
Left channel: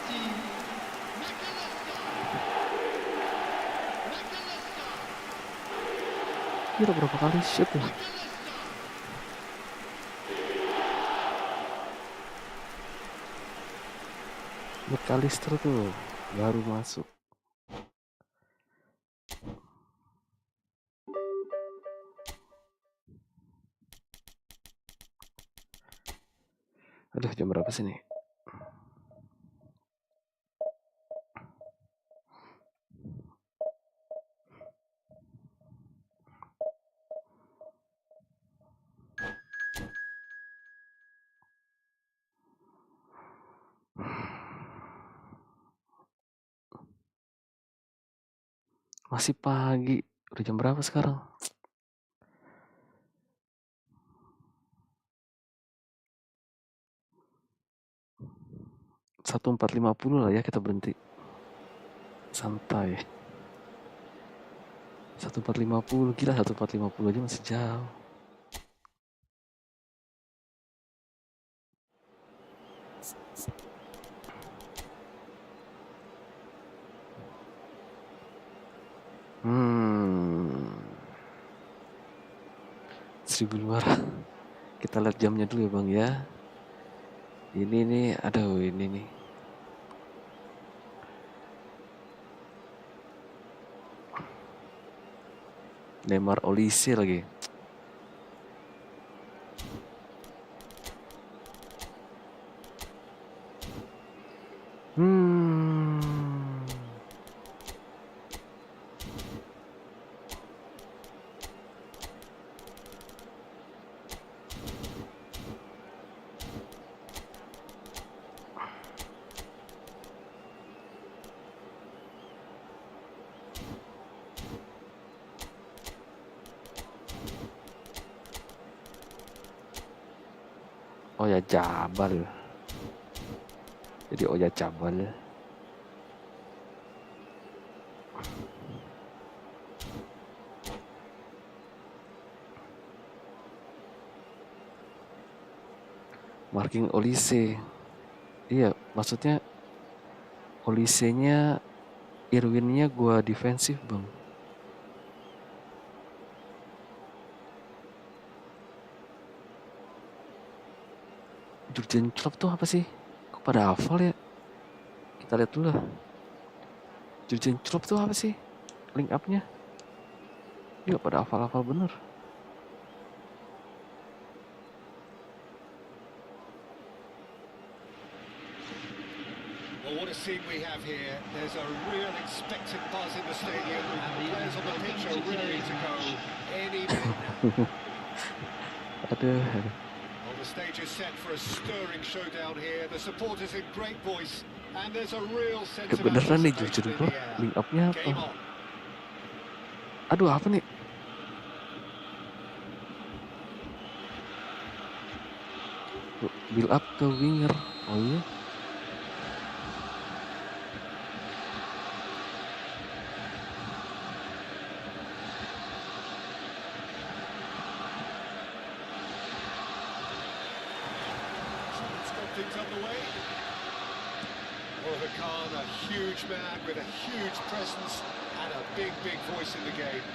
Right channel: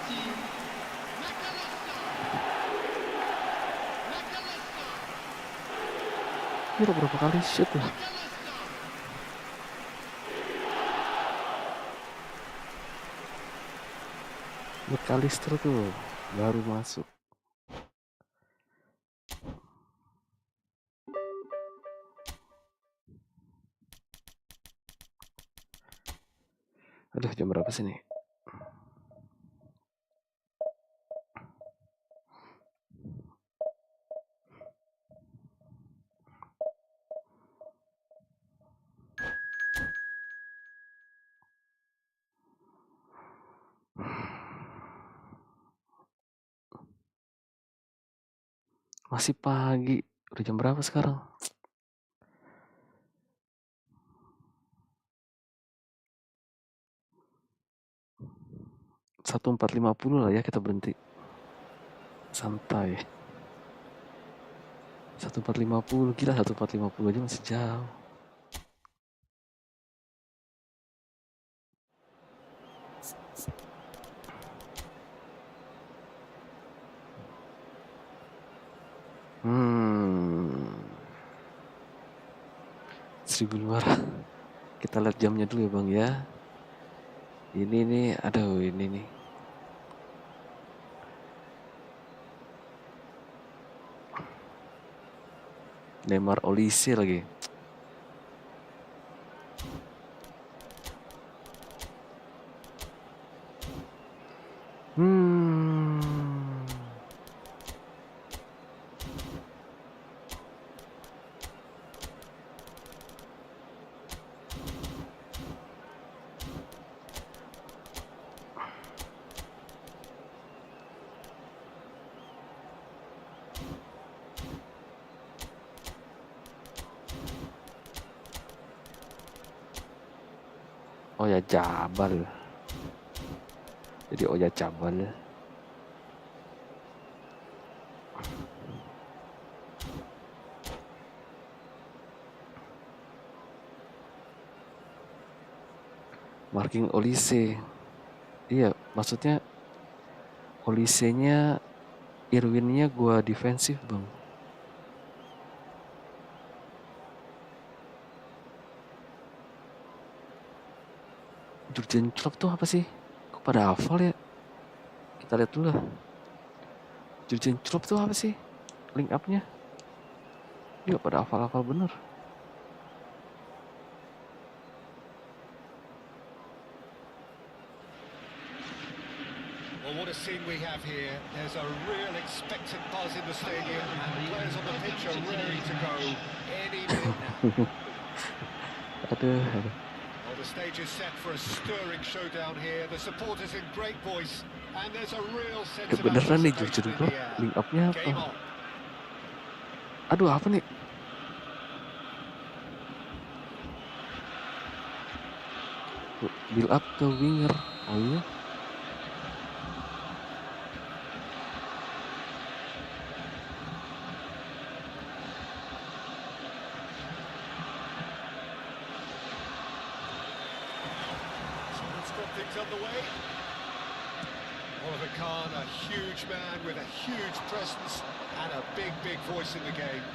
Gila berapa kali shoot tuh. MacAllister tuh baru masuk. Aduh, jam berapa sih nih? Masih pagi. Udah jam berapa sekarang? Satu 4.50 lah ya kita berhenti. Santai. 14.50, gila 14.50 aja masih jauh. Hmm. 1.500. Kita lihat jamnya dulu ya Bang ya. Ini nih, aduh ini nih. Neymar Olise lagi. Oh ya Jabal. Jadi oh ya Jabal. Marking Olise. Iya, maksudnya Olise-nya Irwin-nya gua defensif, Bang. Jurgen Klopp tuh apa sih? Kok pada hafal ya? Kita lihat dulu lah. Jurgen Klopp tuh apa sih? Link up-nya? Iya pada hafal-hafal bener. Well, what a scene we have here. There's a real expectant buzz in the stadium, and the players on the pitch are ready to go any minute now. Aduh. Well, the stage is set for a stirring showdown here. The supporters in great voice, and there's a real sense of Kebeneran nih anticipation Jurgen in Klopp. the air. Link up-nya apa? Game on. Aduh apa nih? Build up ke winger. Oh iya. Things underway. Oliver Kahn, a huge man with a huge presence and a big voice in the game.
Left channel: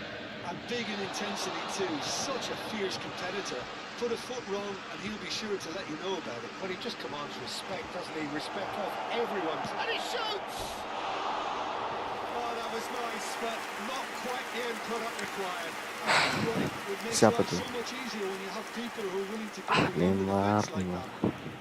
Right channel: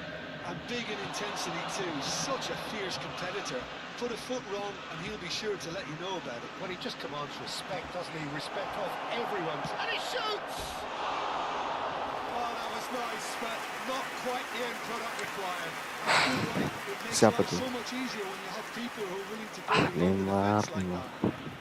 And big in intensity too, such a fierce competitor. Put a foot wrong and he'll be sure to let you know about it. Well, he just commands respect, doesn't he? Respect of everyone. And he shoots! Oh, that was nice, but not quite the end product required. It makes Siapa life tuh? so much easier when you have people who are willing to go beyond the Neymar, defense like Neymar. that.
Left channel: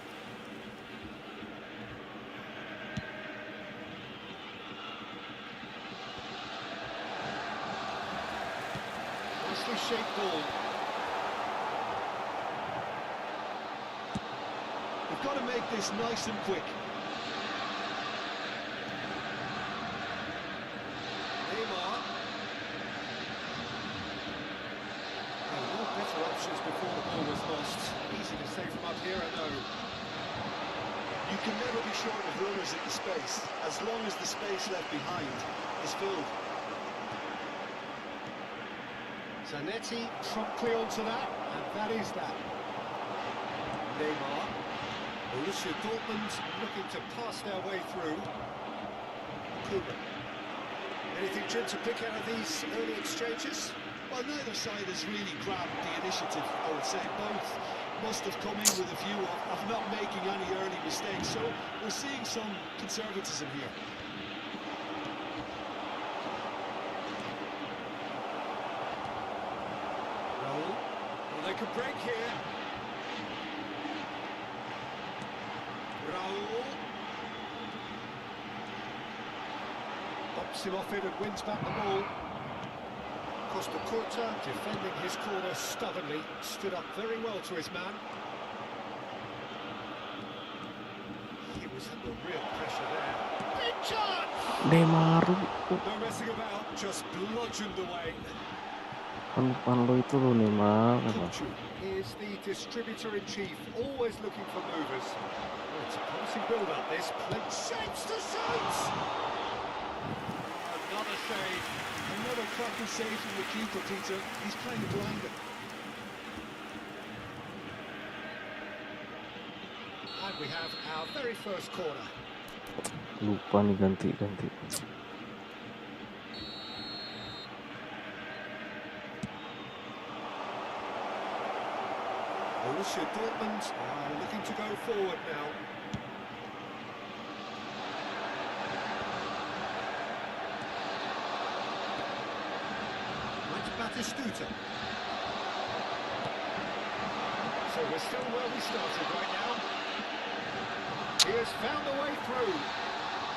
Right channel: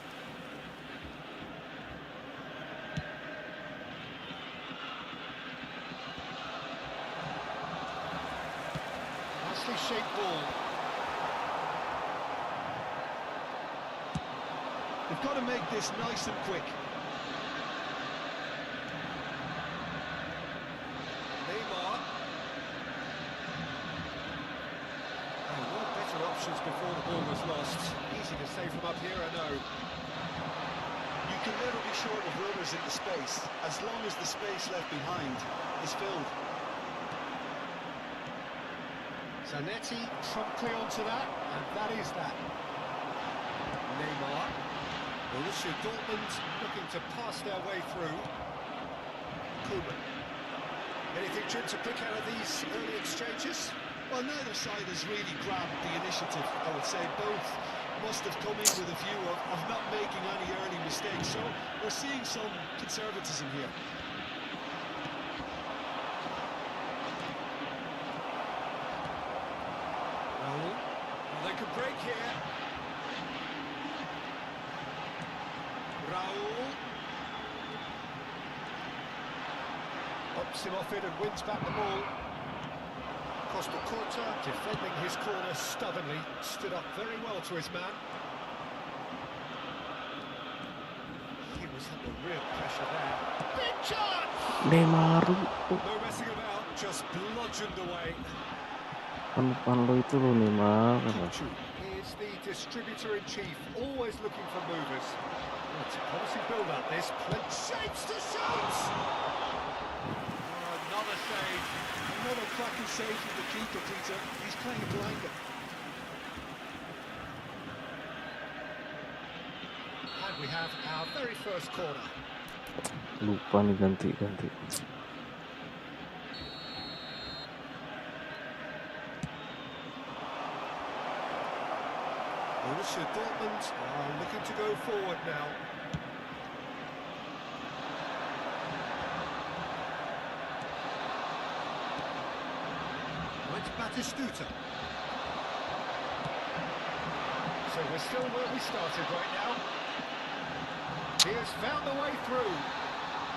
Nicely shaped ball. They've got to make this nice and quick. Neymar. Oh, no better options before the ball was lost. Easy to say from up here, I know. You can never be short of runners in the space, as long as the space left behind is filled. Zanetti promptly onto that, and that is that. Neymar. Borussia Dortmund looking to pass their way through. Koeman. Anything, Jim, to pick out of these early exchanges? Well, neither side has really grabbed the initiative, I would say. Both must have come in with a view of not making any early mistakes, so we're seeing some conservatism here. Raul. Well, they could break here. Raul. Pops him off it and wins back the ball. Costa Curta defending his corner stubbornly, stood up very well to his man. He was under real pressure there. Big chance! Neymar, No messing about, just bludgeoned away. pan lo itu lo Neymar. Here's the distributor-in-chief, always looking for movers. Oh, it's a promising build-up, this. Plenty shapes to shoot! Oh, another save. Another cracking save from the keeper, Peter. He's kind of blinded. And we have our very first corner. Lupa nih ganti. Borussia Dortmund are looking to go forward now. Right, Batistuta. So we're still where we started right now. He has found a way through.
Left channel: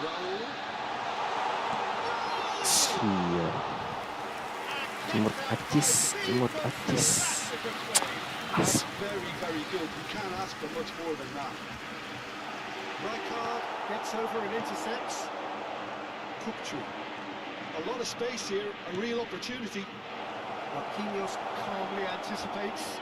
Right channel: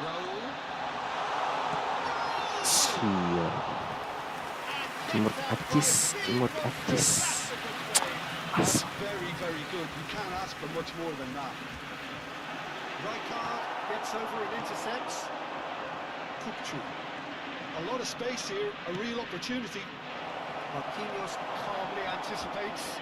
Raul. Sia. Timur Acis. That's very, very good. You can't ask for much more than that. Rijkaard gets over and intercepts. Kupchu. A lot of space here, a real opportunity. Marquinhos calmly anticipates.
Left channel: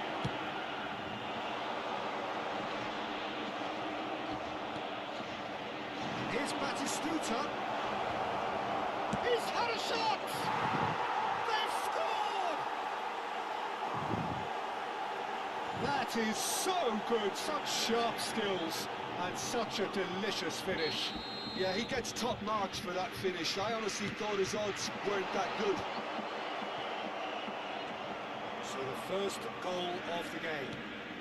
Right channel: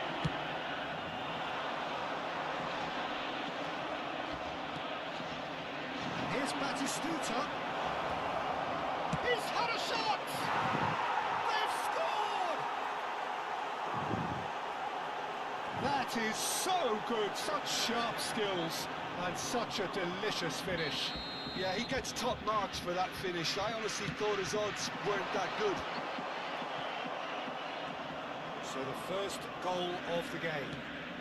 Here's Batistuta. He's had a shot! They've scored! That is so good, such sharp skills, and such a delicious finish. Yeah, he gets top marks for that finish. I honestly thought his odds weren't that good. So the first goal of the game.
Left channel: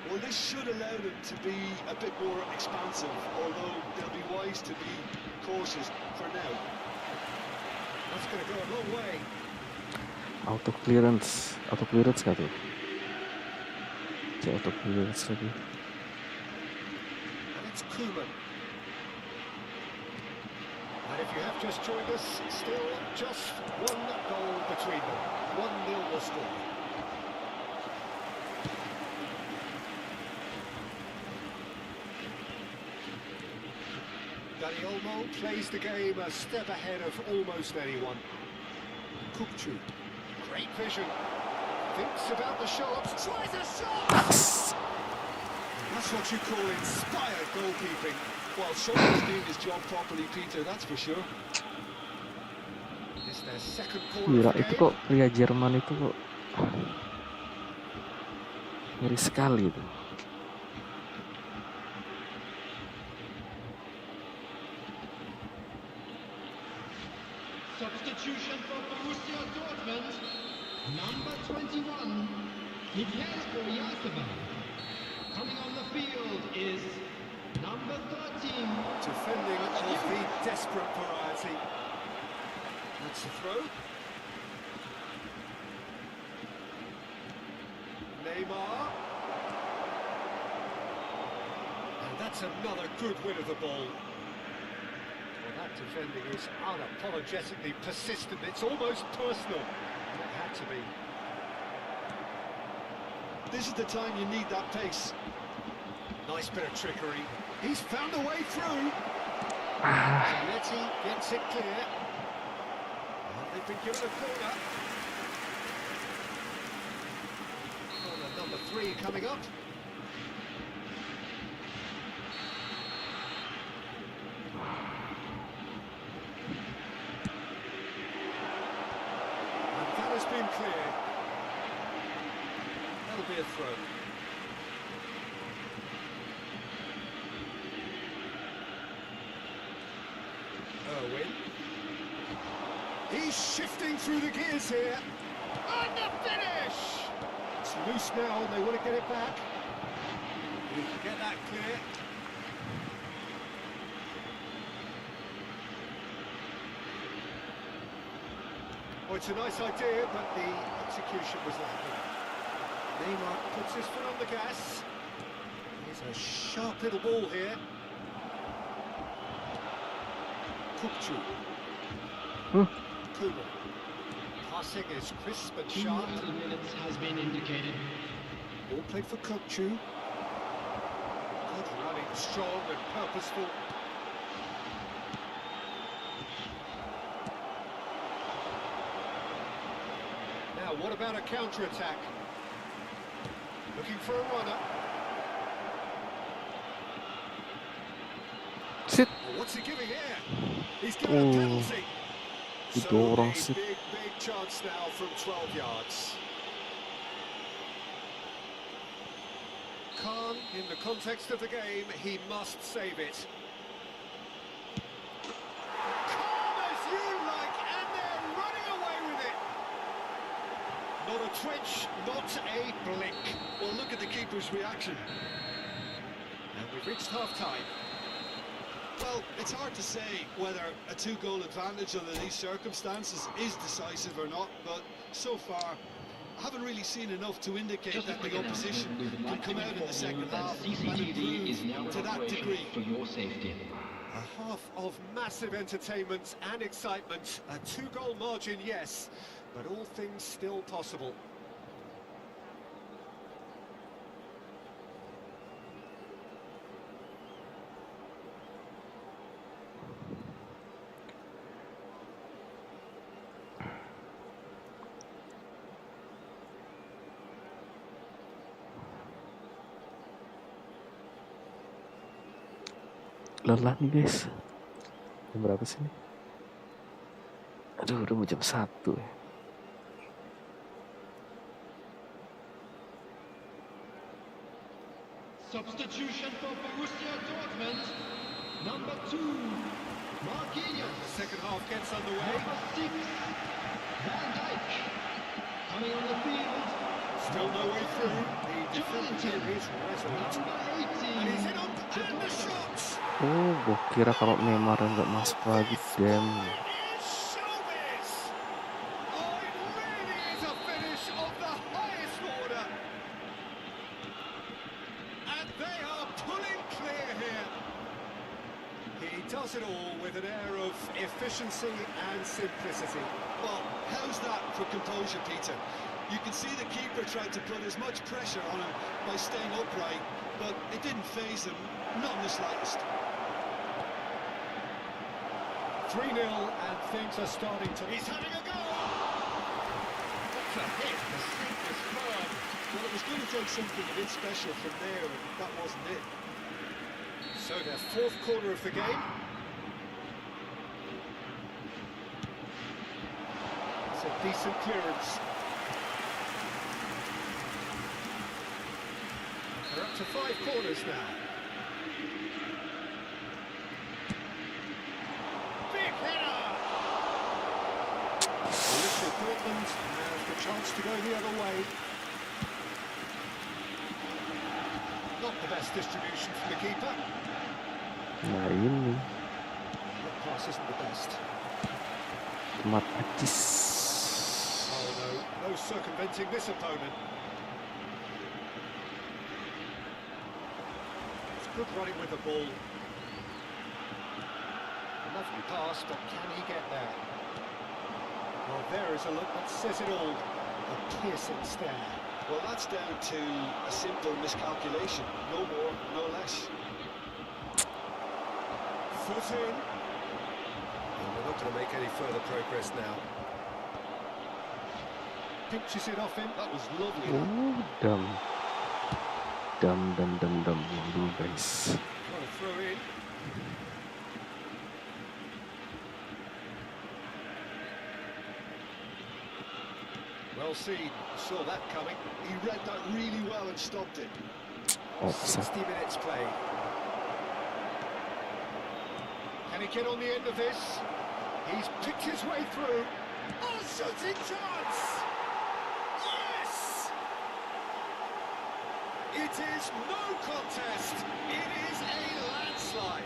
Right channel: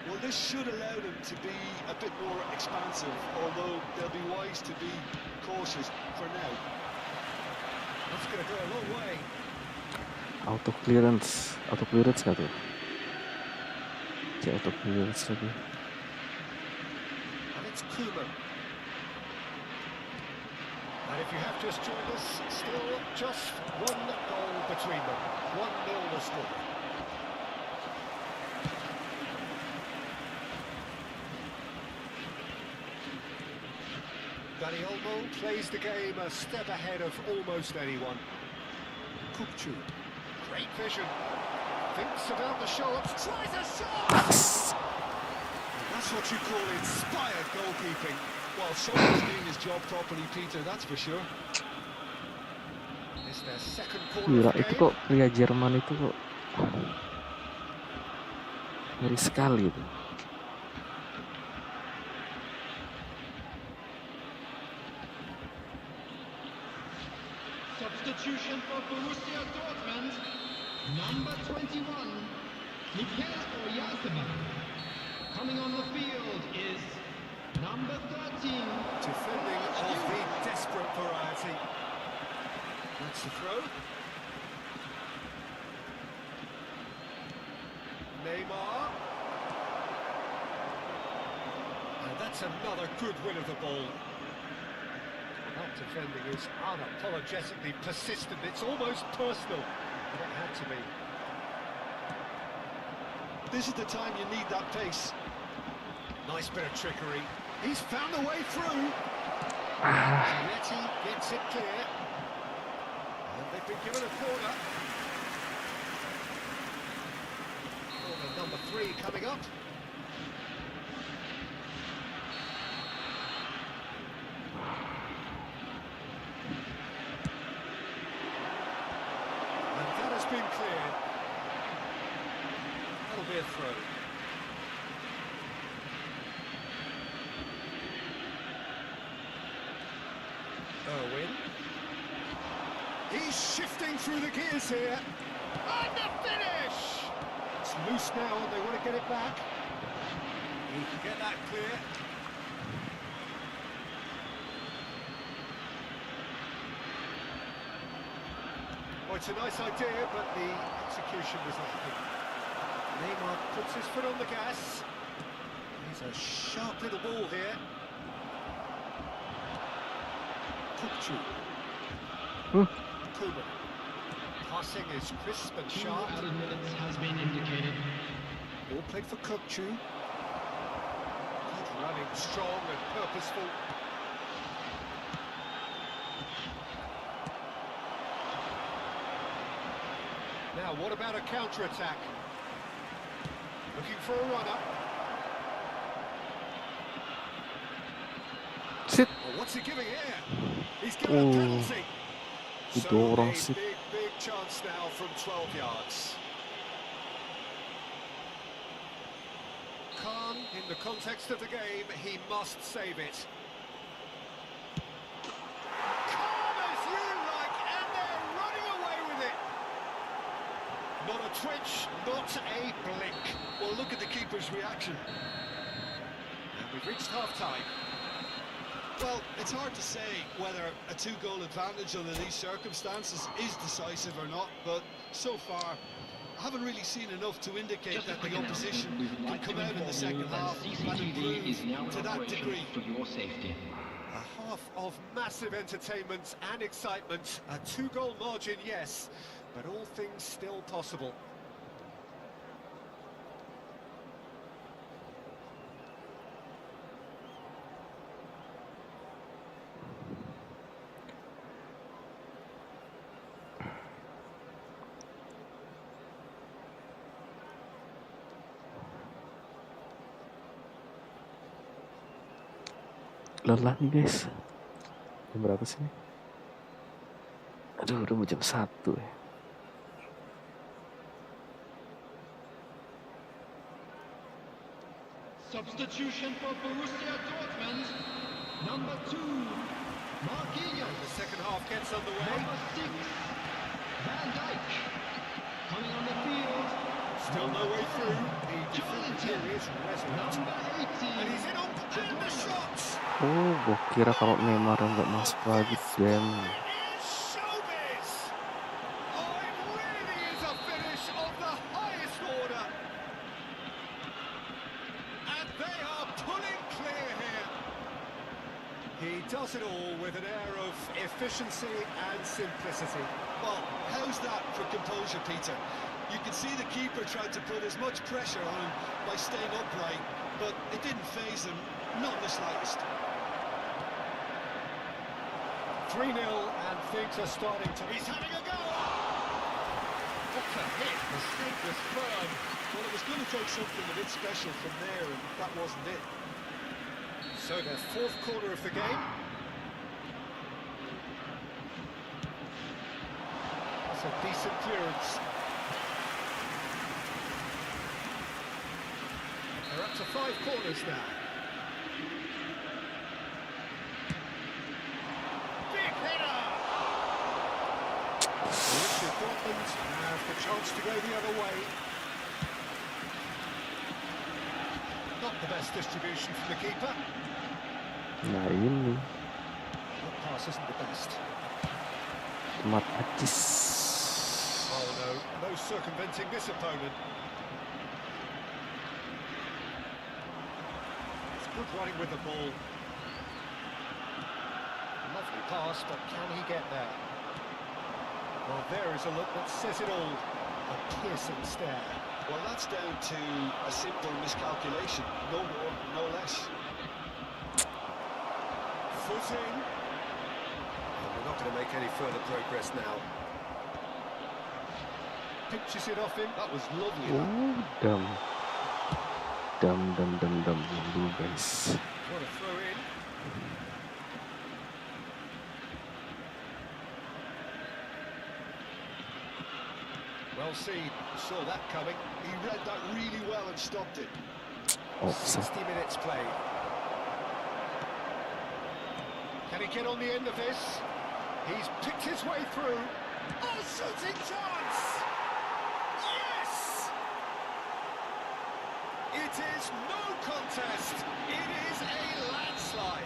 Well, this should allow them to be a bit more expansive, although they'll be wise to be cautious for now. That's going to go a long way. Auto clearance gak tuh? Auto clearance lagi. And it's Koeman. And if you have just joined us, still just one goal between them. 1-0 the score. Olmo plays the game a step ahead of almost anyone. Kupchu. Great vision. Thinks about the shot. Tries a shot! That's what you call inspired goalkeeping. Well, someone's doing his job properly, Peter, that's for sure. It's their second corner Gila, of the itu game. kok pria Jerman itu kok ngeri sekali itu. Substitution for Borussia Dortmund. Number 21, Mikel Oyarzabal. Coming on the field is number 13. Defending of the desperate variety. That's the throw. Neymar. And that's another good win of the ball. Well, that defending is unapologetically persistent. It's almost personal. And it had to be. This is the time you need that pace. Nice bit of trickery. He's found a way through. Zanetti gets it clear. And they've been given a corner. Corner number 3 coming up. And that has been cleared. That'll be a throw. Irwin. He's shifting through the gears here. And the finish! It's loose now and they want to get it back. He can get that clear. Oh, it's a nice idea, but the execution was lacking. Neymar puts his foot on the gas. Here's a sharp little ball here. Kukcu. Kuma. Passing is crisp and 2 sharp. added minutes has been indicated. Ball played for Kukcu. Good running, strong and purposeful. Now, what about a counter-attack? Looking for a runner. Sit. Oh, what's he giving here? He's given a penalty. So Didorong a sit. big chance now from 12 yards. Khan, in the context of the game, he must save it. Calm as you like, and they're running away with it. Not a twitch, not a blink. Well, look at the keeper's reaction. And we've reached half-time. Well, it's hard to say whether a 2-goal advantage under these circumstances is decisive or not, but so far, I haven't really seen enough to indicate Just a that quick the opposition announcement. We would can like come to out in the inform second you that half and CCTV is now improve in to that operation degree. for your safety. A half of massive entertainment and excitement. A 2-goal margin, yes, but all things still possible. Lelah nih guys. Jam berapa sih nih? Aduh, udah mau jam 1 ya. Substitution for Borussia Dortmund. Number 2, Marquinhos. The second half gets underway. Number 6, Van Dijk. Coming on the field. Still no way through. The defender here is resolute. Number 18. And he's in on and the shot. Oh, gua kira kalau Neymar nggak masuk lagi, damn. It is showbiz. Oh, it really is a finish of the highest order. And they are pulling clear here. He does it all with an air of efficiency and simplicity. Well, how's that for composure, Peter? You can see the keeper tried to put as much pressure on him by staying upright, but it didn't faze him, not in the slightest. 3-0 and things are starting to... He's having a go! What's a hit? The sink was firm. Well, it was going to take something a bit special from there, and that wasn't it. So their fourth quarter of the game. That's a decent clearance. They're up to 5 corners now. Big header! Borussia Dortmund have the chance to go the other way. Not the best distribution from the keeper. Nah ini That pass isn't the best. otomatis. Oh no, no circumventing this opponent. It's good running with the ball. Lovely pass, but can he get there? Well, there is a look that says it all. A piercing stare. Well, that's down to a simple miscalculation, no more, no less. Foot in. And they're not going to make any further progress now. Pinches it off him. That was lovely. Oh, dam. Dam yang dulu guys. Trying to throw in. Well seen, saw that coming. He read that really well and stopped it. Offside. 60 minutes played. Can he get on the end of this? He's picked his way through. Oh, shooting chance! Yes! It is no contest. It is a landslide.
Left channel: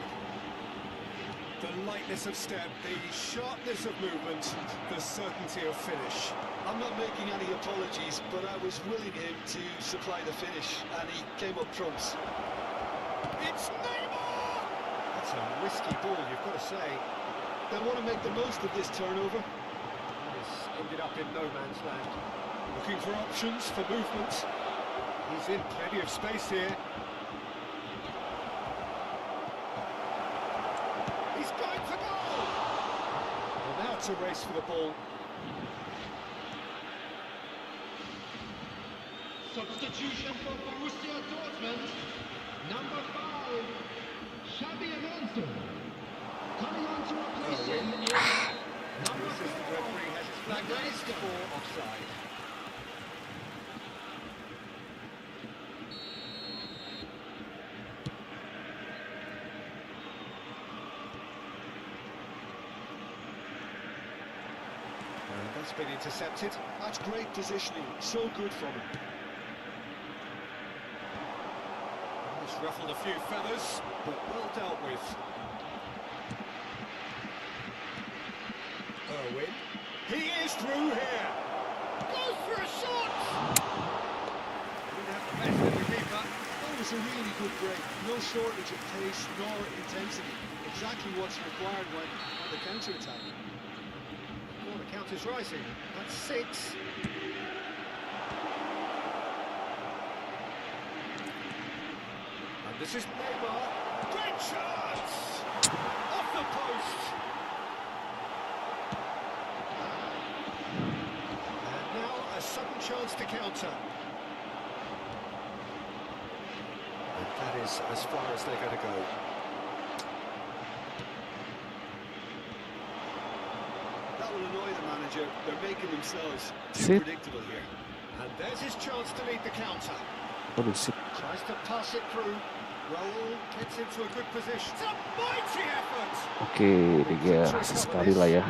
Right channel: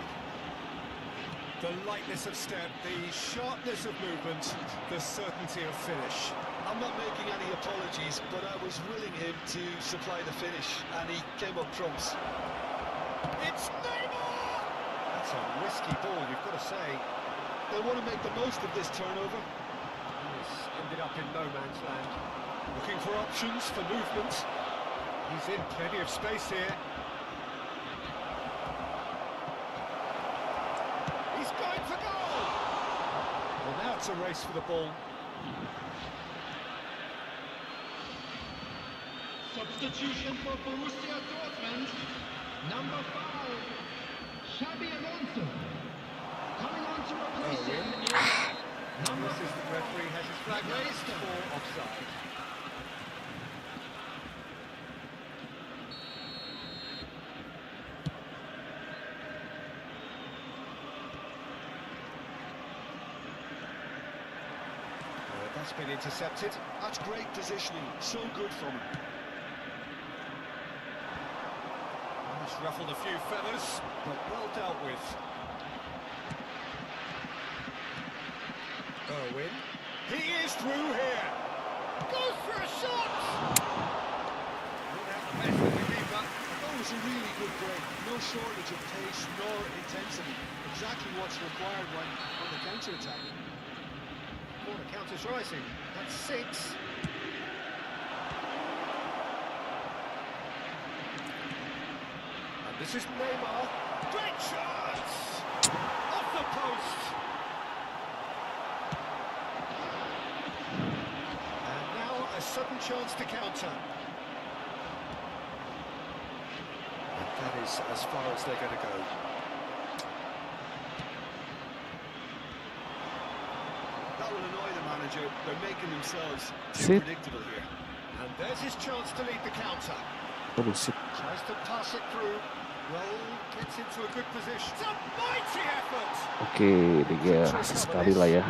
The lightness of step, the sharpness of movement, the certainty of finish. I'm not making any apologies, but I was willing him to supply the finish, and he came up trumps. It's Neymar! That's a risky ball, you've got to say. They'll want to make the most of this turnover. This ended up in no man's land. Looking for options, for movement. He's in plenty of space here. He's going for goal! Well, now it's a race for the ball. Substitution for Borussia Dortmund. Number 5, Xabi Alonso. Coming on to replace him is number 4. Assistant referee has his flag raised for offside. That's been intercepted. That's great positioning, so good from him. It's ruffled a few feathers, but well dealt with. Irwin. He is through here. Goes for a shot. Didn't have the best of the keeper. That was a really good break. No shortage of pace nor intensity. Exactly what's required when on the counter-attack. Corner count is rising. That's 6. And this is Neymar. Great chance! Off the post. And now a sudden chance to counter. And that is as far as they're going to go. That will annoy the manager. They're making themselves too Sit. predictable here. And there's his chance to lead the counter. Waduh, sip. Tries to pass it through. Raul gets into a good position. It's a mighty effort! Oke, dia rasa sekali lah ya.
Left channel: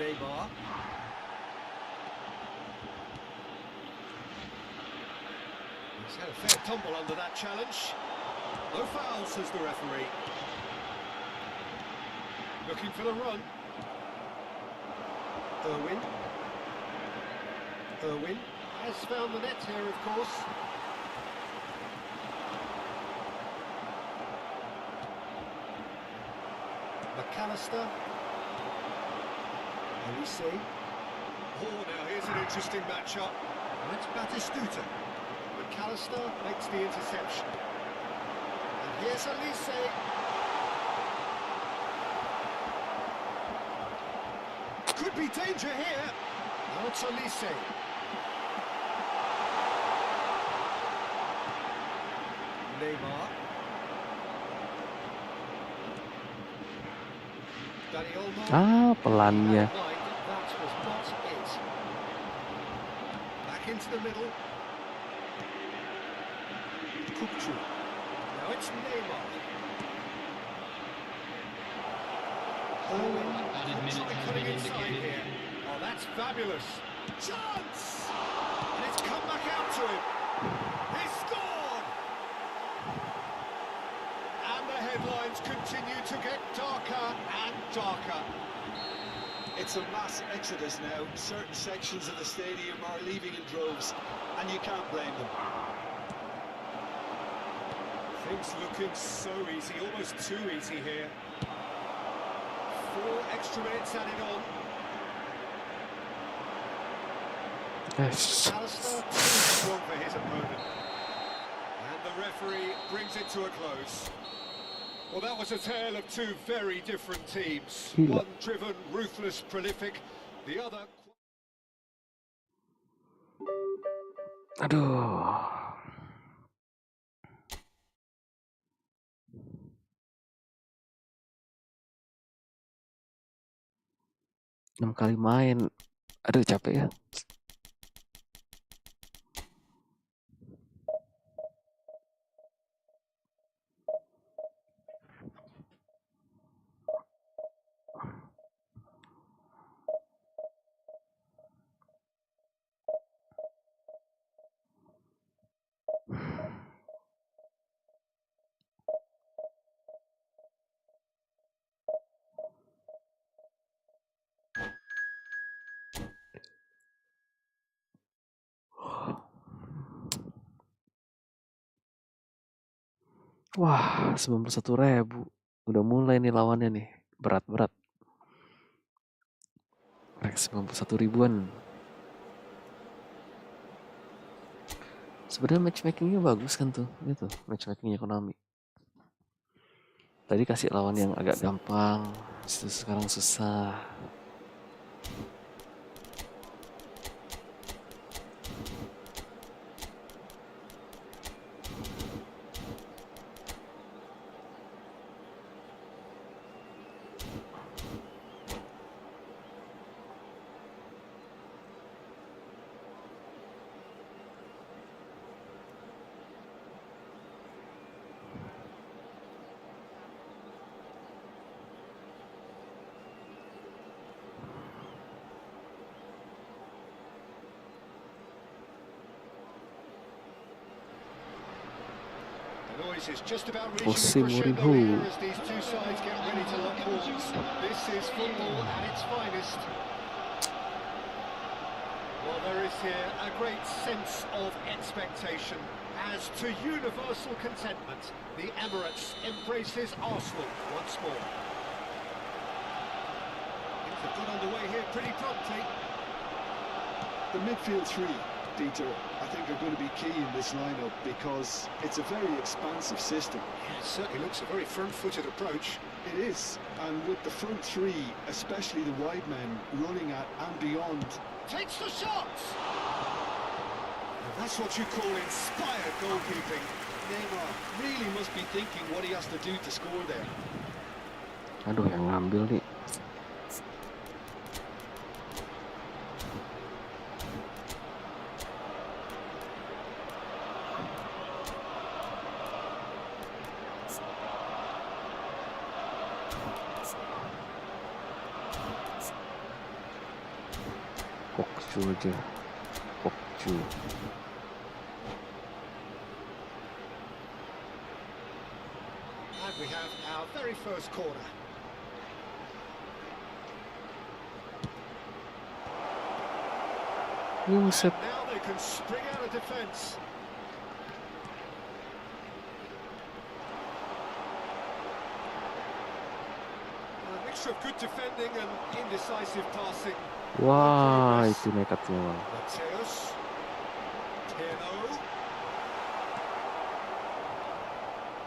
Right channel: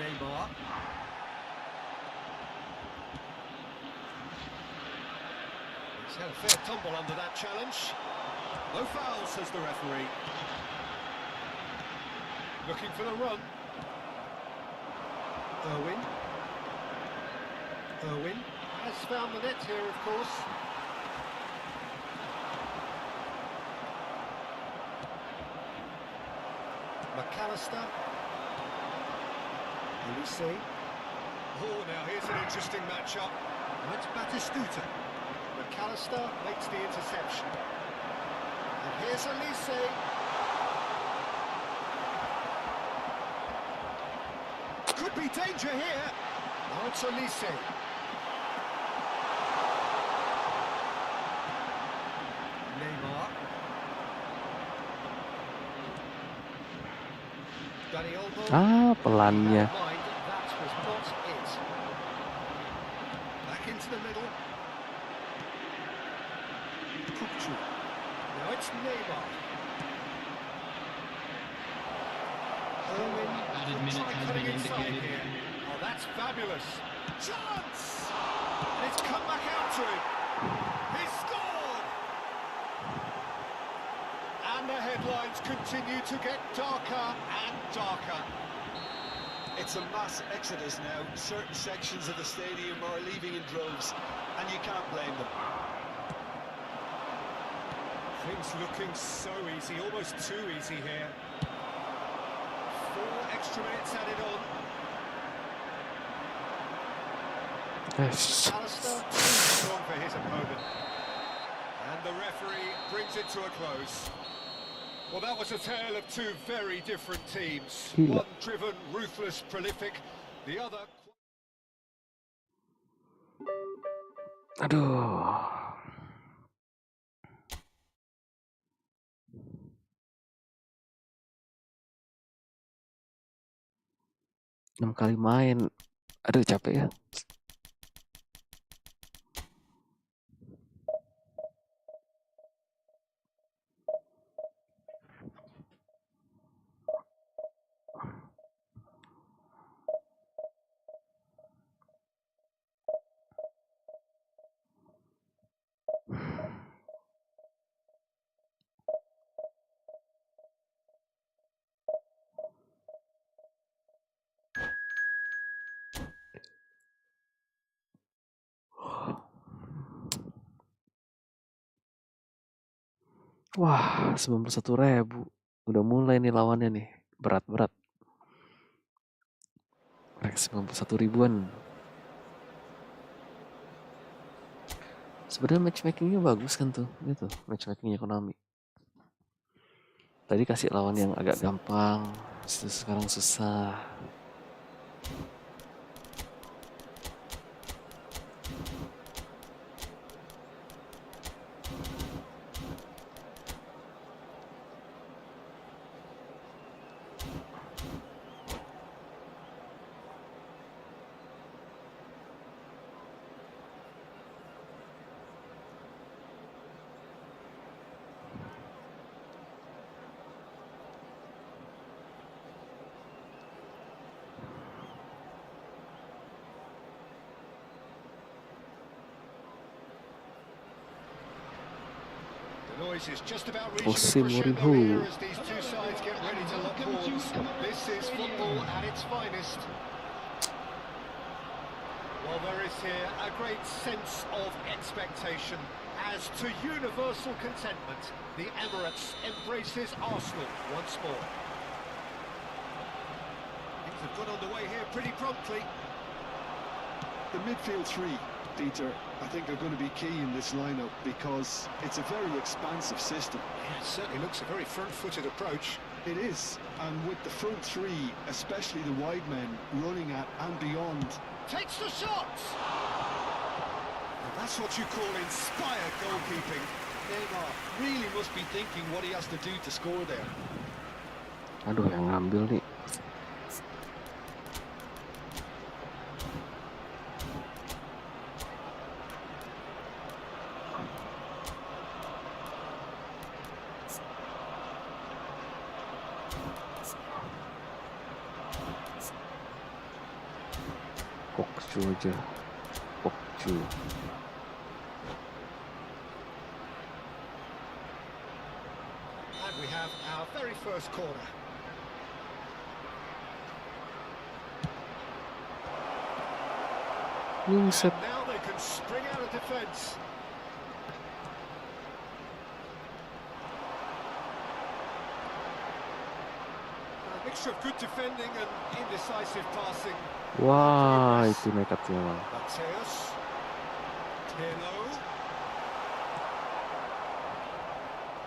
Neymar. He's had a fair tumble under that challenge. No foul, says the referee. Looking for the run. Irwin has found the net here, of course. MacAllister. Elise. Oh, now here's an interesting matchup. And it's Batistuta. MacAllister makes the interception. And here's Elise. Could be danger here. Now it's Elise. Neymar. Olmo. Pelannya. That was not it. Back into the middle. Kukcu. Now it's Neymar. Irwin. Added minute Try has cutting been inside indicated. here. Oh, that's fabulous. Chance! And it's come back out to him. He's scored! And the headlines continue to get darker and darker. It's a mass exodus now. Certain sections of the stadium are leaving in droves, and you can't blame them. Things looking so easy, almost too easy here. 4 extra minutes added on. Yes. MacAllister too strong for his opponent. And the referee brings it to a close. Well, that was a tale of 2 very different teams. Gila. One driven, ruthless, prolific. The other... Aduh. 6 kali main. Aduh capek ya. Wah, 91.000. Udah mulai nih lawannya nih. Berat-berat. Rek 91 ribuan. Sebenarnya matchmakingnya bagus kan tuh. Gitu, matchmakingnya Konami. Tadi kasih lawan yang agak gampang. Sekarang susah. The noise is just about reaching a Jose crescendo Mourinho. here as these two sides get ready to lock balls. This is football at its finest. Well, there is here a great sense of expectation. As to universal contentment, the Emirates embraces Arsenal once more. Things have got underway here pretty promptly. The midfield three, Peter, I think are going to be key in this lineup because it's a very expansive system. Yeah, it certainly looks a very front-footed approach. It is, and with the front three, especially the wide men, running at and beyond. Takes the shot! And that's what you call inspired goalkeeping. Neymar really must be thinking what he has to do to score there. Aduh, yang ngambil nih. Pokju aja. Pokju. And we have our very first corner. Buset. Now they can spring out of defence. A mixture of good defending and indecisive passing. Wah, itu nekatnya bang. Mateus. Pirlo.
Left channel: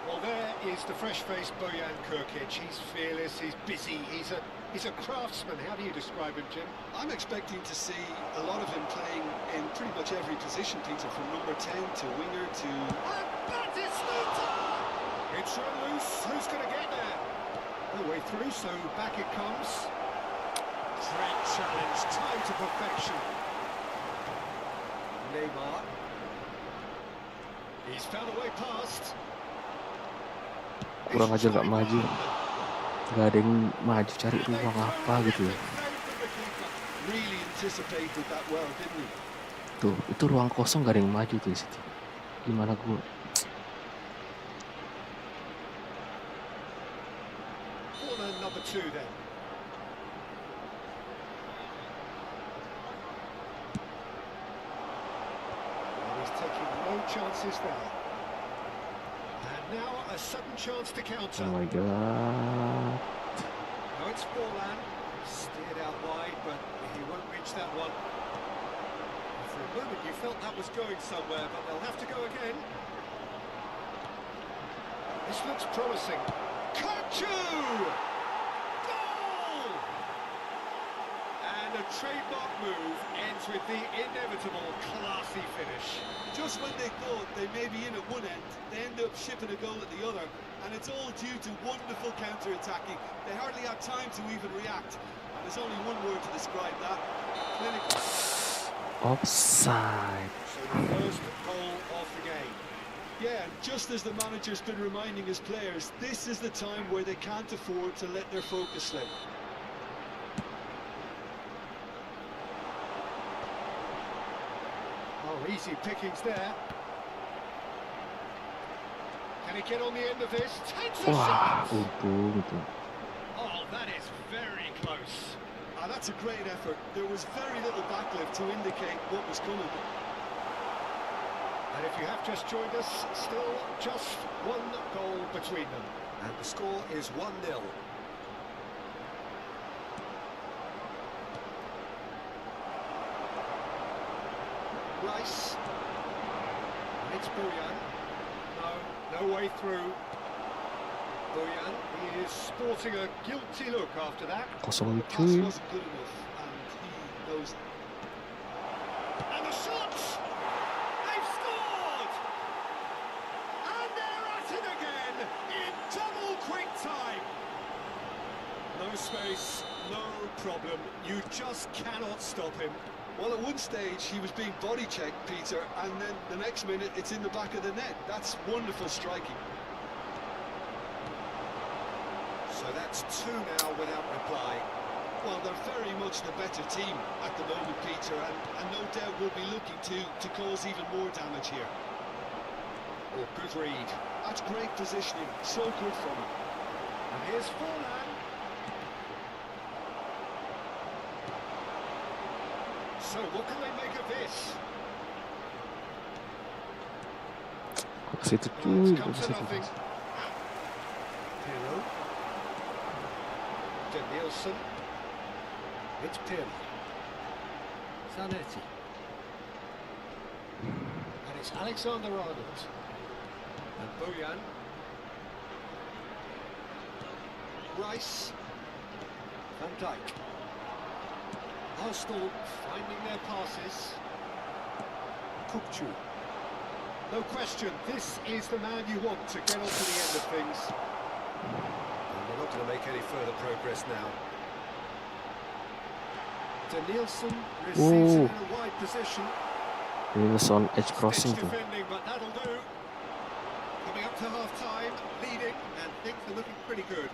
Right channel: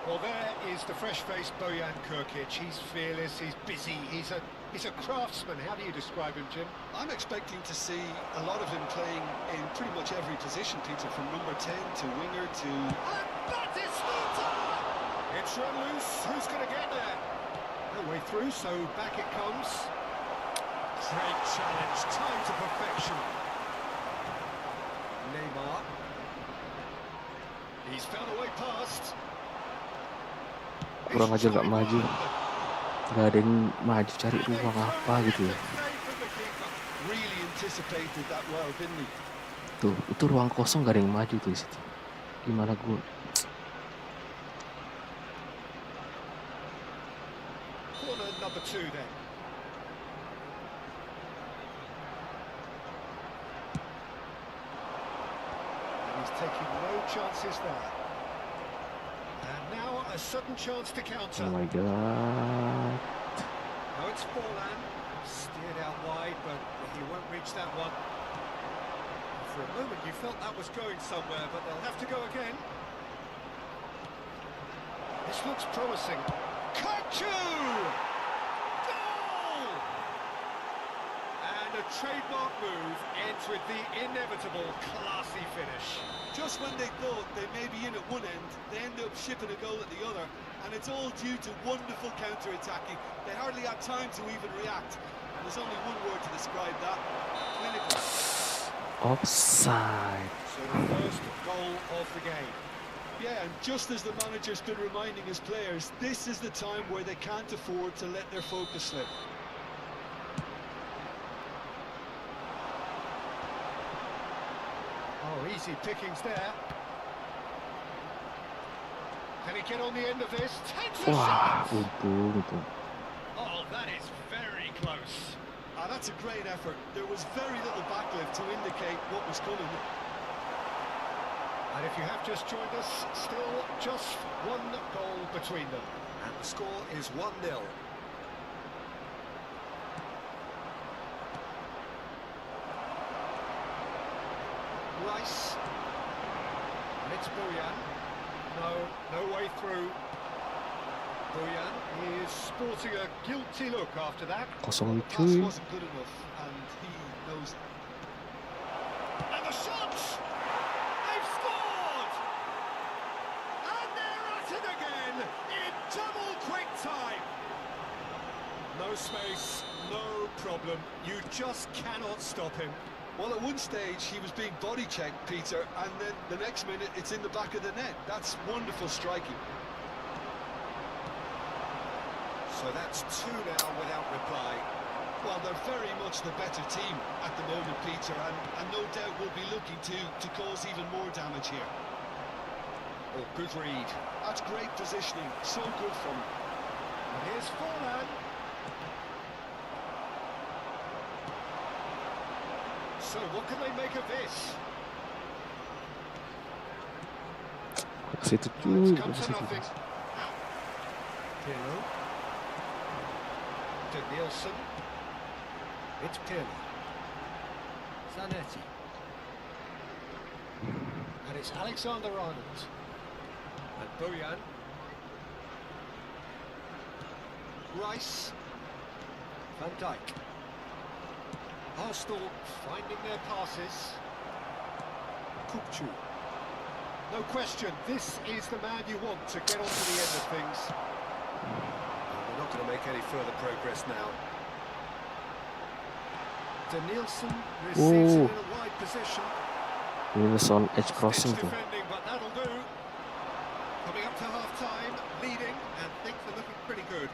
Well, there is the fresh-faced Bojan Kurkic. He's fearless, he's busy, he's a craftsman. How do you describe him, Jim? I'm expecting to see a lot of him playing in pretty much every position, Peter, from number 10 to winger to... And Batistuta! It's run loose. Who's going to get there? No way through, so back it comes. Great challenge, time to perfection. Neymar. He's found a way past. Kurang aja gak maju. Gak ada yang maju cari ruang apa gitu ya. Really anticipated that well, didn't he? Tuh, itu ruang kosong gak ada yang maju tuh di situ. Gimana gue? Corner number 2 then. And he's taking no chances there. And now a sudden chance to counter. Oh my god. Now it's Forlan, steered out wide, but he won't reach that one. For a moment you felt that was going somewhere, but they'll have to go again. This looks promising. Kachu! Goal! And a trademark move ends with the inevitable classy finish. Just when they thought they may be in at one end, they end up shipping a goal at the other, and it's all due to wonderful counter-attacking. They hardly had time to even react, and There's only one word to describe that: clinical. Offside. So the first goal of the game. Yeah, and just as the manager's been reminding his players, this is the time where they can't afford to let their focus slip. Oh, easy pickings there. Can he get on the end of this? Takes a Wah, shot! untung. Oh, that is very close. Ah, that's a great effort. There was very little backlift to indicate what was coming. And if you have just joined us, still just one goal between them. And the score is 1-0. Rice. And it's Bojan. No way through. Bojan is sporting a guilty look after that. Kosong The pass cuy. wasn't good enough, and he knows it. And the shot! They've scored! And they're at it again in double quick time. No space, no problem. You just cannot stop him. Well, at one stage he was being body checked, Peter, and then the next minute it's in the back of the net. That's wonderful striking. So that's two now without reply. Well, they're very much the better team at the moment, Peter, and no doubt will be looking to cause even more damage here. Oh, good read. That's great positioning, so good from him. And here's Forlan. So what can they make of this? Ke situ Well, cuy, it's come ke to situ. nothing. Pirlo. De Nielsen. It's Pirlo. Zanetti. And it's Alexander-Arnold. And Bojan. Rice. Van Dijk. Arsenal finding their passes. Kukçu. No question, this is the man you want to get onto the end of things. And they're not going to make any further progress now. De Nielsen receives it in a wide position. Ini sound edge Stitch crossing tuh. defending, but that'll do. Coming up to half-time, leading, and things are looking pretty good.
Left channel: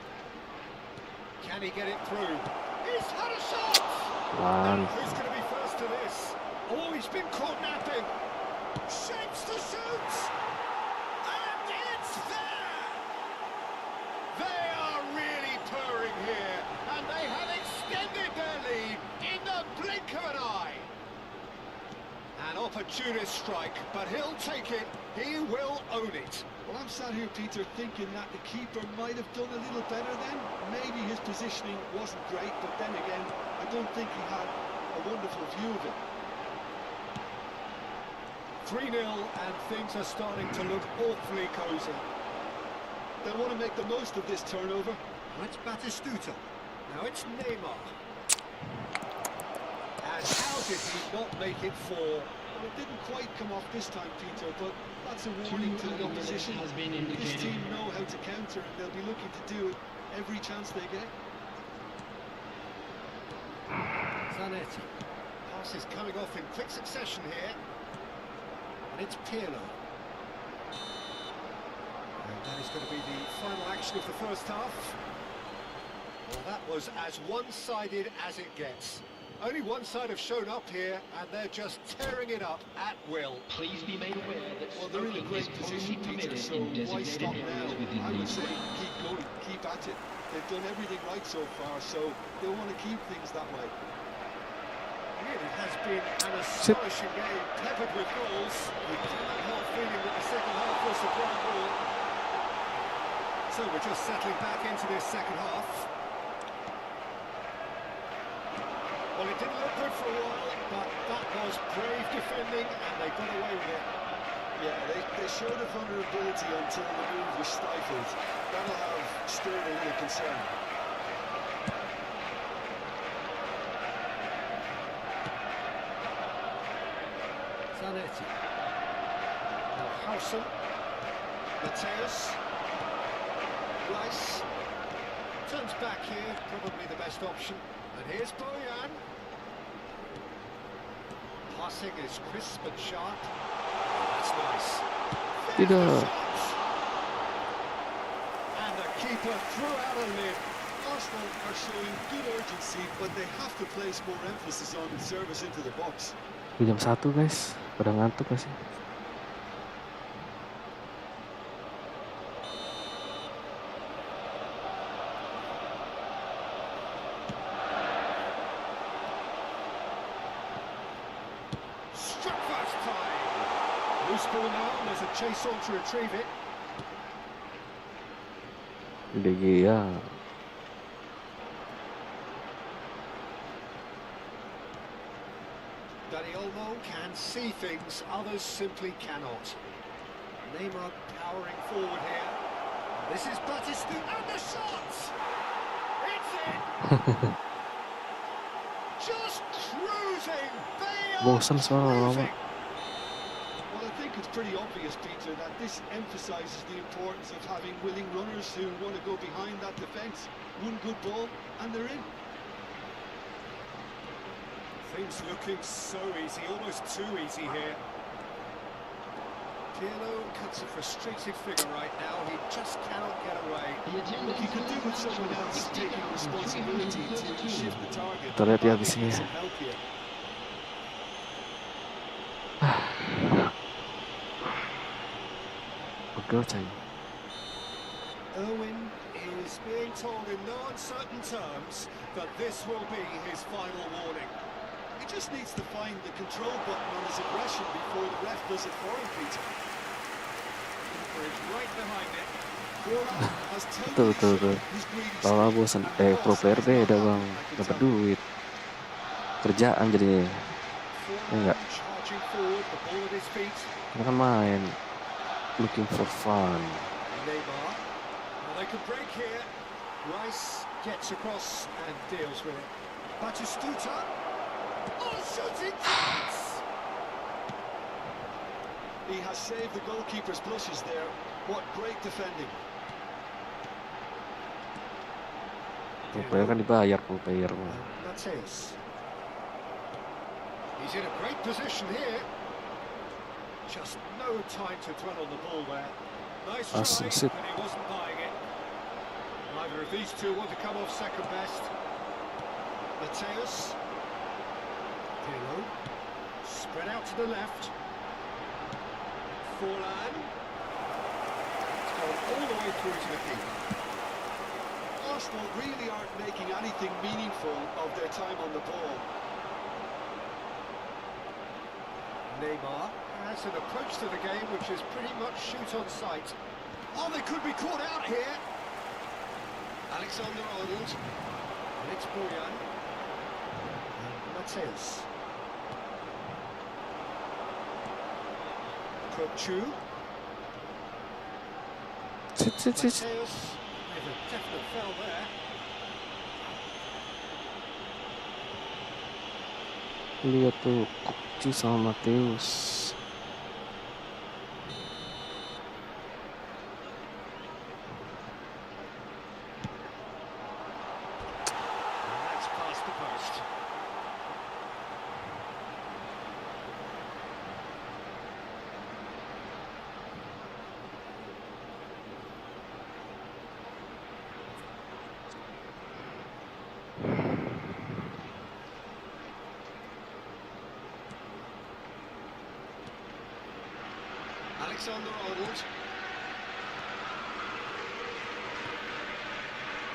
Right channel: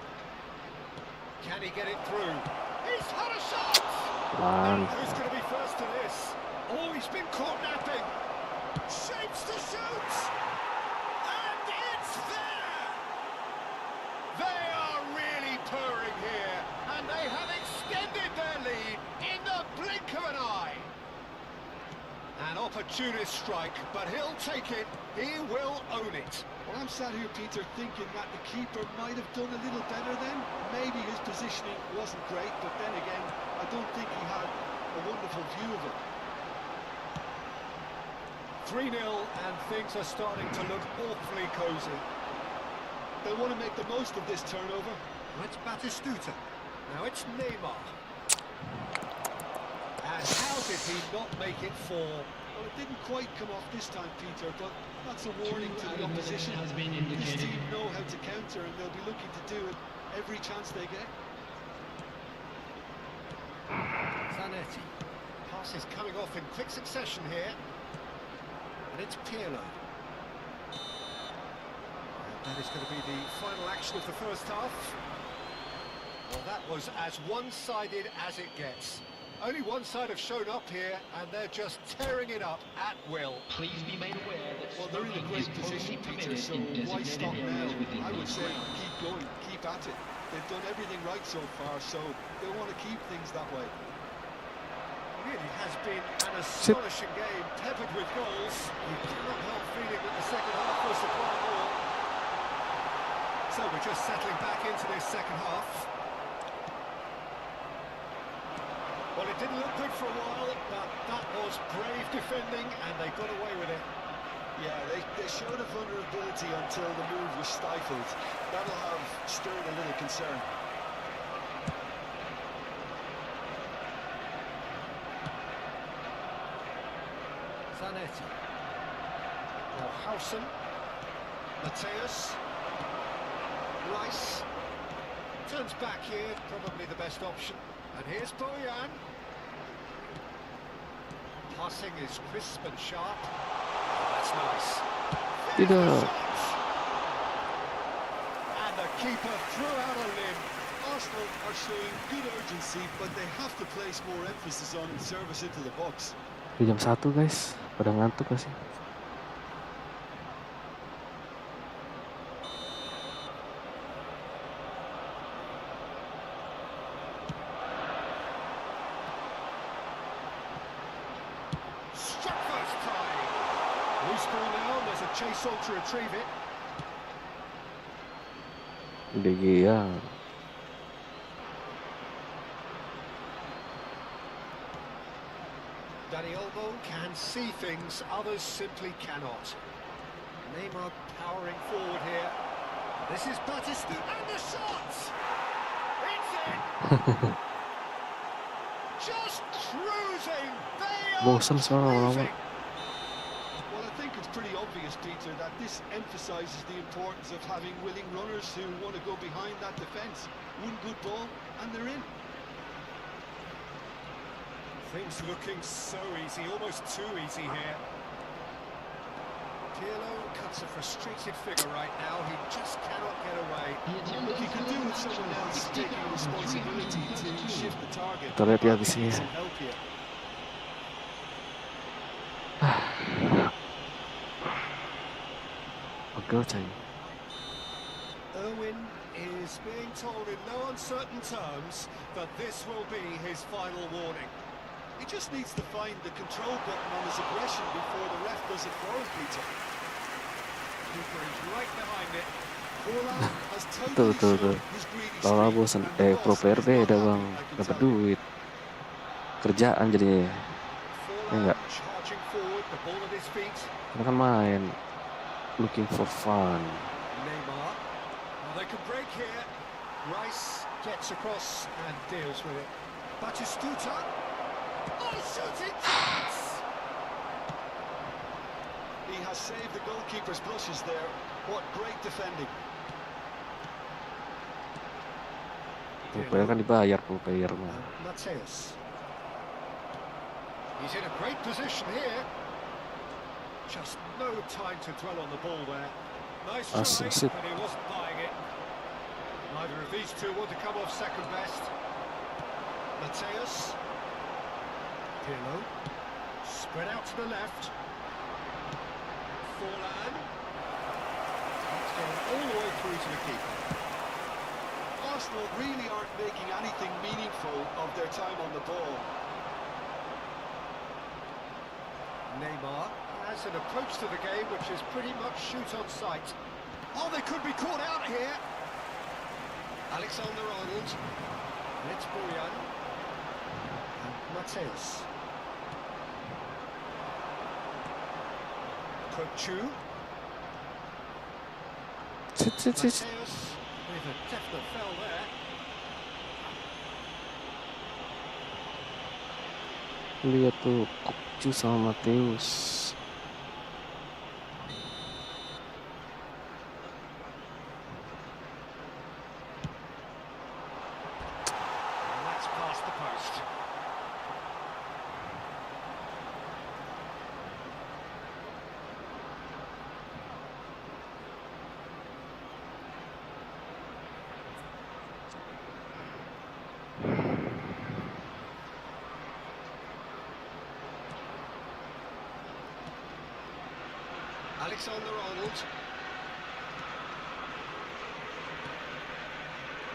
Can he get it through? He's had a shot! Pelan. Now, who's going to be first to this? Oh, he's been caught napping. Shapes to shoot! And it's there! They are really purring here, and they have extended their lead in the blink of an eye. An opportunist strike, but he'll take it. He will own it. Well, I'm sat here, Peter, thinking that the keeper might have done a little better then. Maybe his positioning wasn't great, but then again, I don't think he had a wonderful view of it. 3-0, and things are starting to look awfully cosy. They'll want to make the most of this turnover. That's Batistuta. Now it's Neymar. And how did he not make it fall? Well, it didn't quite come off this time, Peter, but that's a warning to the opposition. Has been This indicated. team know how to counter, and they'll be looking to do it every chance they get. Zanetti. Passes coming off in quick succession here. And it's Pirlo. And that is going to be the final action of the first half. Well, that was as one-sided as it gets. Only one side have shown up here, and they're just tearing it up at will. Please be made aware that Well, they're in a smoking great is position, only Peter, permitted so in why designated stop now? areas within I would these say grounds. keep going, keep at it. They've done everything right so far, so they'll want to keep things that way. Really has been an astonishing game, peppered with goals. You cannot help feeling that the second half was supplying more. So we're just settling back into this second half. Well, it didn't look good for a while, but that was brave defending, and they got away with it. Yeah, they showed a vulnerability until the move was stifled. That'll have stirred a little concern. Zanetti. Now Howson. Mateus. Rice. Turns back here, probably the best option. And here's Bojan. Passing is crisp and sharp. Oh, that's nice. Tidak. And the keeper threw out a limb. Arsenal are showing good urgency, but they have to place more emphasis on service into the box. Jam 1 guys, pada ngantuk gak sih? Struck first time. Loose ball now, and there's a chase on to retrieve it. DG ya. Olmo can see things others simply cannot. Neymar powering forward here. This is Batistu and the shot! It's in! Just cruising! They are Bosan soalnya lama. cruising! Well, I think it's pretty obvious, Peter, that this emphasises the importance of having willing runners who want to go behind that defence. One good ball, and they're in. Things looking so easy, almost too easy here. Pirlo cuts a frustrated figure right now. He just cannot get away. Look, he could do with someone else taking responsibility to shift the target. Kita lihat ya But di sini he needs ya. some help here. Pegel cai. Irwin is being told in no uncertain terms that this will be his final warning. He just needs to find the control button on his aggression before the ref does it for him, Peter. Keeper is right behind it. Forlan has Tuh, totally tuh, tuh. shown his greedy Lama streak, bosan. and the Pro boss player is not beda happy, bang, I can dapat tell you. duit. Kerjaan jadinya. Forlan enggak. charging forward, the ball at his feet. Kita kan main. Looking for fun. Neymar. Well, they can break here. Rice gets across and deals with it. Batistuta. Oh, shooting chance! He has saved the goalkeeper's blushes there. What great defending. Pro player kan dibayar pro player mah. Mateus. He's in a great position here. Just no time to dwell on the ball there. Nice try, Assist. but he wasn't buying it. Neither of these two want to come off second best. Mateus. Pirlo. Spread out to the left. Forlan. It's gone all the way through to the keeper. Arsenal really aren't making anything meaningful of their time on the ball. Neymar has an approach to the game which is pretty much shoot on sight. Oh, they could be caught out here. Alexander-Arnold. And it's Bojan. And Mateus. Kutchu. Sit. Mateus with a definite foul there. Lihat tuh, Kukcu sama Mateus. And that's past the post. Alexander-Arnold.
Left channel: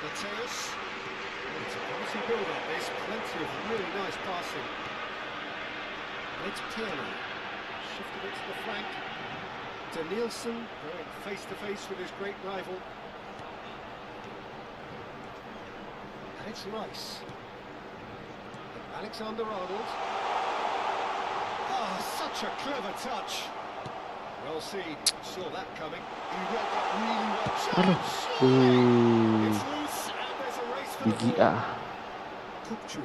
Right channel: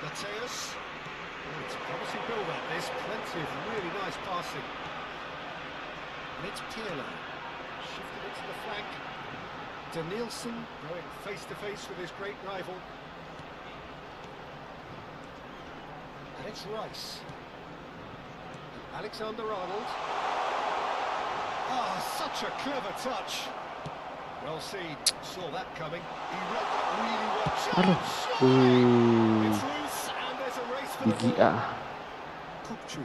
Mateus. Oh, it's a promising build-up, this. Plenty of really nice passing. And it's Pirlo. Shifted it to the flank. Danielson going face-to-face with his great rival. And it's Rice. And Alexander-Arnold. Oh, such a clever touch. Well seen, saw that coming. He read that really well. Aduh, It's loose and there's a race for the Gigi ball. ah. Kukcu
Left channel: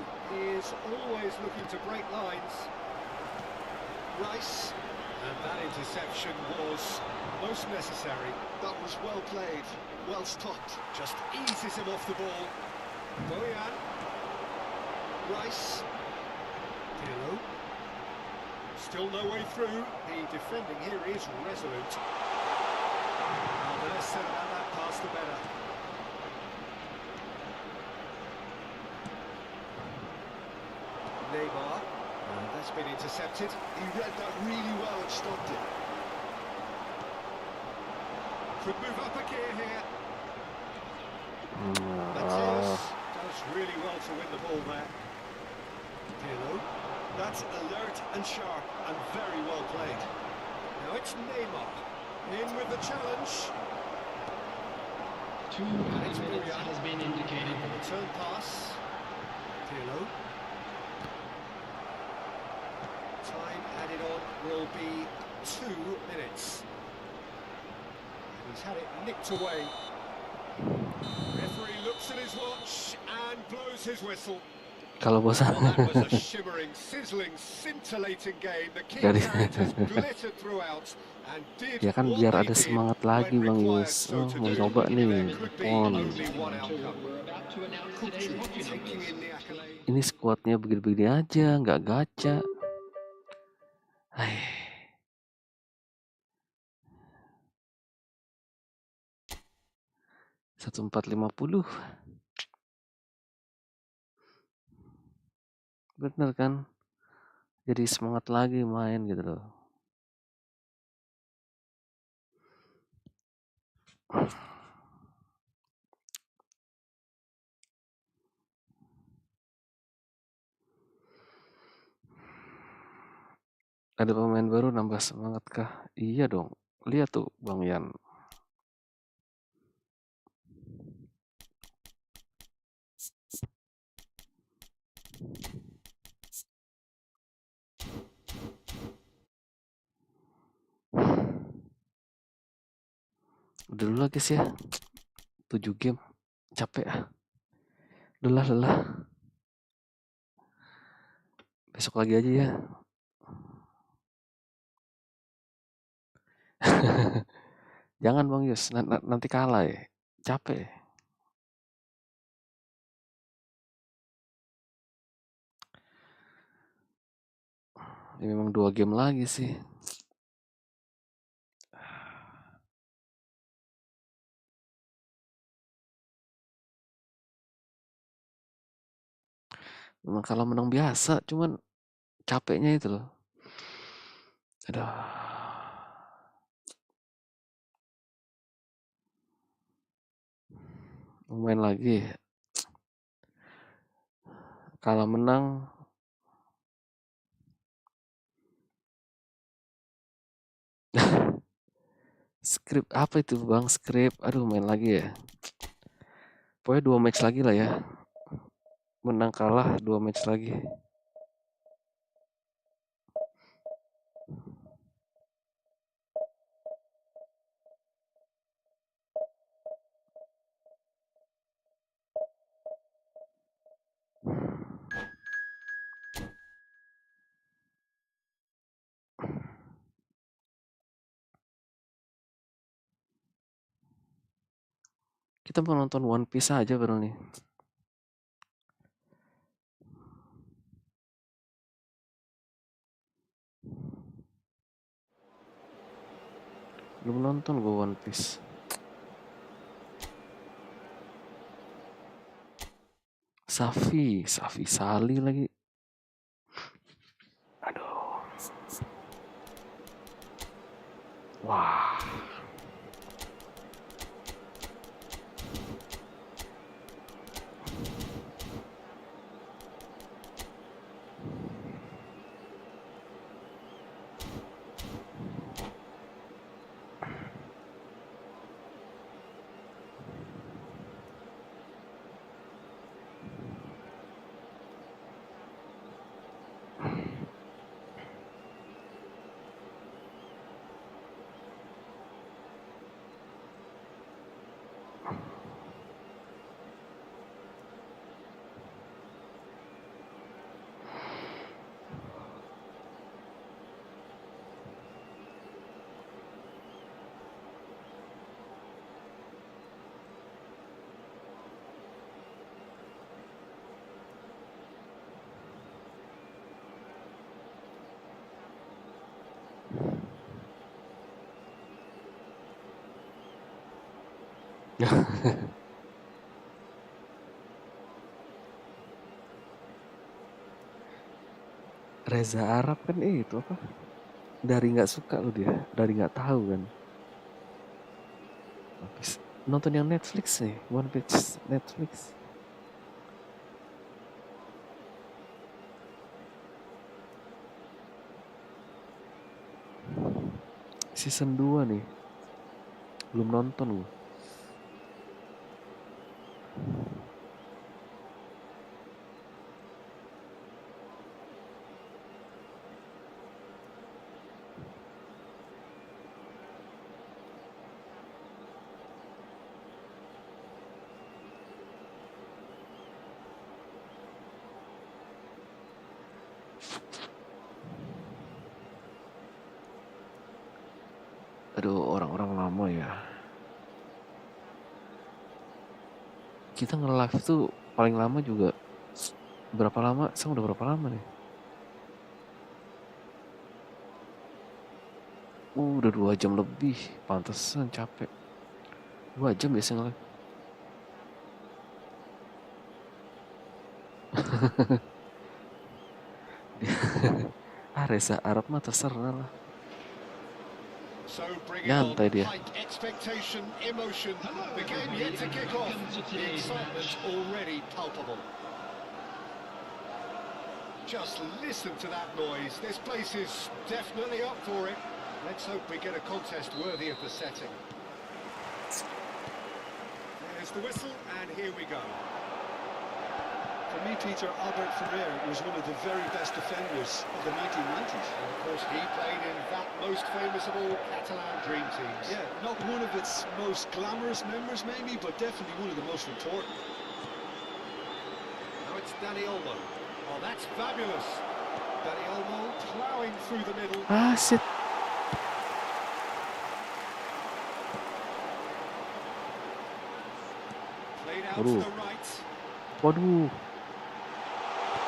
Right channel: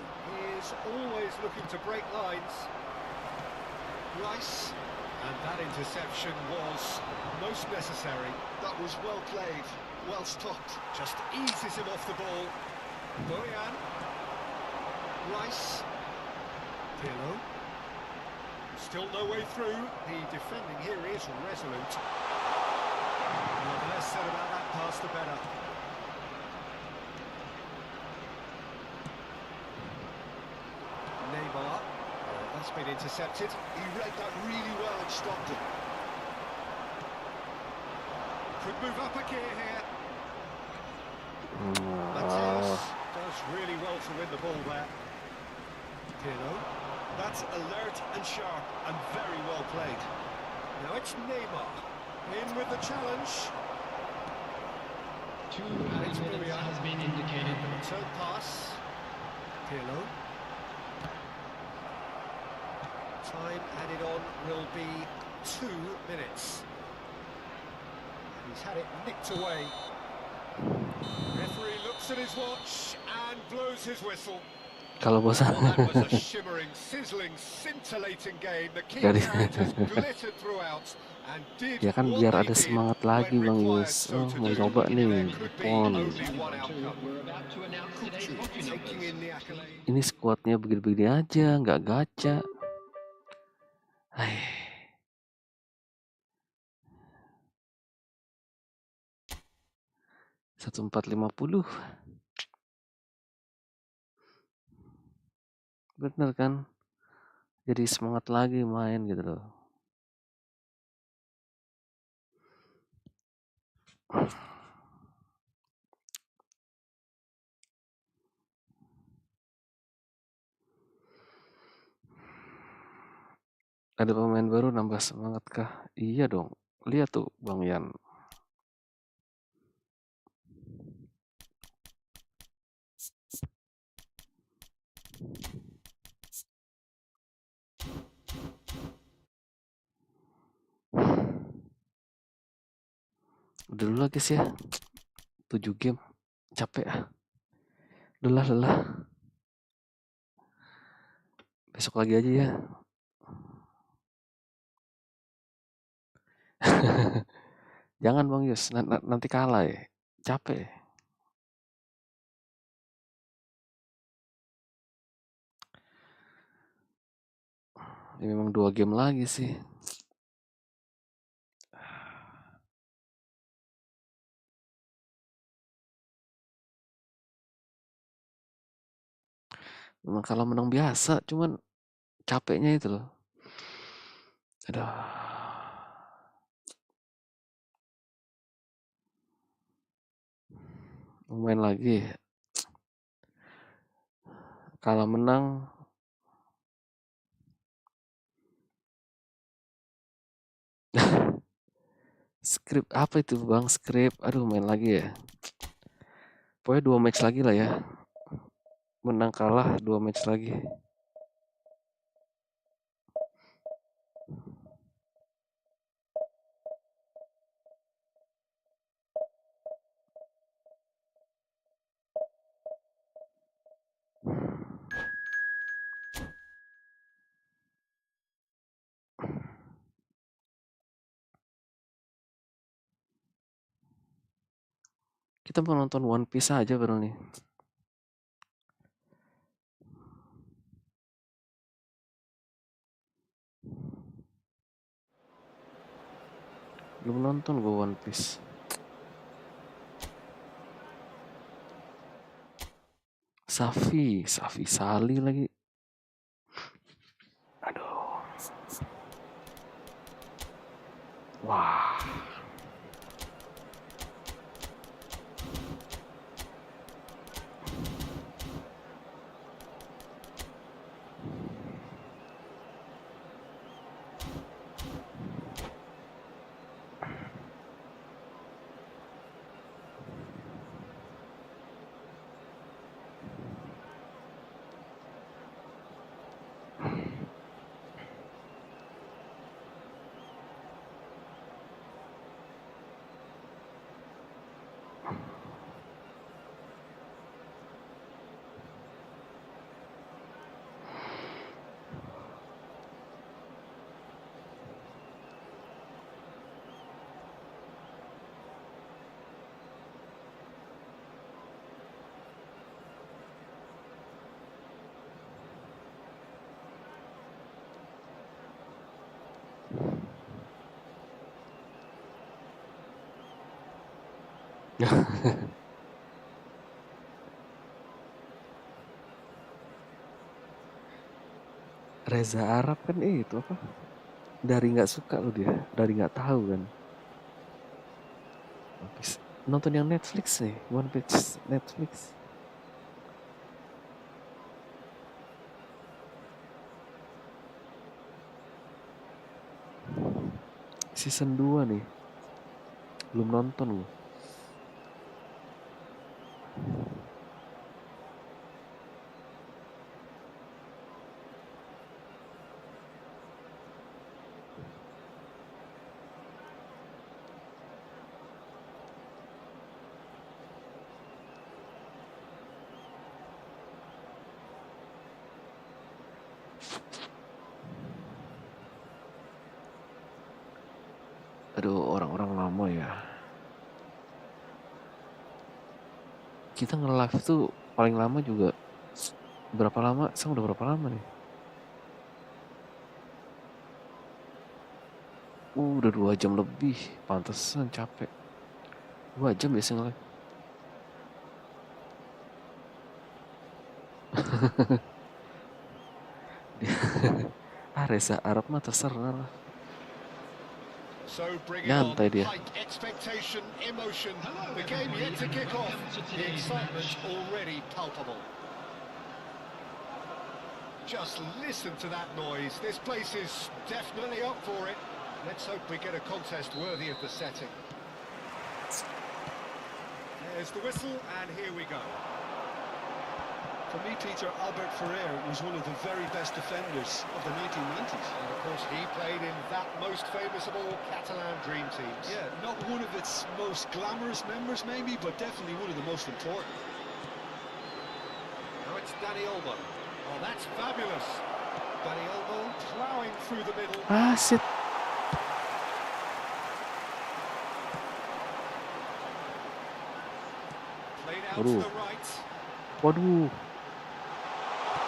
is always looking to break lines. Rice, and that interception was most necessary. That was well played, well stopped. Just eases him off the ball. Bojan. Rice. Pirlo. Still no way through. The defending here is resolute. The less said about that pass, the better. Neymar. That's been intercepted. He read that really well and stopped it. Could move up a gear here. Mateus does really well to win the ball there. Pirlo. That's alert and sharp and very well played. Now it's Neymar. In with the challenge. 2 minutes has been indicated. The return pass. Pirlo. Time added on will be 2 minutes. And he's had it nicked away. Referee looks at his watch and blows his whistle. Kalau bosan. Well, that was a shimmering, sizzling, scintillating game. The key characters glittered throughout and did Ya kan what biar they ada did semangat lagi when Bang required Yus. so to Mau do. coba nih There could be pon. only one outcome. We're about to announce today's hockey Taking numbers. in the accolade. Ini skuadnya begini-begini aja, nggak gacha. Hai. Satu 450. Bener kan? Jadi semangat lagi main gitu loh. Ada pemain baru nambah semangat kah? Iya dong. Lihat tuh Bang Yan. Udah dulu lagi sih ya. 7 game. Capek ah. Lelah. Besok lagi aja ya. Jangan Bang Yus, nanti kalah ya. Capek. Ya, memang 2 game lagi sih. Memang kalau menang biasa, cuman capeknya itu loh. Aduh. Main lagi. Kalau menang skrip apa itu Bang? Skrip. Aduh, main lagi ya. Pokoknya 2 match lagi lah ya. Menang kalah 2 match lagi. Kita mau nonton One Piece aja baru nih. Belum nonton gue One Piece. Safi Sali lagi. Aduh. Wah. Reza Arab kan itu apa? Dari nggak suka loh dia, dari nggak tahu kan. Habis nonton yang Netflix nih, One Piece Netflix. Season 2 nih. Belum nonton gue. Aduh, orang-orang lama ya. Kita nge-live tuh paling lama juga berapa lama? Sekarang udah berapa lama nih? Udah 2 jam lebih. Pantesan capek. 2 jam biasa nge-live. Reza Arab mah terserah lah. So bring it Nyantai on, dia. height, expectation, emotion. The game yet to kick off. The excitement already palpable. Just listen to that noise. This place is definitely up for it. Let's hope we get a contest worthy of the setting. There's the whistle, and here we go. For me, Peter, Albert Ferrer was one of the very best defenders of the 1990s. And of course, he played in that most famous of all Catalan dream teams. Yeah, not one of its most glamorous members, maybe, but definitely one of the most important. Now it's Dani Olmo. Oh, that's fabulous. Dani Olmo ploughing through the middle. Ah, shit. Played out Waduh. to the right. Waduh.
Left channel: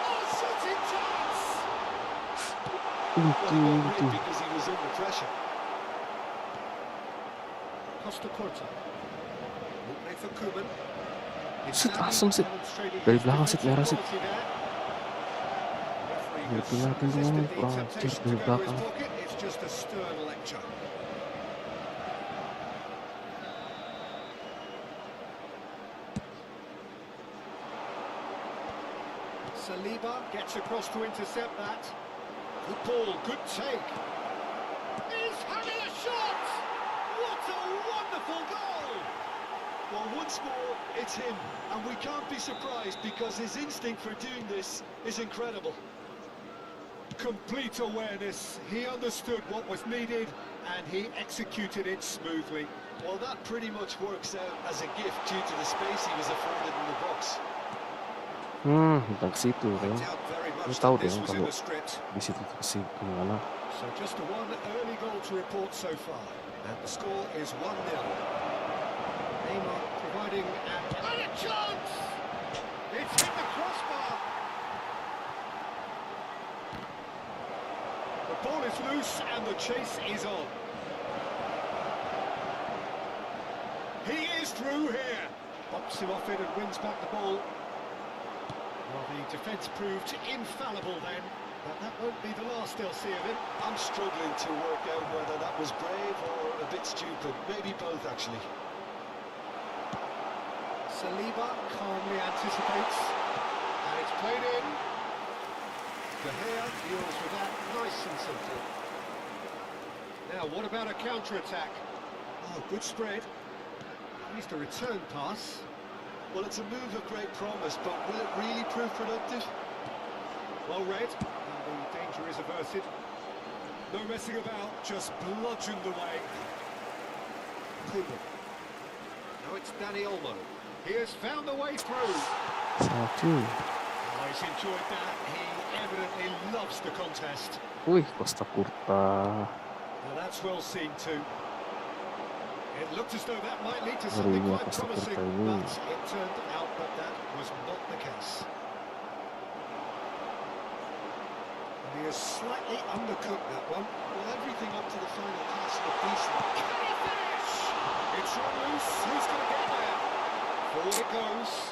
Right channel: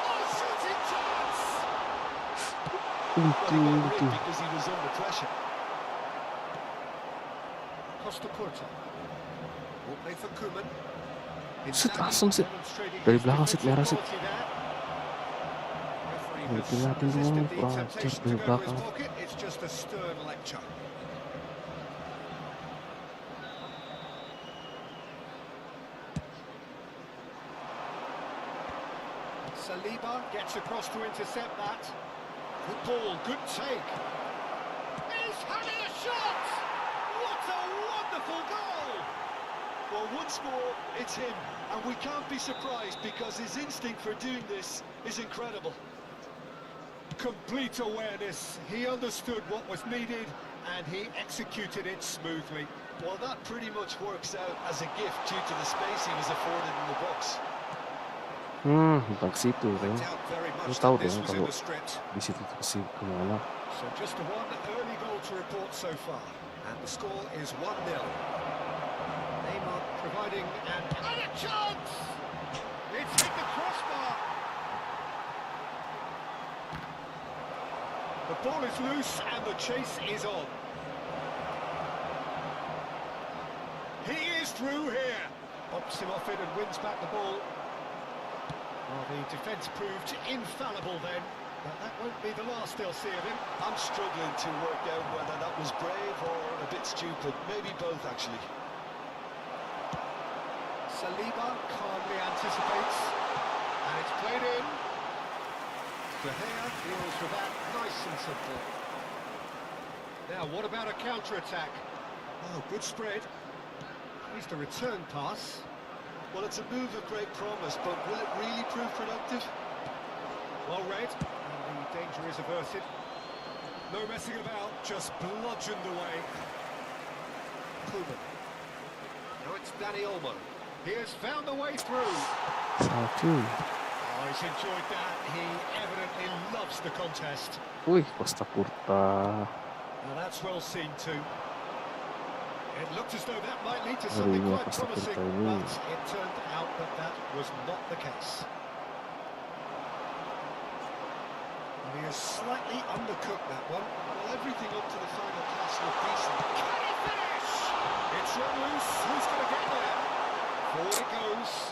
Oh, shooting chance! Well, he got rid Untung. because he was under pressure. Costa Curta. Will play for Koeman. Sit, langsung sit. Dari belakang sit, merah sit. Ngeliatin dong, kurang ajar dari belakang. It's just a stern lecture. Saliba gets across to intercept that. Good ball, good take. He's having a shot! What a wonderful goal! Well, once more, it's him, and we can't be surprised because his instinct for doing this is incredible. Complete awareness. He understood what was needed and he executed it smoothly. Well, that pretty much works out as a gift due to the space he was afforded in the box. Bukan ke situ I kan. doubt very Lu much tahu that this dong was in kalau the script. di situ tuh kemana. So just the one early goal to report so far. And the score is 1-0. Neymar providing and a chance! It's hit the crossbar. The ball is loose and the chase is on. He is through here. Bumps him off it and wins back the ball. Well, the defence proved infallible then, but that won't be the last they'll see of him. I'm struggling to work out whether that was brave or a bit stupid. Maybe both, actually. Saliba calmly anticipates, and it's played in. De Gea deals with that nice and simple. Now, what about a counter-attack? Oh, good spread. Needs the return pass. Well, it's a move of great promise, but will it really prove productive? Well read, and the danger is averted. No messing about, just bludgeoned away. Koeman. Now it's Dani Olmo. He has found a way through. Salah cuy. Oh, he's enjoyed that. He evidently loves the contest. Wih, Costa Curta. Now that's well seen too. It looked as though that might lead to something Ngerinya quite Costa promising, Curta ini. but it turned out that that was not the case. And he has slightly undercooked that one. Well, everything up to the final pass looked decent. Can he finish? It's run loose. Who's going to get there? Forward it goes.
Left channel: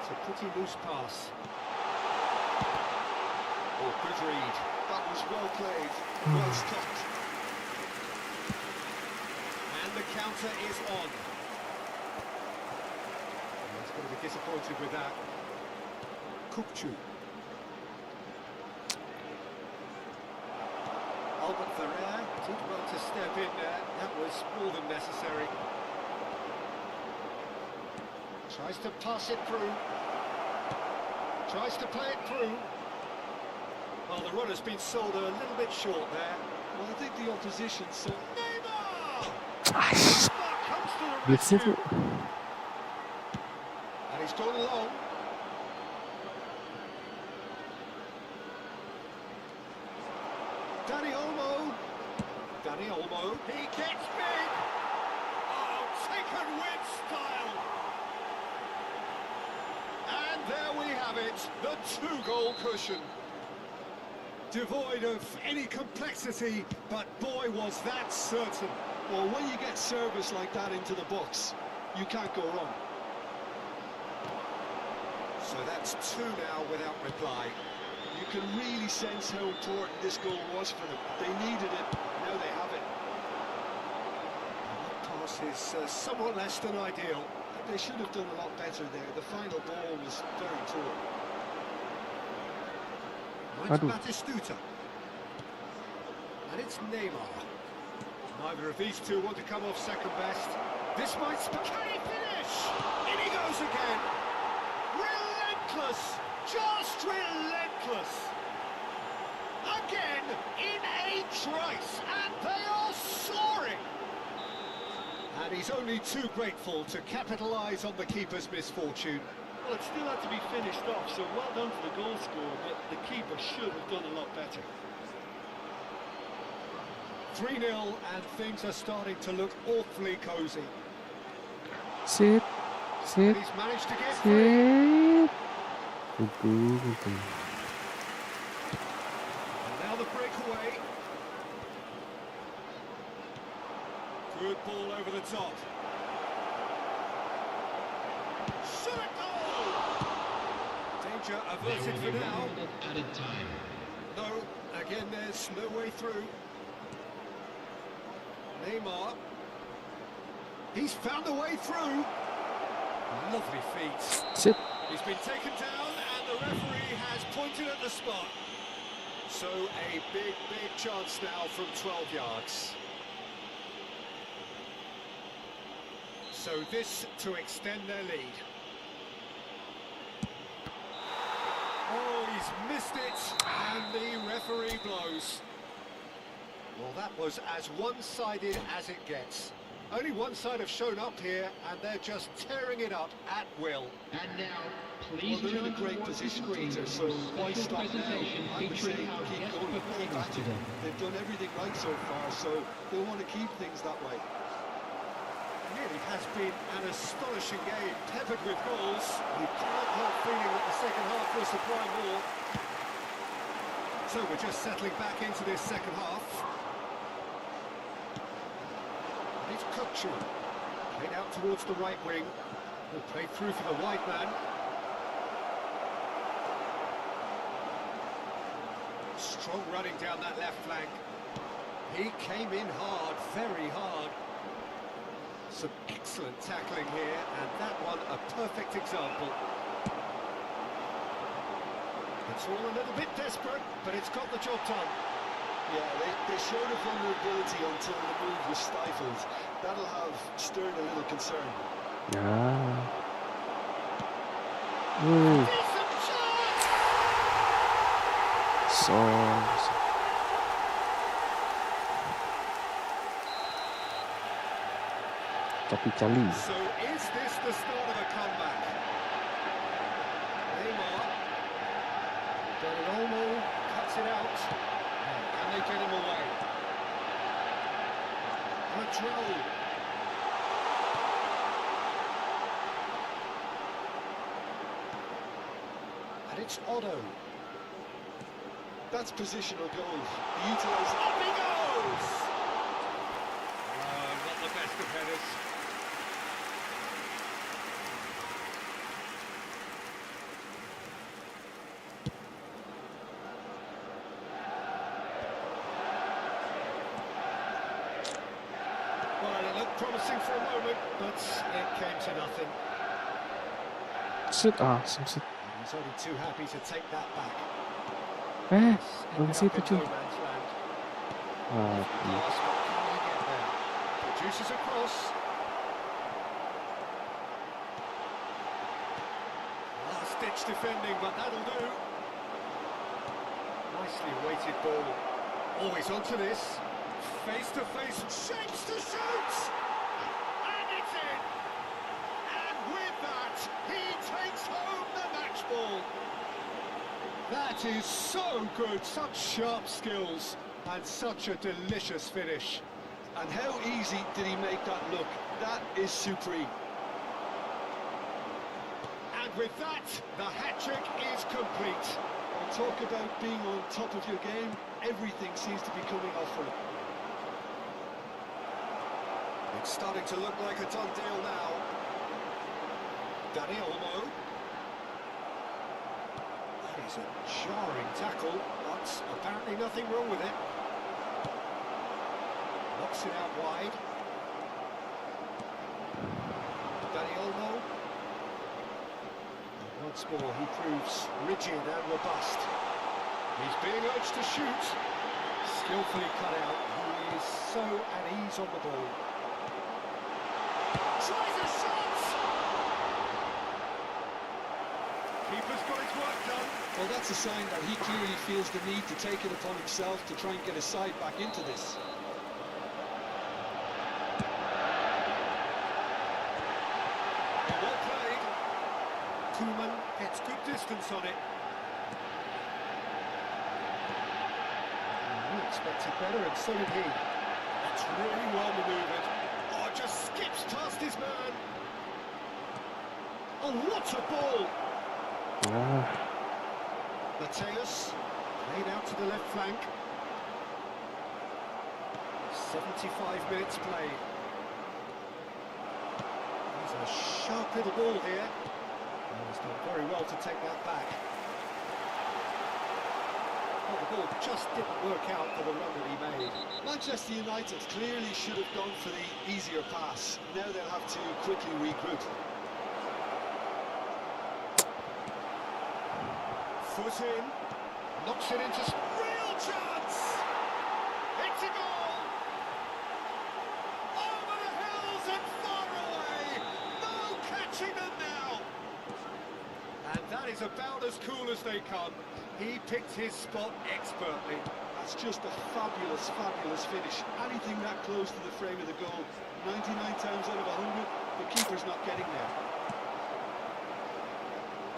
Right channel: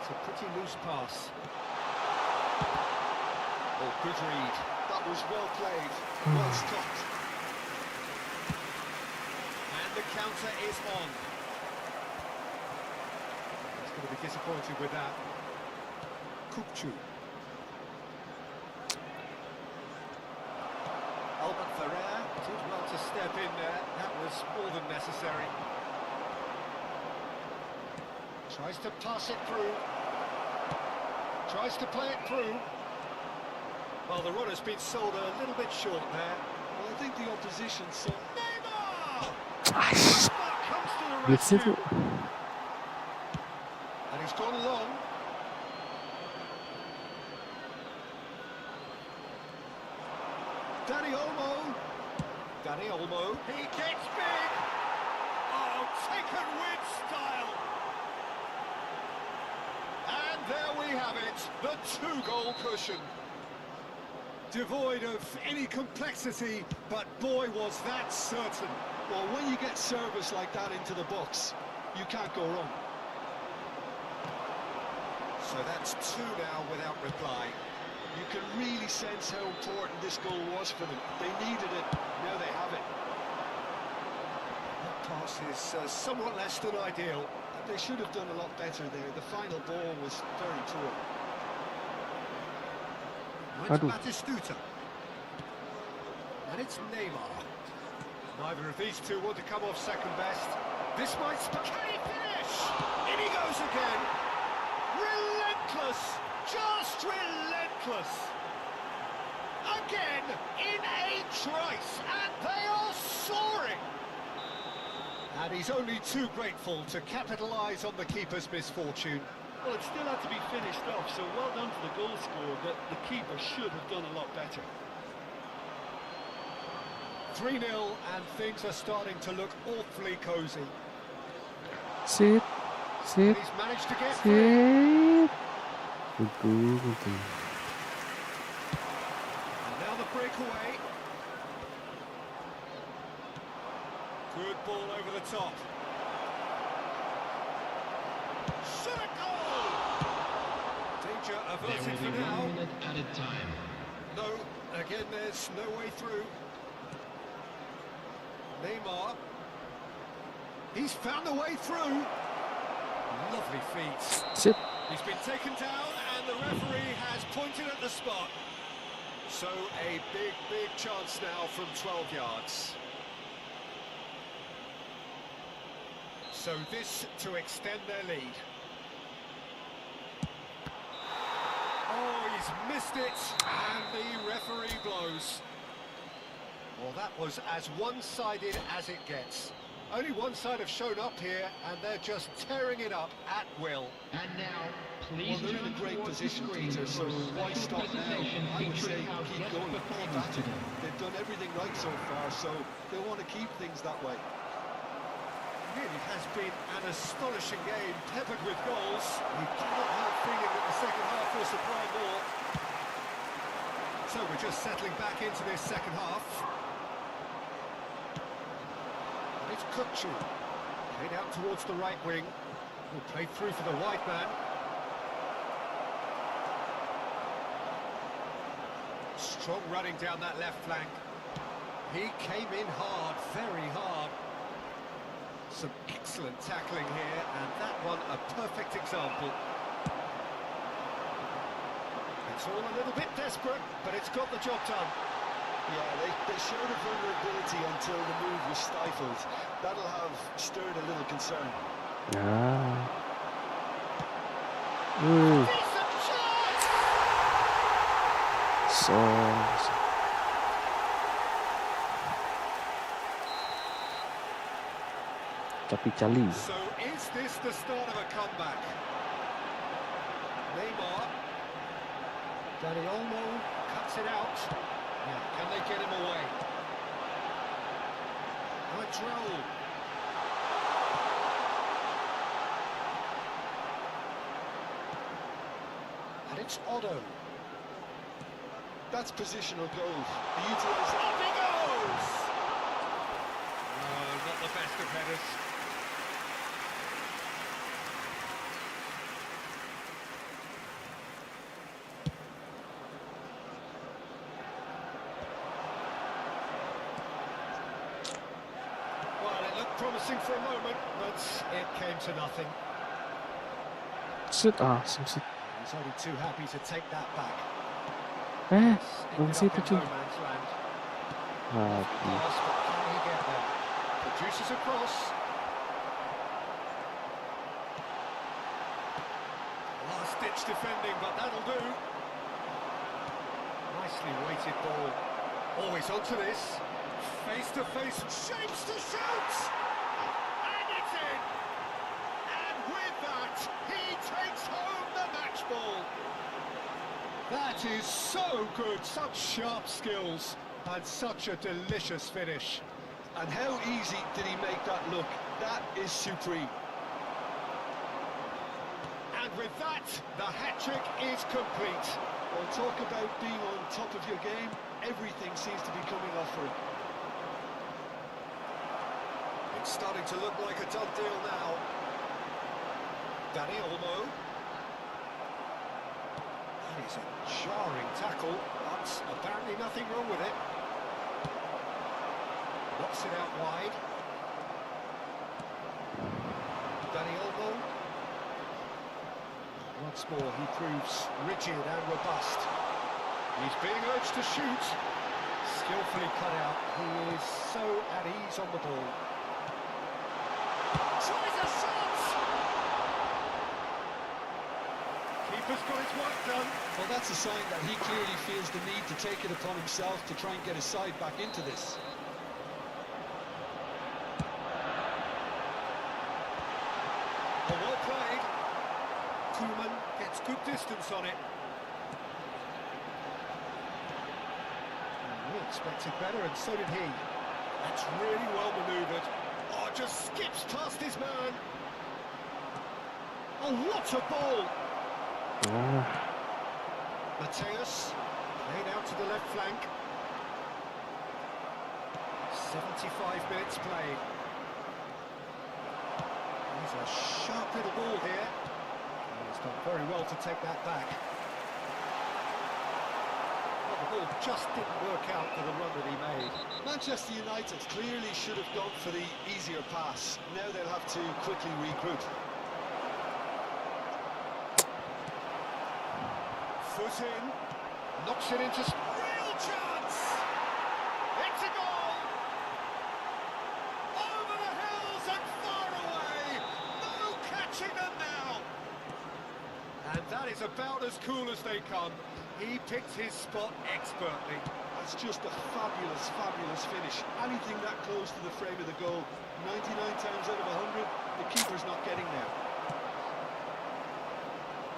It's a pretty loose pass. Oh, good read. That was well played, well stopped. And the counter is on. He's going to be disappointed with that. Kupchu. Albert Ferrer did well to step in there. That was more than necessary. Tries to pass it through. Tries to play it through. Well, the runner's been sold a little bit short there. Well, I think the opposition saw... Neymar! Aish, Neymar comes to the blitz rescue. itu. And he's gone long. Danny Olmo. He gets big. Oh, taken with style. And there we have it, the two-goal cushion. Devoid of any complexity, but boy, was that certain. Well, when you get service like that into the box, you can't go wrong. So that's two now without reply. You can really sense how important this goal was for them. They needed it, now they have it. That pass is somewhat less than ideal. They should have done a lot better there. The final ball was very poor. Mine's Aduh. Batistuta. And it's Neymar. Neither of these two want to come off second best. This might... Can he finish? In he goes again. Relentless. Just relentless. Again, in a trice. And they are soaring. And he's only too grateful to capitalise on the keeper's misfortune. Well, it still had to be finished off, so well done to the goal scorer, but the keeper should have done a lot better. 3-0, and things are starting to look awfully cosy. Sit, And sit, he's managed to get free. sit. Betul. And now the breakaway. Good ball over the top. Shot a goal! Danger There averted will for be now. 1 minute added time. No, again there's no way through. Neymar. He's found a way through. Lovely feet. Sit. He's been taken down and the referee has pointed at the spot. So a big, big chance now from 12 yards. So this to extend their lead. Oh, he's missed it, and the referee blows. Well, that was as one-sided as it gets. Only one side have shown up here, and they're just tearing it up at will. And now, Well, please they're in a turn great towards position, the screen Peter, for so a why special stop now? presentation I would say featuring our keep guest going, keep performers at it. today. They've done everything right so far, so they want to keep things that way. Really has been an astonishing game, peppered with goals. You cannot help feeling that the second half will supply more. So we're just settling back into this second half. And it's Kupchu. Played out towards the right wing. Will play through for the wide man. Strong running down that left flank. He came in hard, very hard. Some excellent tackling here, and that one a perfect example. It's all a little bit desperate, but it's got the job done. Yeah, they showed a vulnerability until the move was stifled. That'll have stirred a little concern. Ya. Decent chance! So. Tapi Cali. So is this the start of a comeback? Neymar. Danny Olmo cuts it out. Now, can they get him away? Madrol. And it's Otto. That's positional goal. They utilise it. Up he goes! No, not the best of headers. promising for a moment, but it came to nothing. Shoot, some shoot. He's only too happy to take that back. Bang Ended up situ in cuy. no man's land. Mati. Pass, but can he get there? Produces a cross. Last-ditch defending, but that'll do. Nicely weighted ball. Always onto this. Face-to-face, shapes to shoot! And it's in! And with that, he takes home the match ball. That is so good, such sharp skills, and such a delicious finish. And how easy did he make that look? That is supreme. And with that, the hat-trick is complete. Well, talk about being on top of your game. Everything seems to be coming off for him. It's starting to look like a done deal now. Olmo. That is a jarring tackle, but apparently nothing wrong with it. Knocks it out wide. Olmo. Once more, he proves rigid and robust. He's being urged to shoot. Skillfully cut out. He is so at ease on the ball. Tries a shot! Keeper's got his work done. Well, that's a sign that he clearly feels the need to take it upon himself to try and get his side back into this. Well played. Koeman gets good distance on it. We expected better, and so did he. That's really well manoeuvred. Oh, just skips past his man. Oh, what a ball! Mateus, played out to the left flank. 75 minutes played. He's a sharp little ball here. Oh, he's done very well to take that back. Well, the ball just didn't work out for the run that he made. Manchester United clearly should have gone for the easier pass. Now they'll have to quickly regroup. Foot in, knocks it into real chance! It's a goal! Over the hills and far away! No catching them now! And that is about as cool as they come. He picked his spot expertly. That's just a fabulous, fabulous finish. Anything that close to the frame of the goal, 99 times out of 100, the keeper's not getting there.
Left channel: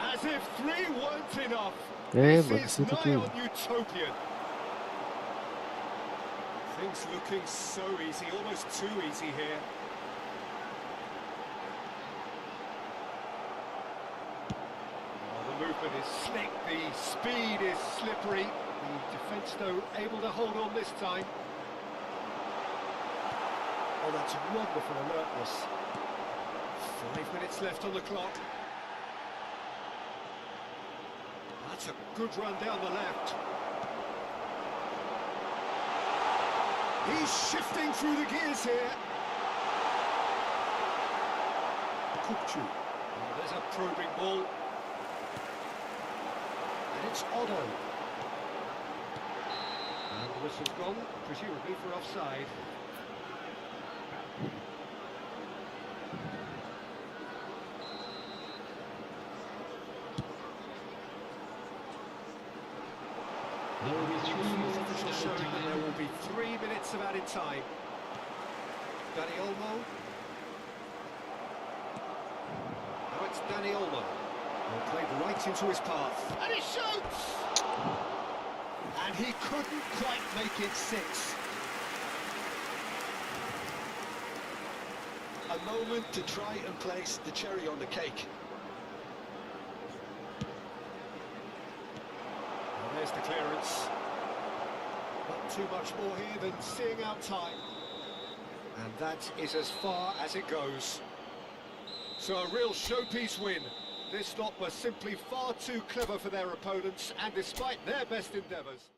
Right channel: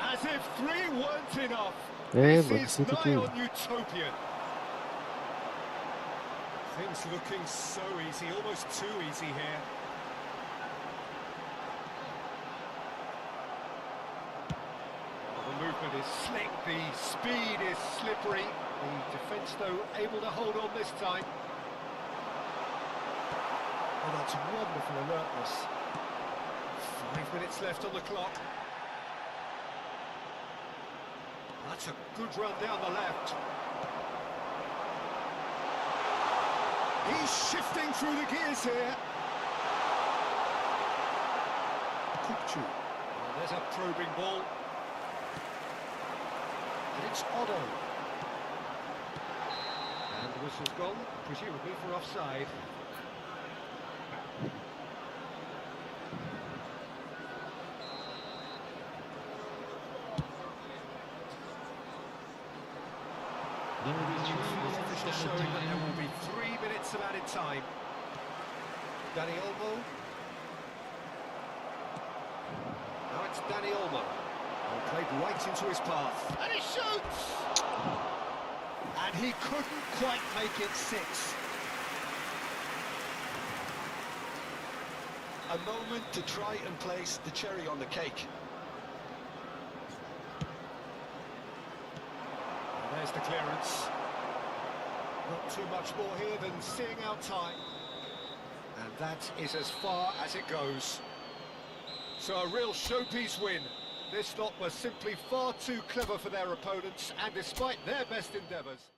As if three weren't enough. Bagus This is itu nigh cuy. on utopian. Things looking so easy, almost too easy here. Oh, the movement is slick, the speed is slippery. The defence, though, able to hold on this time. Oh, that's wonderful alertness. 5 minutes left on the clock. That's a good run down the left. He's shifting through the gears here. Kupchu. Oh, there's a probing ball. And it's Otto. And the whistle's gone, presumably for offside. There will be 3 minutes Official added showing that there time. will be 3 minutes of added time. Olmo. Now it's Olmo. Well, played right into his path. And he shoots! And he couldn't quite make it 6. A moment to try and place the cherry on the cake. Well, there's the clearance. Not too much more here than seeing out time. And that is as far as it goes. So a real showpiece win. This lot were simply far too clever for their opponents, and despite their best endeavours.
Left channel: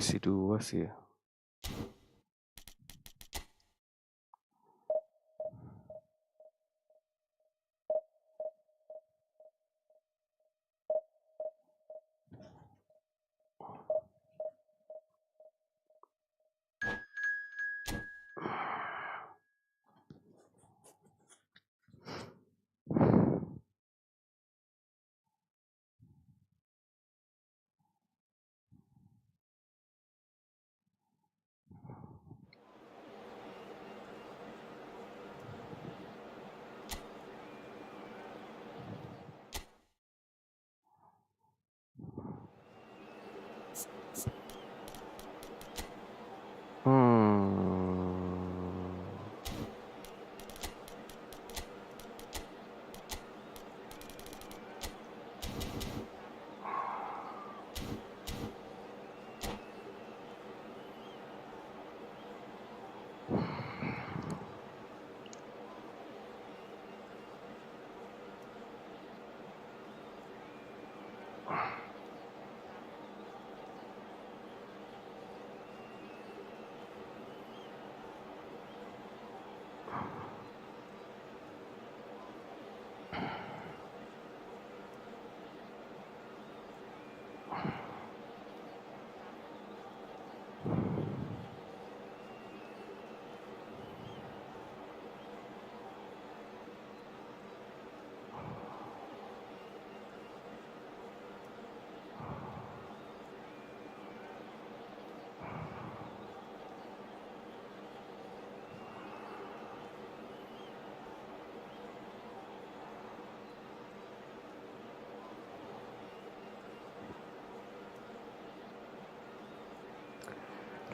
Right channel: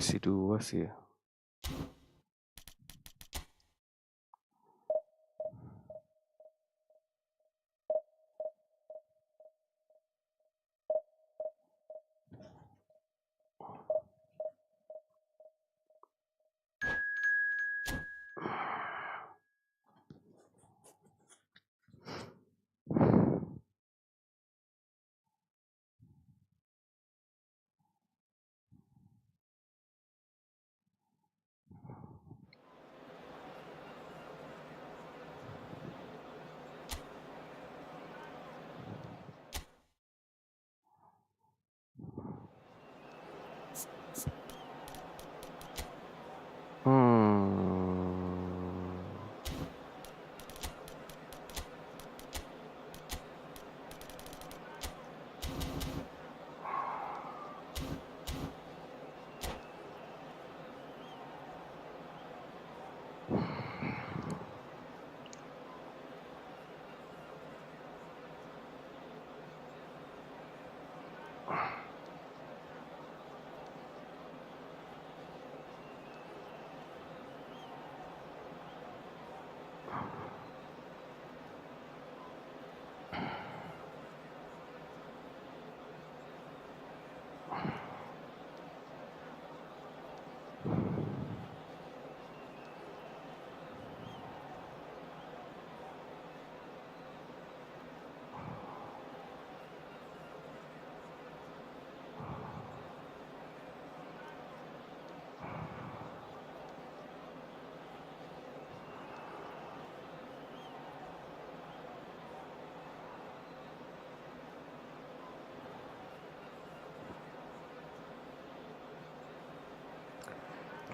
divisi 2 sih ya.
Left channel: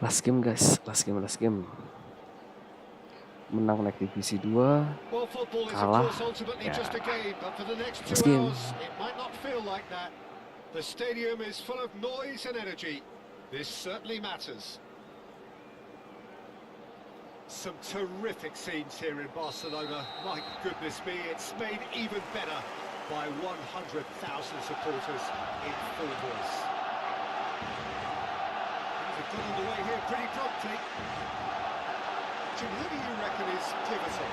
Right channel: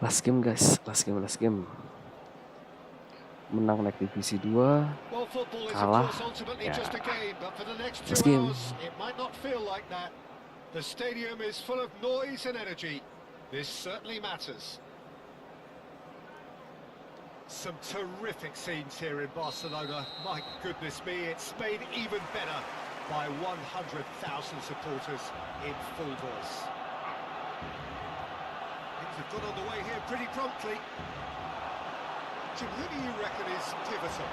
Last game guys, last game. Menang naik divisi 2, Well, football is of kalah. course ultimately just a game, but for the next 2 Last game. hours, it might not feel like that. The stadium is full of noise and energy. This certainly matters. Some terrific scenes here in Barcelona. My goodness me, it's made even better by 100,000 supporters in full voice. Things have got underway here pretty promptly. Jim, who do you reckon is pivotal?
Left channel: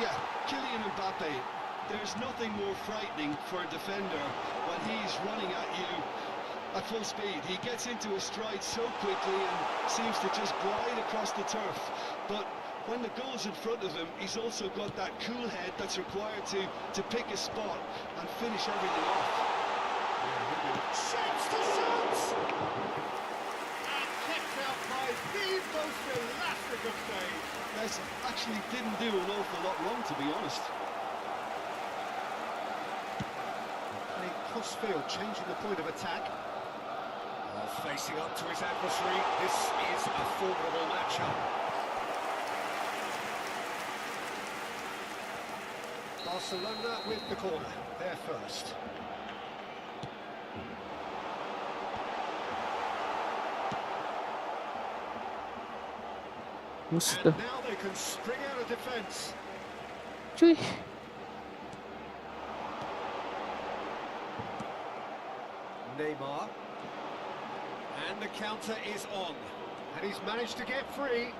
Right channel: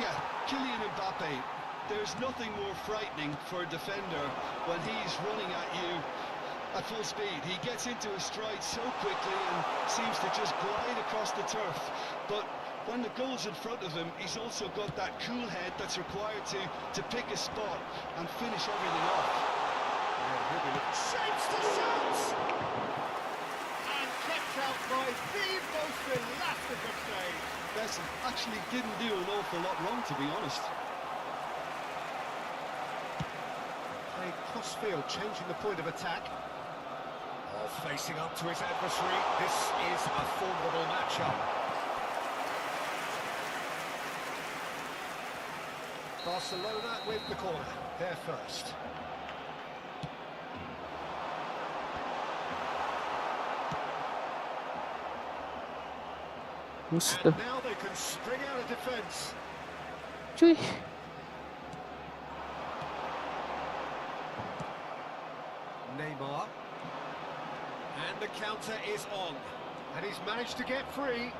Yeah, Kylian Mbappe. There's nothing more frightening for a defender when he's running at you at full speed. He gets into a stride so quickly and seems to just glide across the turf. But when the goal's in front of him, he's also got that cool head that's required to pick a spot and finish everything off. Yeah, he'll be looking. Shapes to shout! And kept out by the most elastic of saves. Messi actually didn't do an awful lot wrong, to be honest. Playing cross-field, changing the point of attack. Oh, facing up to his adversary. This is a formidable matchup. Barcelona with the corner. They're first. Sudah. And now they can spring out of defence. Cuy. Neymar. And the counter is on. And he's managed to get free.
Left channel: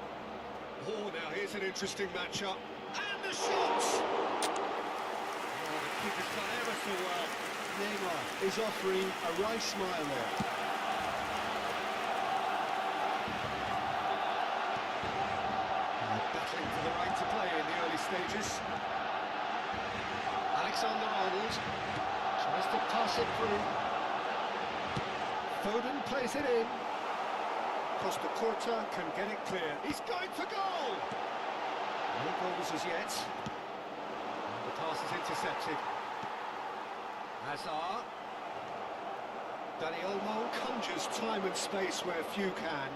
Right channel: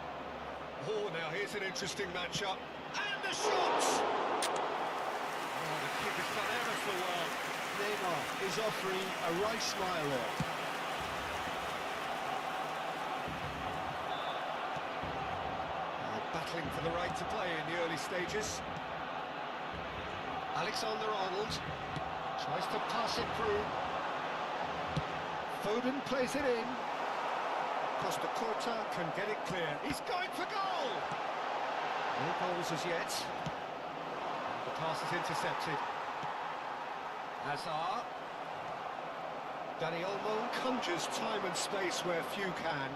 Oh, now here's an interesting matchup. And the shot! Oh, the keeper's done ever so well. Neymar is offering a wry smile there. Battling for the right to play in the early stages. Alexander-Arnold tries to pass it through. Foden plays it in. Costa Curta can get it clear. He's going for goal! No goals as yet. And the pass is intercepted. Hazard. Olmo conjures time and space where few can.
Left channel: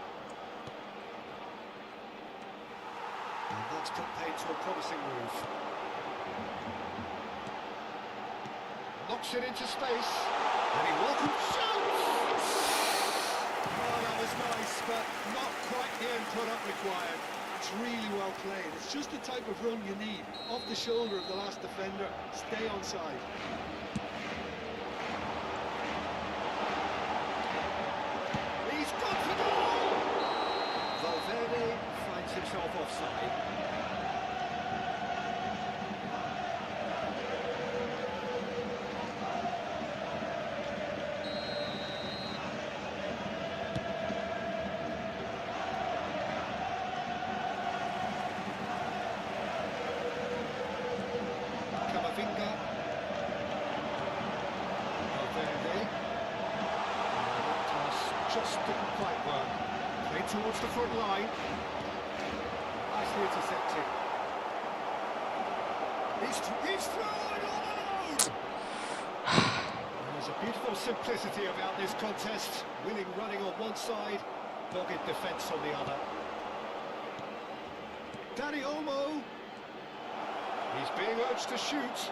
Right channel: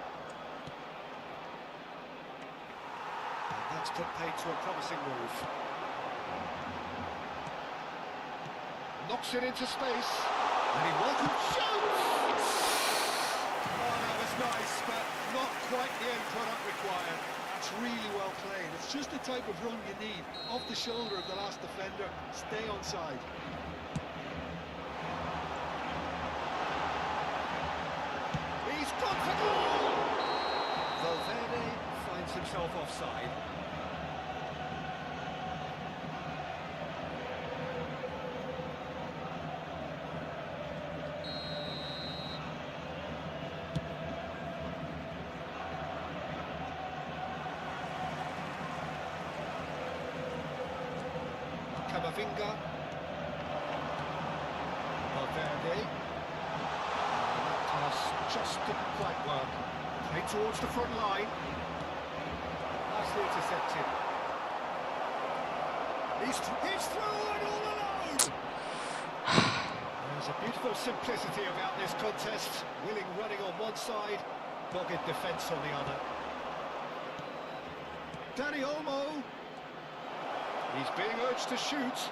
And that's put paid to a promising move. Knocks it into space. And he welcomes shoots! Oh, that was nice, but not quite the end product required. That's really well played. It's just the type of run you need. Off the shoulder of the last defender, stay onside. He's gone for goal! Valverde finds himself offside. Camavinga. Valverde. And that pass just didn't quite work. Played towards the front line. Nicely intercepted. He's through and all alone! There's a beautiful simplicity about this contest. Willing running on one side, dogged defence on the other. Olmo. He's being urged to shoot.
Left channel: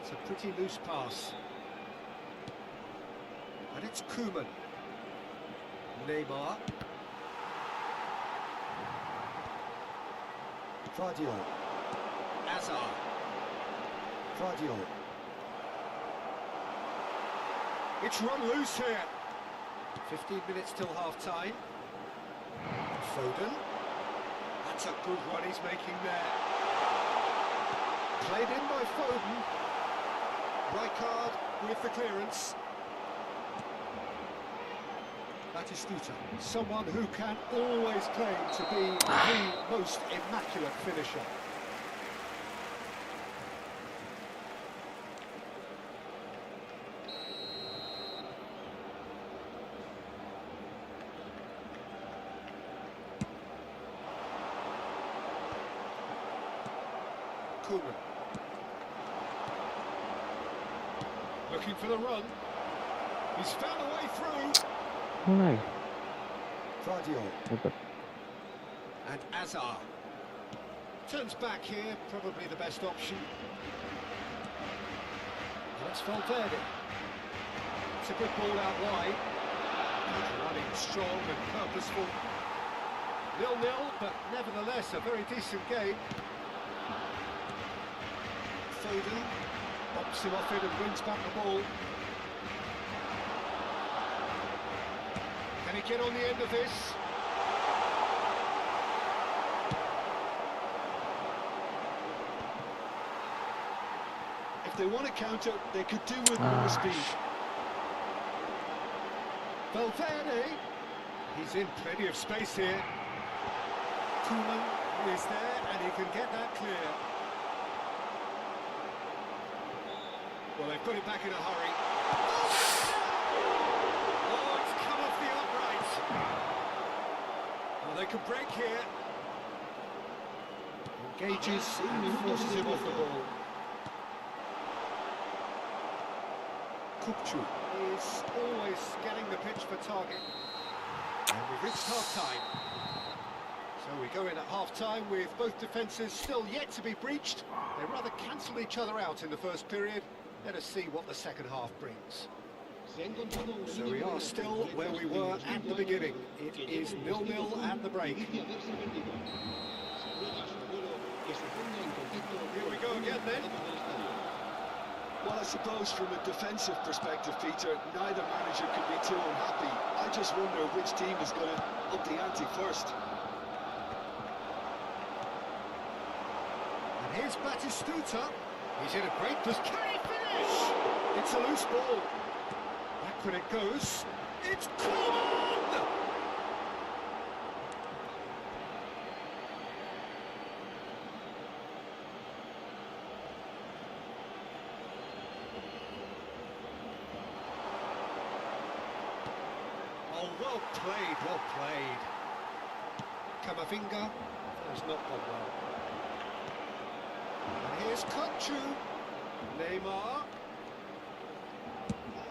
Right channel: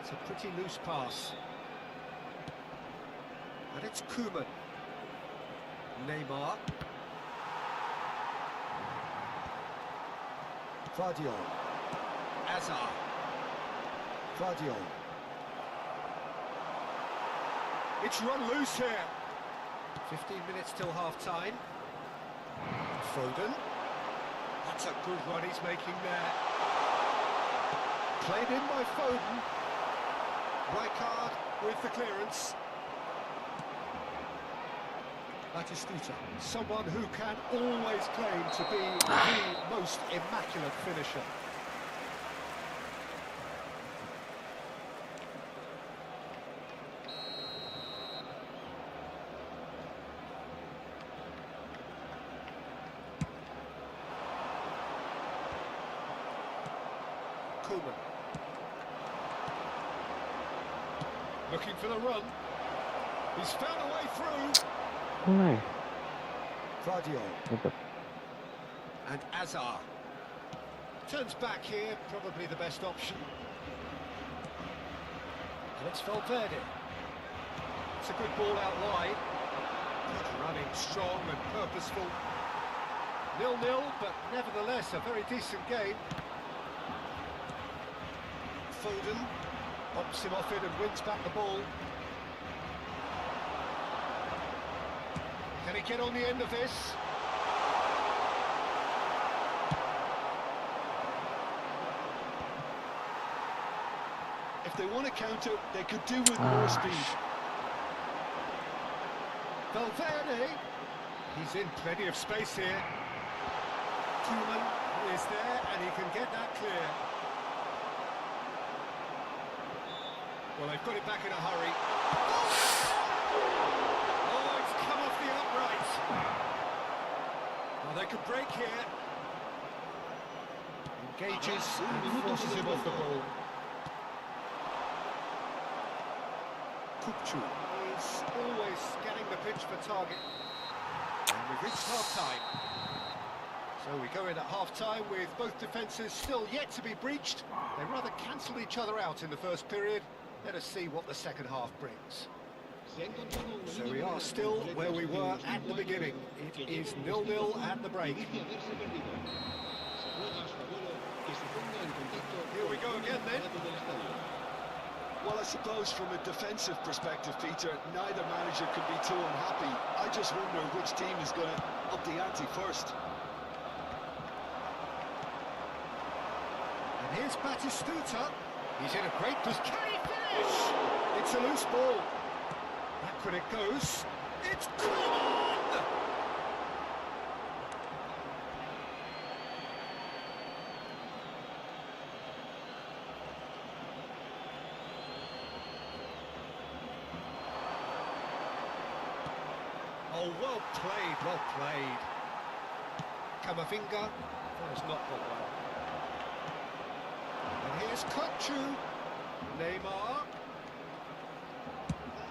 It's a pretty loose pass. And it's Koeman. Neymar. Vardio. Azar. Vardio. It's run loose here. 15 minutes till half-time. Foden. That's a good run he's making there. Played in by Foden. Rijkaard with the clearance. Batistuta, someone who can always claim to be the most immaculate finisher. Koeman. Looking for the run. He's found a way through. Mulai. Vardio. Dapat. And Azar. Turns back here, probably the best option. And it's Valverde. It's a good ball out wide. Good running, strong and purposeful. 0-0, but nevertheless a very decent game. Foden bops him off it and wins back the ball. Can he get on the end of this? If they want to counter, they could do with more speed. Valverde. He's in plenty of space here. Koeman is there and he can get that clear. Well, they've got it back in a hurry. Oh, it's come off the upright. Well, they could break here. Engages and forces him off the ball. Kupchu is always scanning the pitch for target. And we've reached half-time. So we go in at half-time with both defences still yet to be breached. They rather cancelled each other out in the first period. Let us see what the second half brings. So we are still where we were at the beginning. It is 0-0 at the break. Here we go again then. Well, I suppose from a defensive perspective, Peter, neither manager can be too unhappy. I just wonder which team is going to up the ante first. And here's Batistuta. He's in a great position. Can he finish? It's a loose ball. Back when it goes. It's Cyclone! Oh, well played, well played. Camavinga has not gone well. And here's Kupchu. Neymar.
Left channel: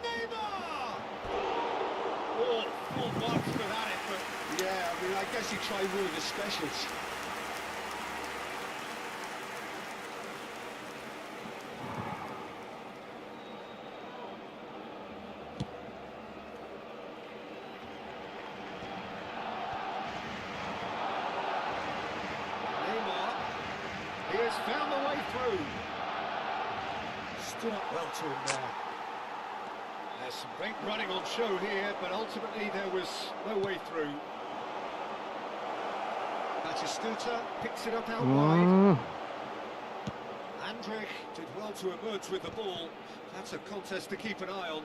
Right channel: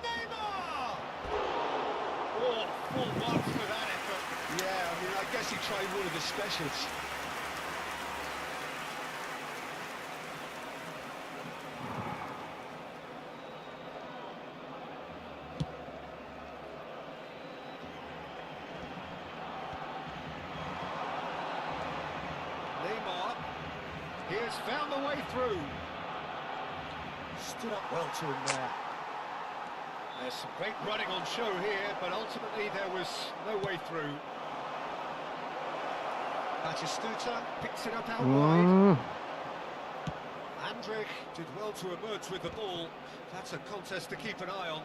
Neymar! Oh, full marks for that effort. Yeah, I mean, I guess he tried one of his specials. He has found the way through. Stood up well to him there. There's some great running on show here, but ultimately there was no way through. Batistuta picks it up out wide. Andrich did well to emerge with the ball. That's a contest to keep an eye on.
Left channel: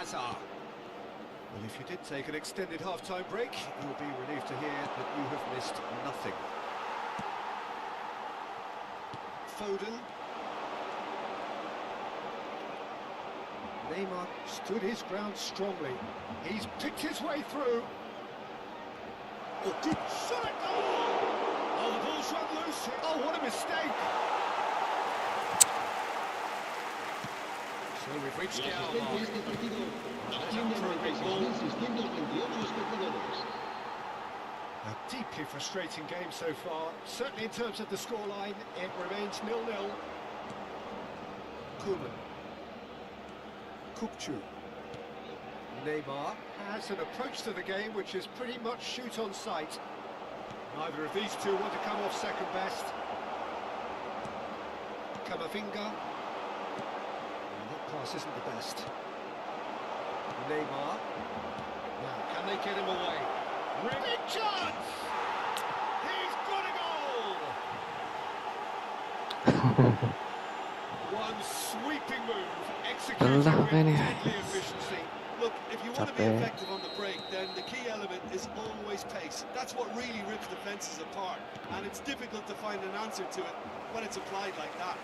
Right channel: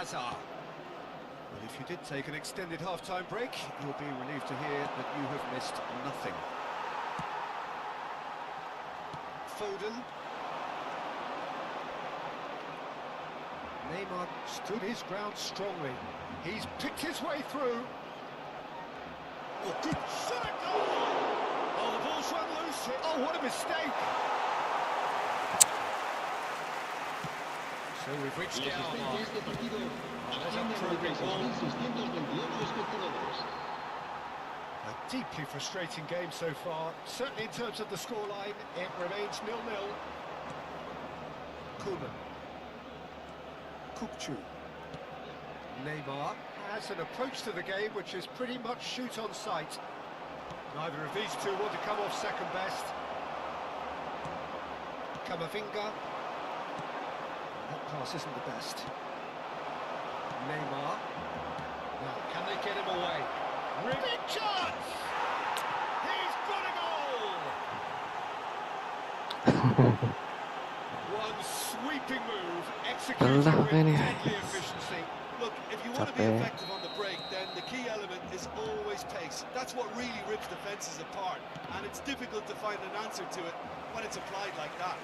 Azar. Well, if you did take an extended half-time break, you'll be relieved to hear that you have missed nothing. Foden. Neymar stood his ground strongly. He's picked his way through. Oh, good shot at goal! Oh, the ball's run loose. Oh, what a mistake! So we've reached the La hour asistencia a mark. este partido There's asciende up for a a big ball. 96.628 espectadores. A deeply frustrating game so far. Certainly in terms of the scoreline, it remains 0-0. Koeman. Kupchu. Neymar has an approach to the game which is pretty much shoot on sight. Neither of these two want to come off second best. Camavinga. That pass isn't the best. Neymar. Now, can they get him away? Big chance! He's got a goal! One sweeping move, executed Lelah with ini. deadly efficiency. Look, if you want to be Capek. effective on the break, then the key element is always pace. That's what really rips defences apart, and it's difficult to find an answer to it when it's applied like that.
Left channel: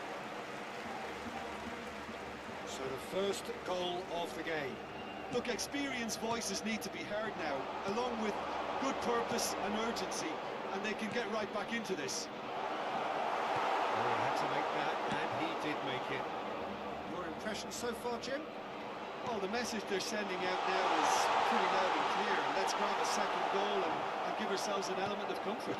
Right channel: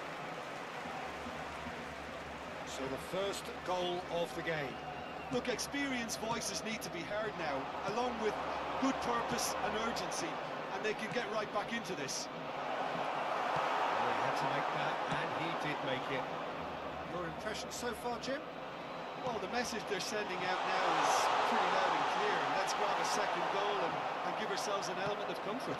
So the first goal of the game. Look, experienced voices need to be heard now, along with good purpose and urgency, and they can get right back into this. Well, he had to make that, and he did make it. Your impression so far, Jim? Well, the message they're sending out now is pretty loud and clear. Let's grab a second goal and give ourselves an element of comfort.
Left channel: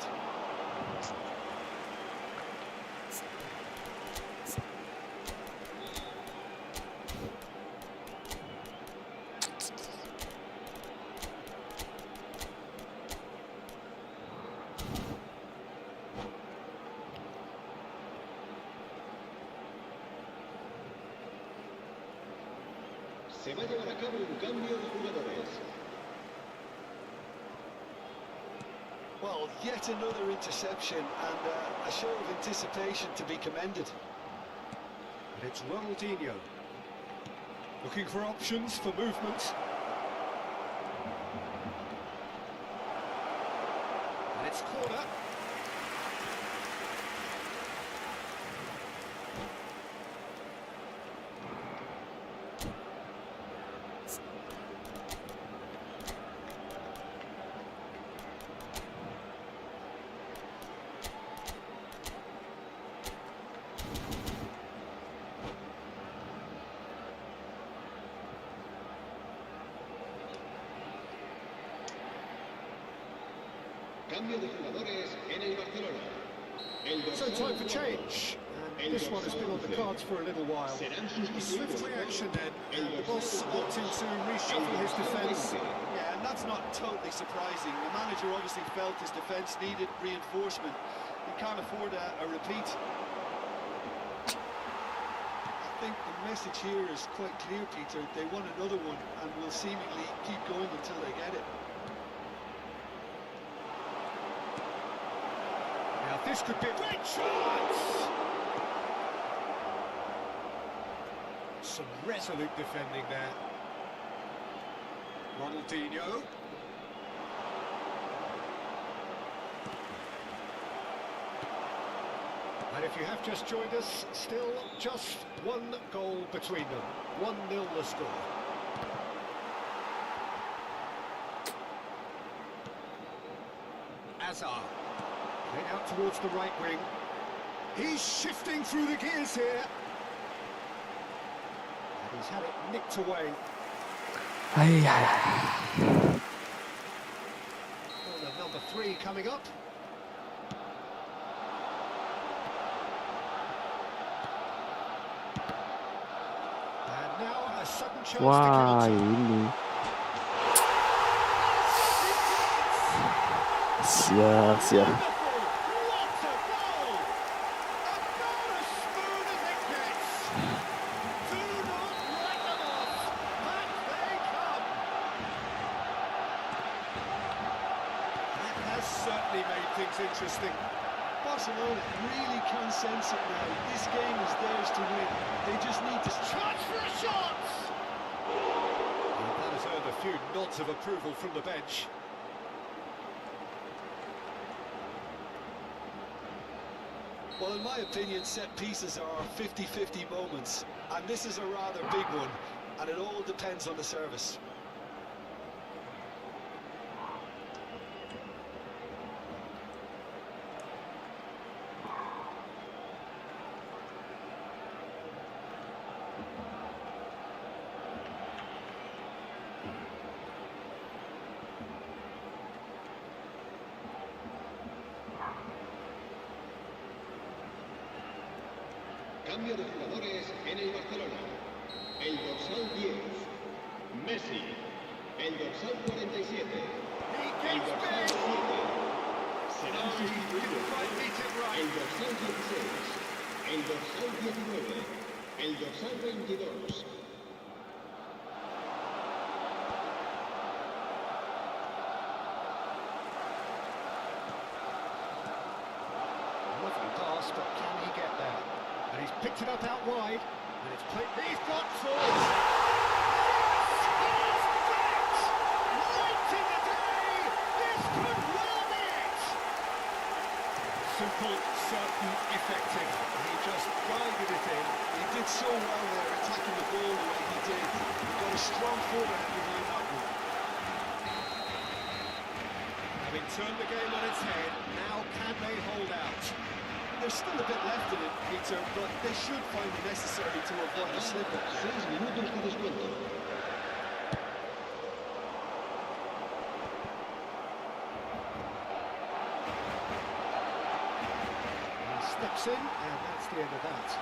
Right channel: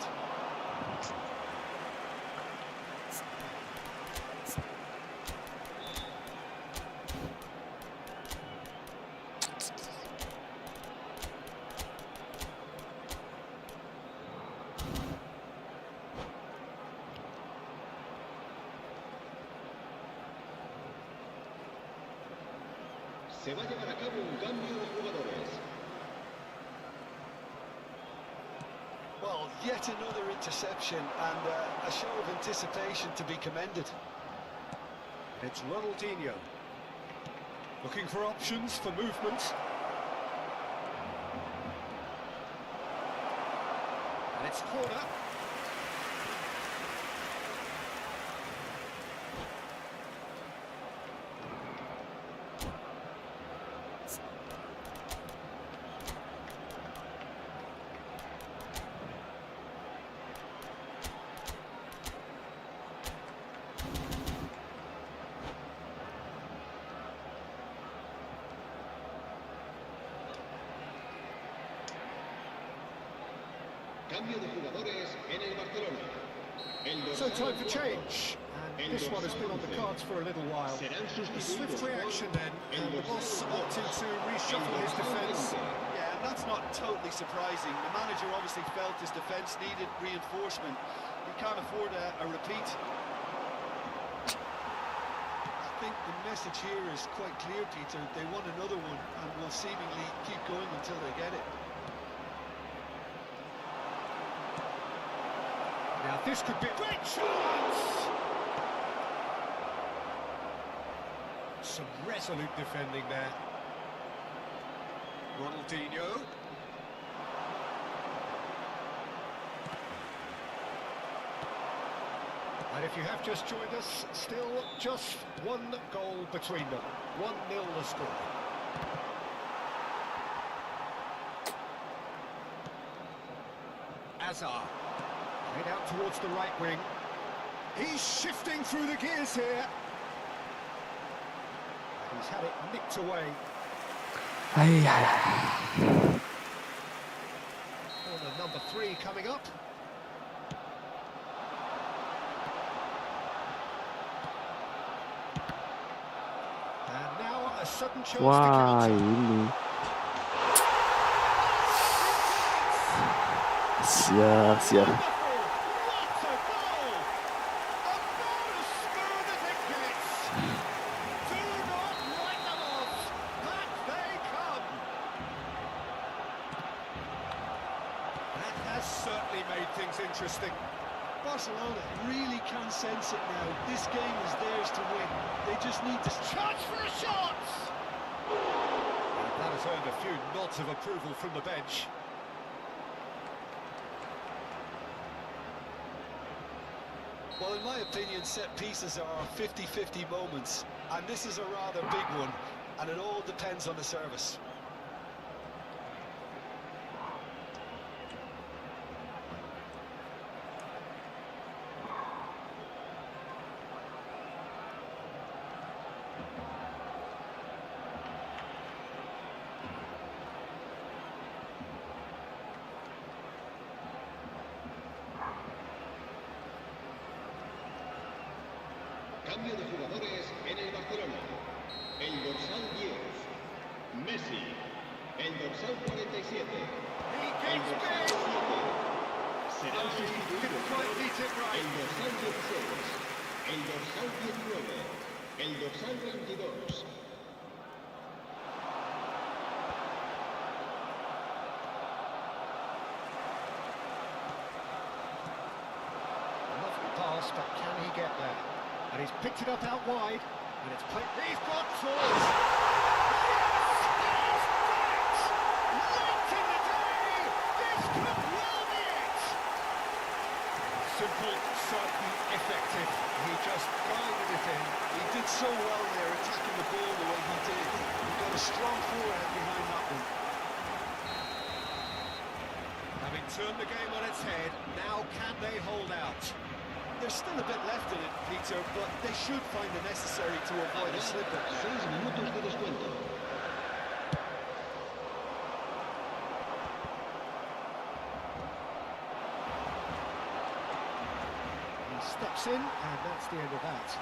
Se va a llevar a cabo un cambio de jugadores. Well, yet another interception and a show of anticipation to be commended. And it's Ronaldinho. Looking for options for movement. And it's corner. Cambio de jugadores en el Barcelona. So time for change. And this one has been on the cards for a little while. Serán A sustituidos swift reaction por then, el and the boss dorsal opting to el reshuffle his dorsal defence. 20. Yeah, and that's not totally surprising. The manager obviously felt his defence needed reinforcement. He can't afford a repeat. I think the message here is quite clear, Peter. They want another one and will seemingly keep going until they get it. Now this could be a great chance! Some resolute defending there. Ronaldinho. And if you have just joined us, still just one goal between them. 1-0 the score. Azar. Played out towards the right wing. He's shifting through the gears here. And he's had it nicked away. Ay, ay, ay. Corner number 3 coming up. And now a sudden chance Wah, to counter. ini. Sia. Wonderful! What a goal! About as smooth as it gets. things interesting. Barcelona really can sense it now. This game is theirs to win. They just need to... Chance for a shot! And that has earned a few nods of approval from the bench. Well, in my opinion, set pieces are 50-50 moments, and this is a rather big one, and it all depends on the service. Cambio de jugadores en el Barcelona. El dorsal 10, Messi. El dorsal 47, He el gets dorsal big! 7. Serán No, he didn't sustituidos quite beat it el right. dorsal 16, el dorsal 19, el dorsal 22. Lovely pass, but can he get there? And he's picked it up out wide, and it's played. He's got force! Yes! He's back! Late in the day! This could well be it! Simple, certain, effective. He just guided it in. He did so well there, attacking the ball the way he did. He got a strong forehand behind that one. Having turned the game on its head, now can they hold out? There's still a bit left in it, Peter, but they should find it necessary to avoid a slip-up now. 6 minutos de descuento. He steps in, and that's the end of that.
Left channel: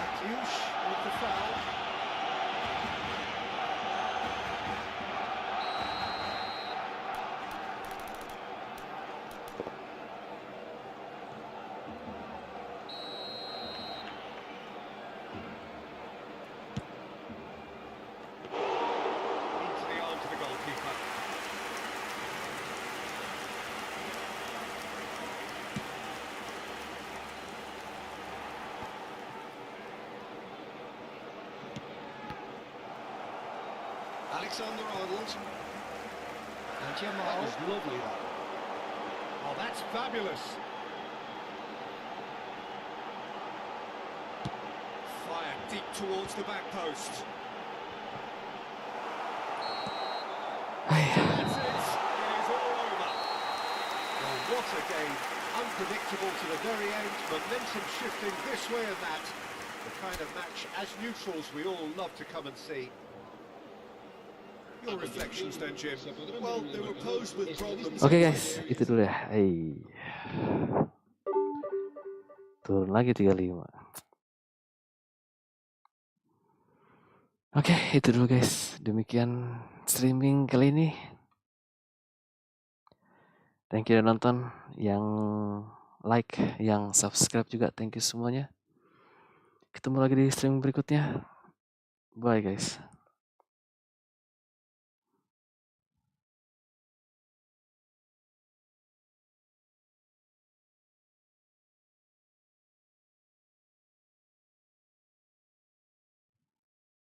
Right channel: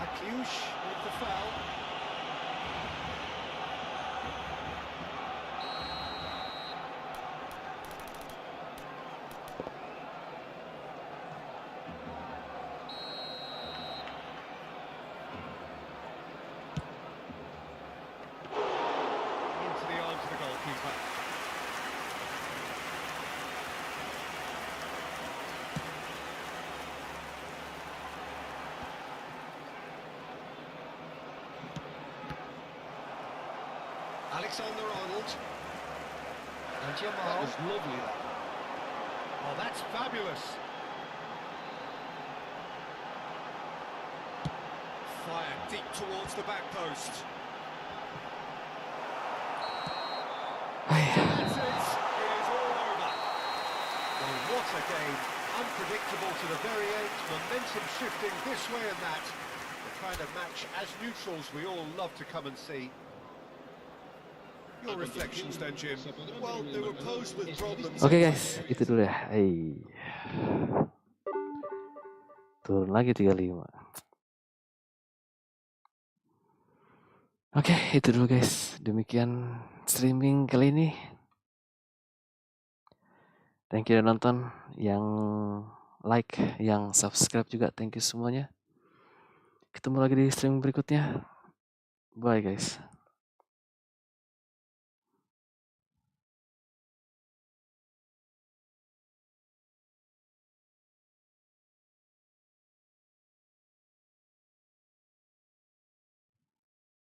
Akiush with the foul. Into the arms of the goalkeeper. Alexander-Arnold. And That Jamal. was lovely, that. Oh, that's fabulous. Fire deep towards the back post. That's it. It is all over. Well, what a game. Unpredictable to the very end. Momentum shifting this way and that. The kind of match, as neutrals, we all love to come and see. Your reflections then, Jim. Well, they were posed with problems. Oke guys, itu dulu ya. Turun lagi 35. Oke, itu dulu guys. Demikian streaming kali ini. Thank you udah nonton. Yang like, yang subscribe juga. Thank you semuanya. Ketemu lagi di streaming berikutnya. Bye guys.